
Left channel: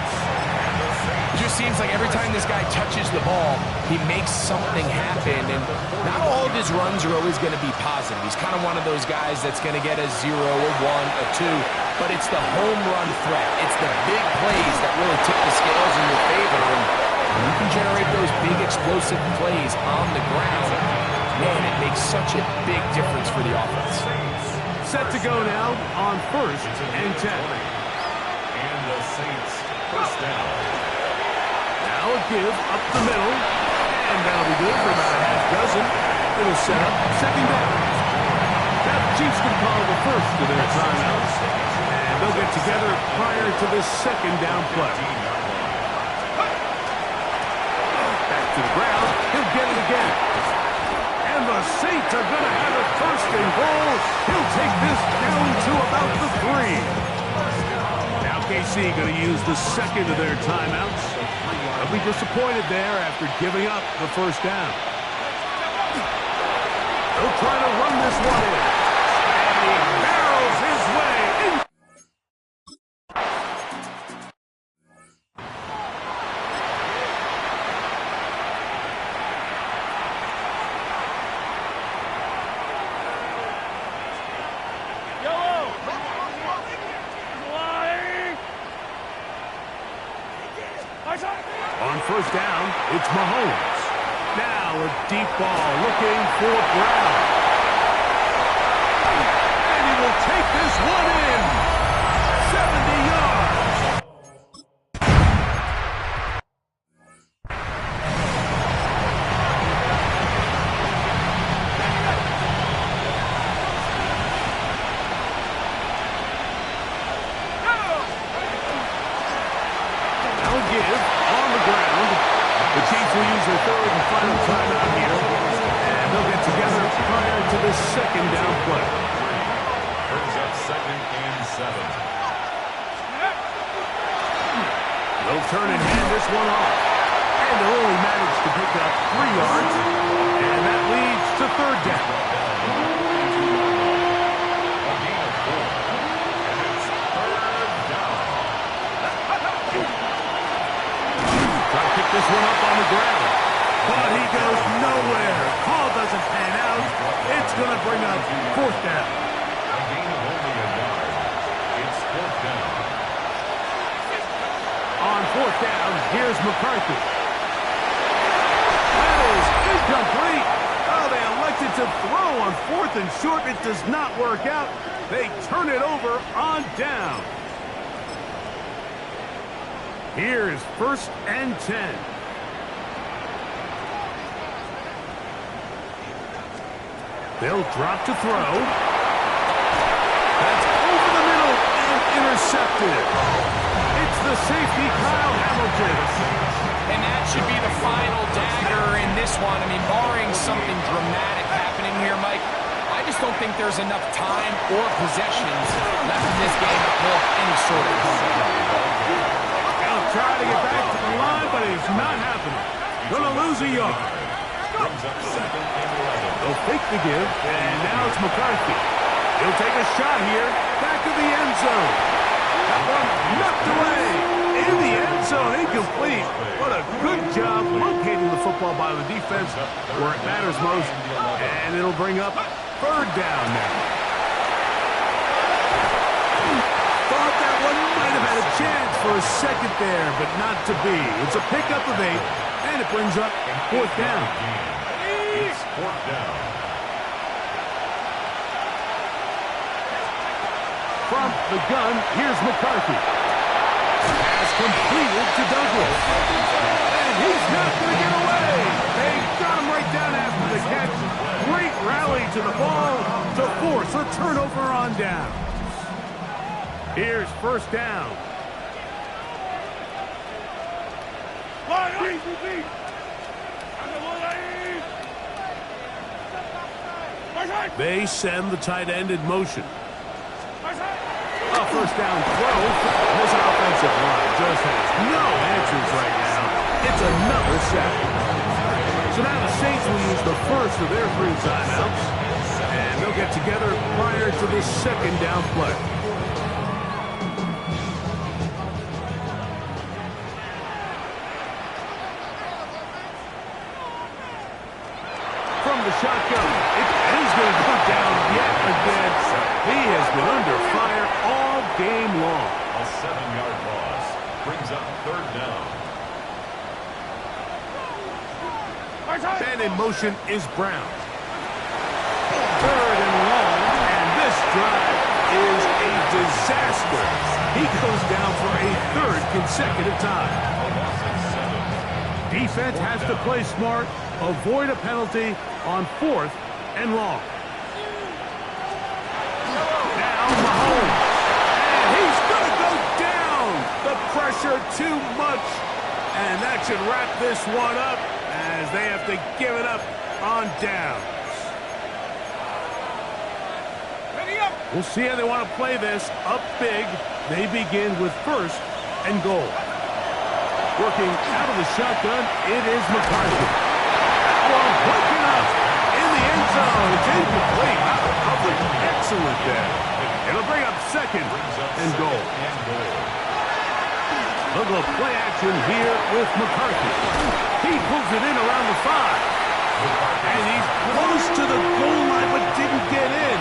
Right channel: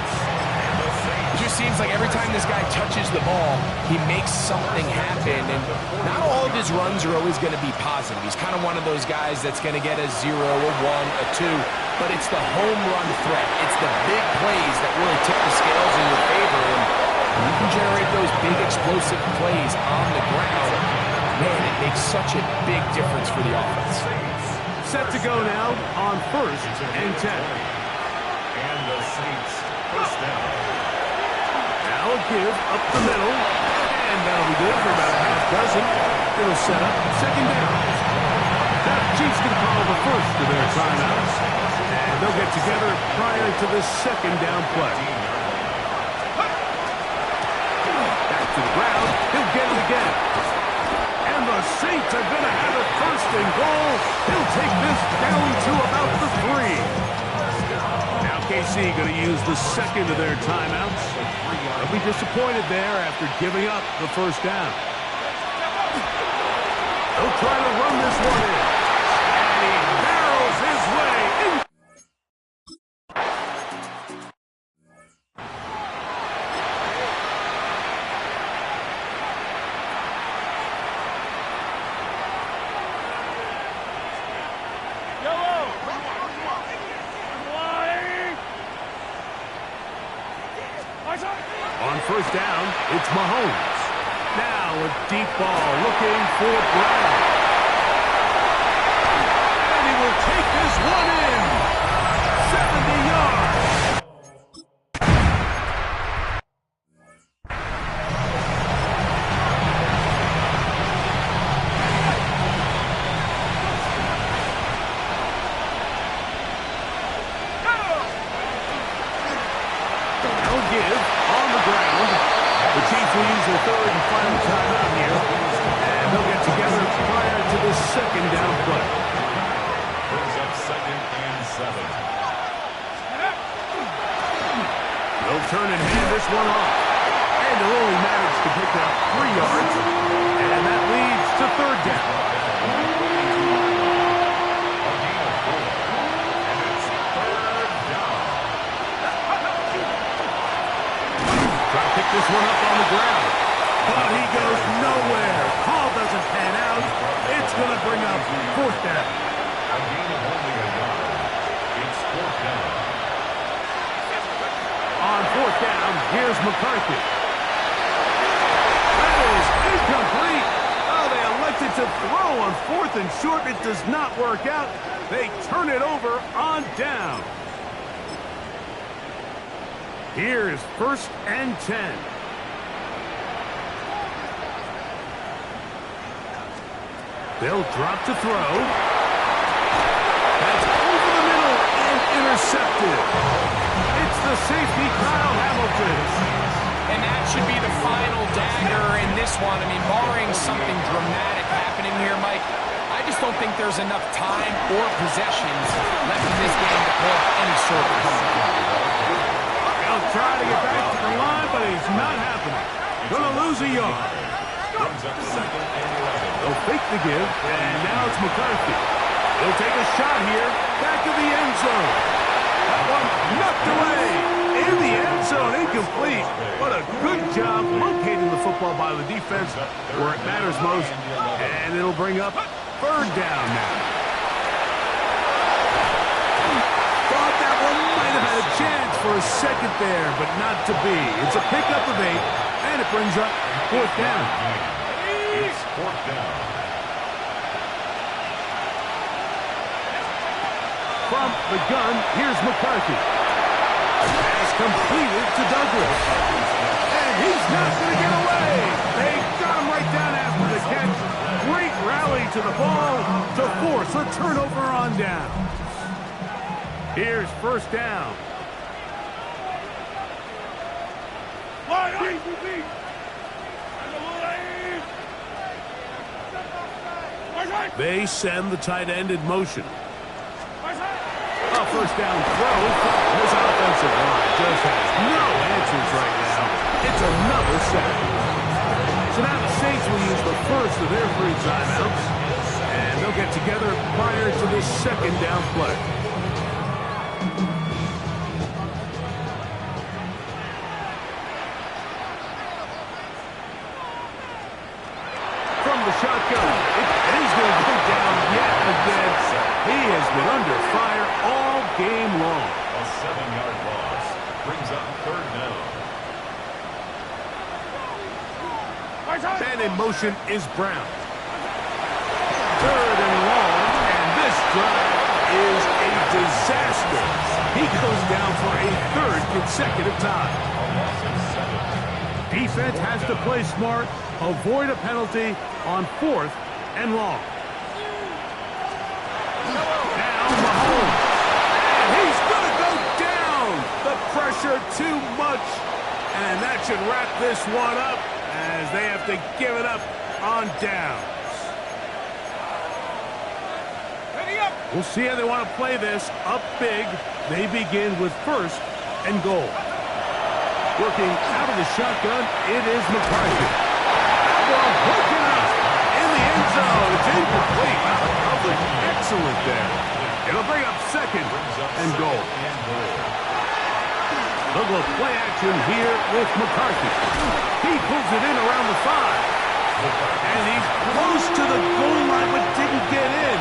It just seems like every time this guy touches the ball, he makes something happen. And not all of his runs are always going to be positive. He's kind of one of those guys that's going to get a 0, a 1, a 2. But it's the home run threat. It's the big plays that really tip the scales in your favor. And you can generate those big explosive plays on the ground. Man, it makes such a big difference for the offense. Set to go now on 1st and 10. And the Saints 1st down. Now a give up the middle. And that'll be good for about a half dozen. It'll set up 2nd down. Now the Chiefs can call the 1st of their timeouts. And they'll get together prior to this 2nd down play. To the ground, he'll get it again. And the Saints Saints are going to have it 1st and goal. He'll take this down to about the 3. Now KC going to use the second of their timeouts. They'll be disappointed there after giving up the 1st down. They'll try to run this one in. And he barrels his way in. On 1st down, it's Mahomes. Now a deep ball looking for Brown. And he will take this one in. 70 yards. Now give on the ground. The Chiefs will use their 3rd and final timeout here, and they'll get together prior to this 2nd down play. Brings up 2nd and 7. They'll turn and hand this one off, and they'll only manage to pick up 3 yards, and that leads to 3rd down. A gain of 4, and it's 3rd down. Try to pick this one up on the ground. But he goes nowhere. Call doesn't pan out. It's going to bring up 4th down. A gain of only a yard. It's 4th down. On 4th down, here's McCarthy. That is incomplete. Oh, they elected to throw on 4th and short. It does not work out. They turn it over on down. Here is 1st and 10. They'll drop to throw. That's over the middle and intercepted. It's the safety, Kyle Hamilton. And that should be the final dagger in this one. I mean, barring something dramatic happening here, Mike, I just don't think there's enough time or possessions left in this game to pull off any sort of comeback. They'll try to get back to the line, but it's not happening. Gonna lose a yard. Brings up 2nd and 11. They'll fake the give, and now it's McCarthy. He'll take a shot here, back to the end zone. That one knocked away in the end zone, incomplete. What a good job locating the football by the defense where it matters most, and it'll bring up 3rd down now. Thought that one might have had a chance for a second there, but not to be. It's a pickup of 8, and it brings up 4th down. It's 4th down. From the gun, here's McCarthy. Pass completed to Douglas. And he's not going to get away. They got him right down after the catch. Great rally to the ball to force a turnover on down. Here's 1st down. They send the tight end in motion. A 1st down throw. This offensive line just has no answers right now. It's another sack. So now the Saints will use the 1st of their 3 timeouts, and they'll get together prior to this 2nd down play. From the shotgun, and he's going to go down yet again. He has been under fire all game long. A 7-yard loss brings up 3rd down. And in motion is Brown. 3rd and long, and this drive is a disaster. He goes down for a 3rd consecutive time. A loss of 7. Defense has to play smart, avoid a penalty on 4th and long. Now Mahomes, and he's going to go down. The pressure too much, and that should wrap this one up as they have to give it up on downs. We'll see how they want to play this. Up big. They begin with 1st and goal. Working out of the shotgun, it is McCarthy. That one broken up in the end zone. It's incomplete. Wow, the coverage excellent there. It'll bring up 2nd and goal. They'll go play action here with McCarthy. He pulls it in around the 5. And he's close to the goal line but didn't get in.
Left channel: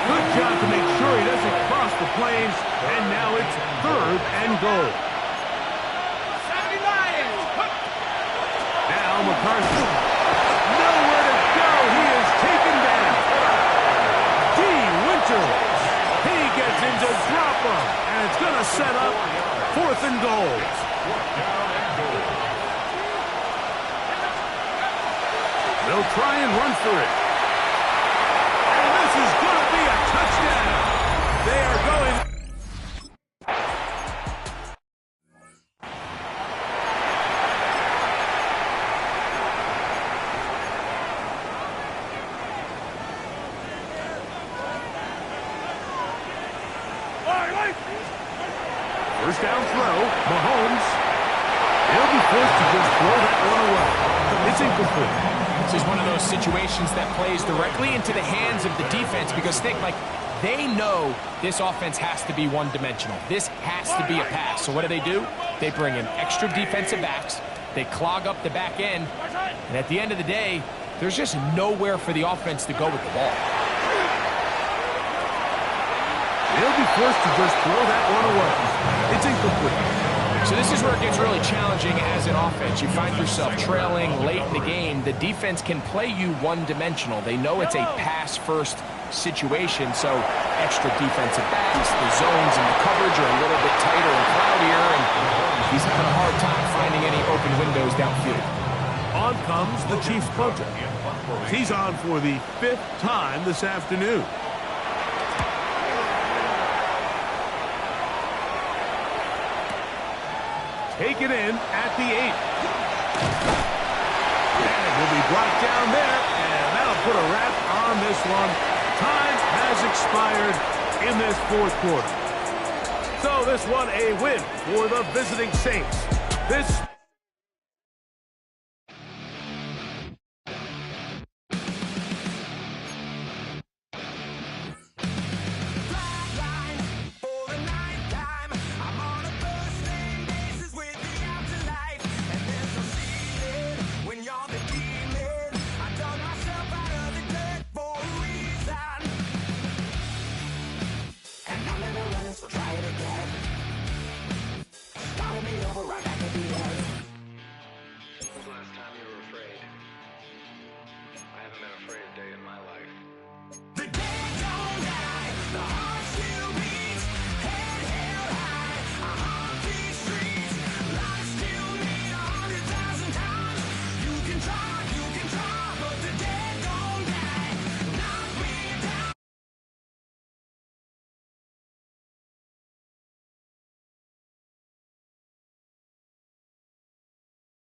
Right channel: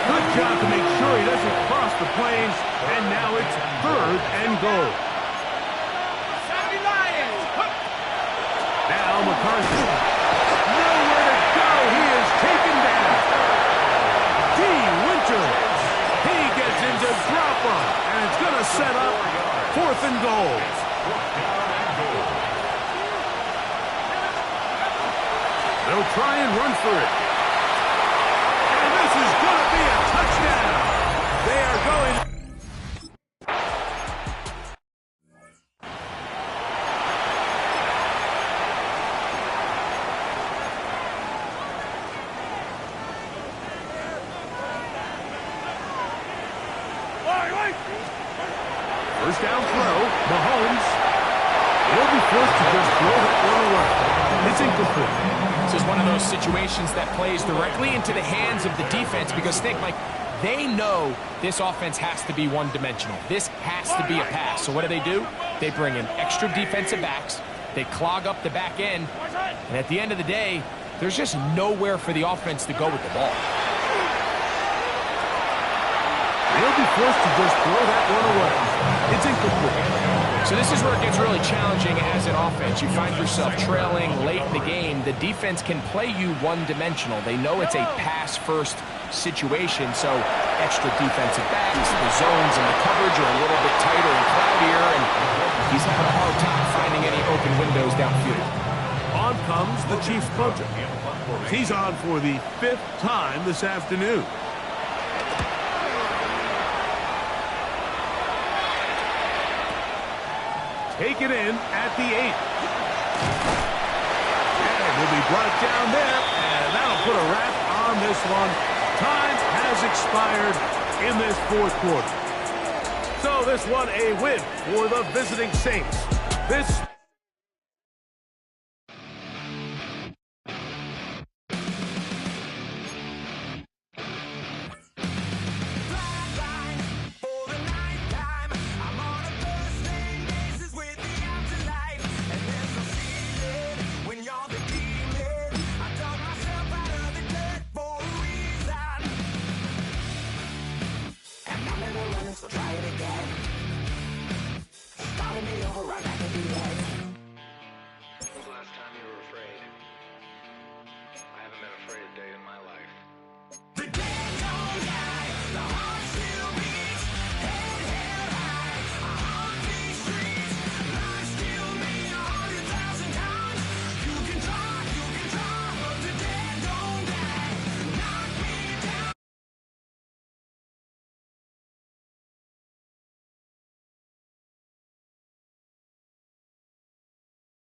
Good job to make sure he doesn't cross the plains. And now it's 3rd and goal. Now McCarthy. Nowhere to go. He is taken down. D. Winters. He gets into drop-up. And it's going to set up 4th and goal. They'll try and run for it. And this is going to be a touchdown. They are going... First down throw, Mahomes. He'll be forced to just throw that one away. It's incomplete. This is one of those situations that plays directly into the hands of the defense because, think, Mike, they know this offense has to be one-dimensional. This has to be a pass. So what do? They bring in extra defensive backs. They clog up the back end. And at the end of the day, there's just nowhere for the offense to go with the ball. They'll be forced to just throw that one away. It's incomplete. So this is where it gets really challenging as an offense. You find yourself trailing late in the game. The defense can play you one-dimensional. They know it's a pass-first situation, so extra defensive backs, the zones and the coverage are a little bit tighter and cloudier, and he's having a hard time finding any open windows downfield. On comes the Chiefs punter. He's on for the 5th time this afternoon. Take it in at the 8. And will be brought down there, and that'll put a wrap on this one. Time has expired in this 4th quarter. So this one a win for the visiting Saints. This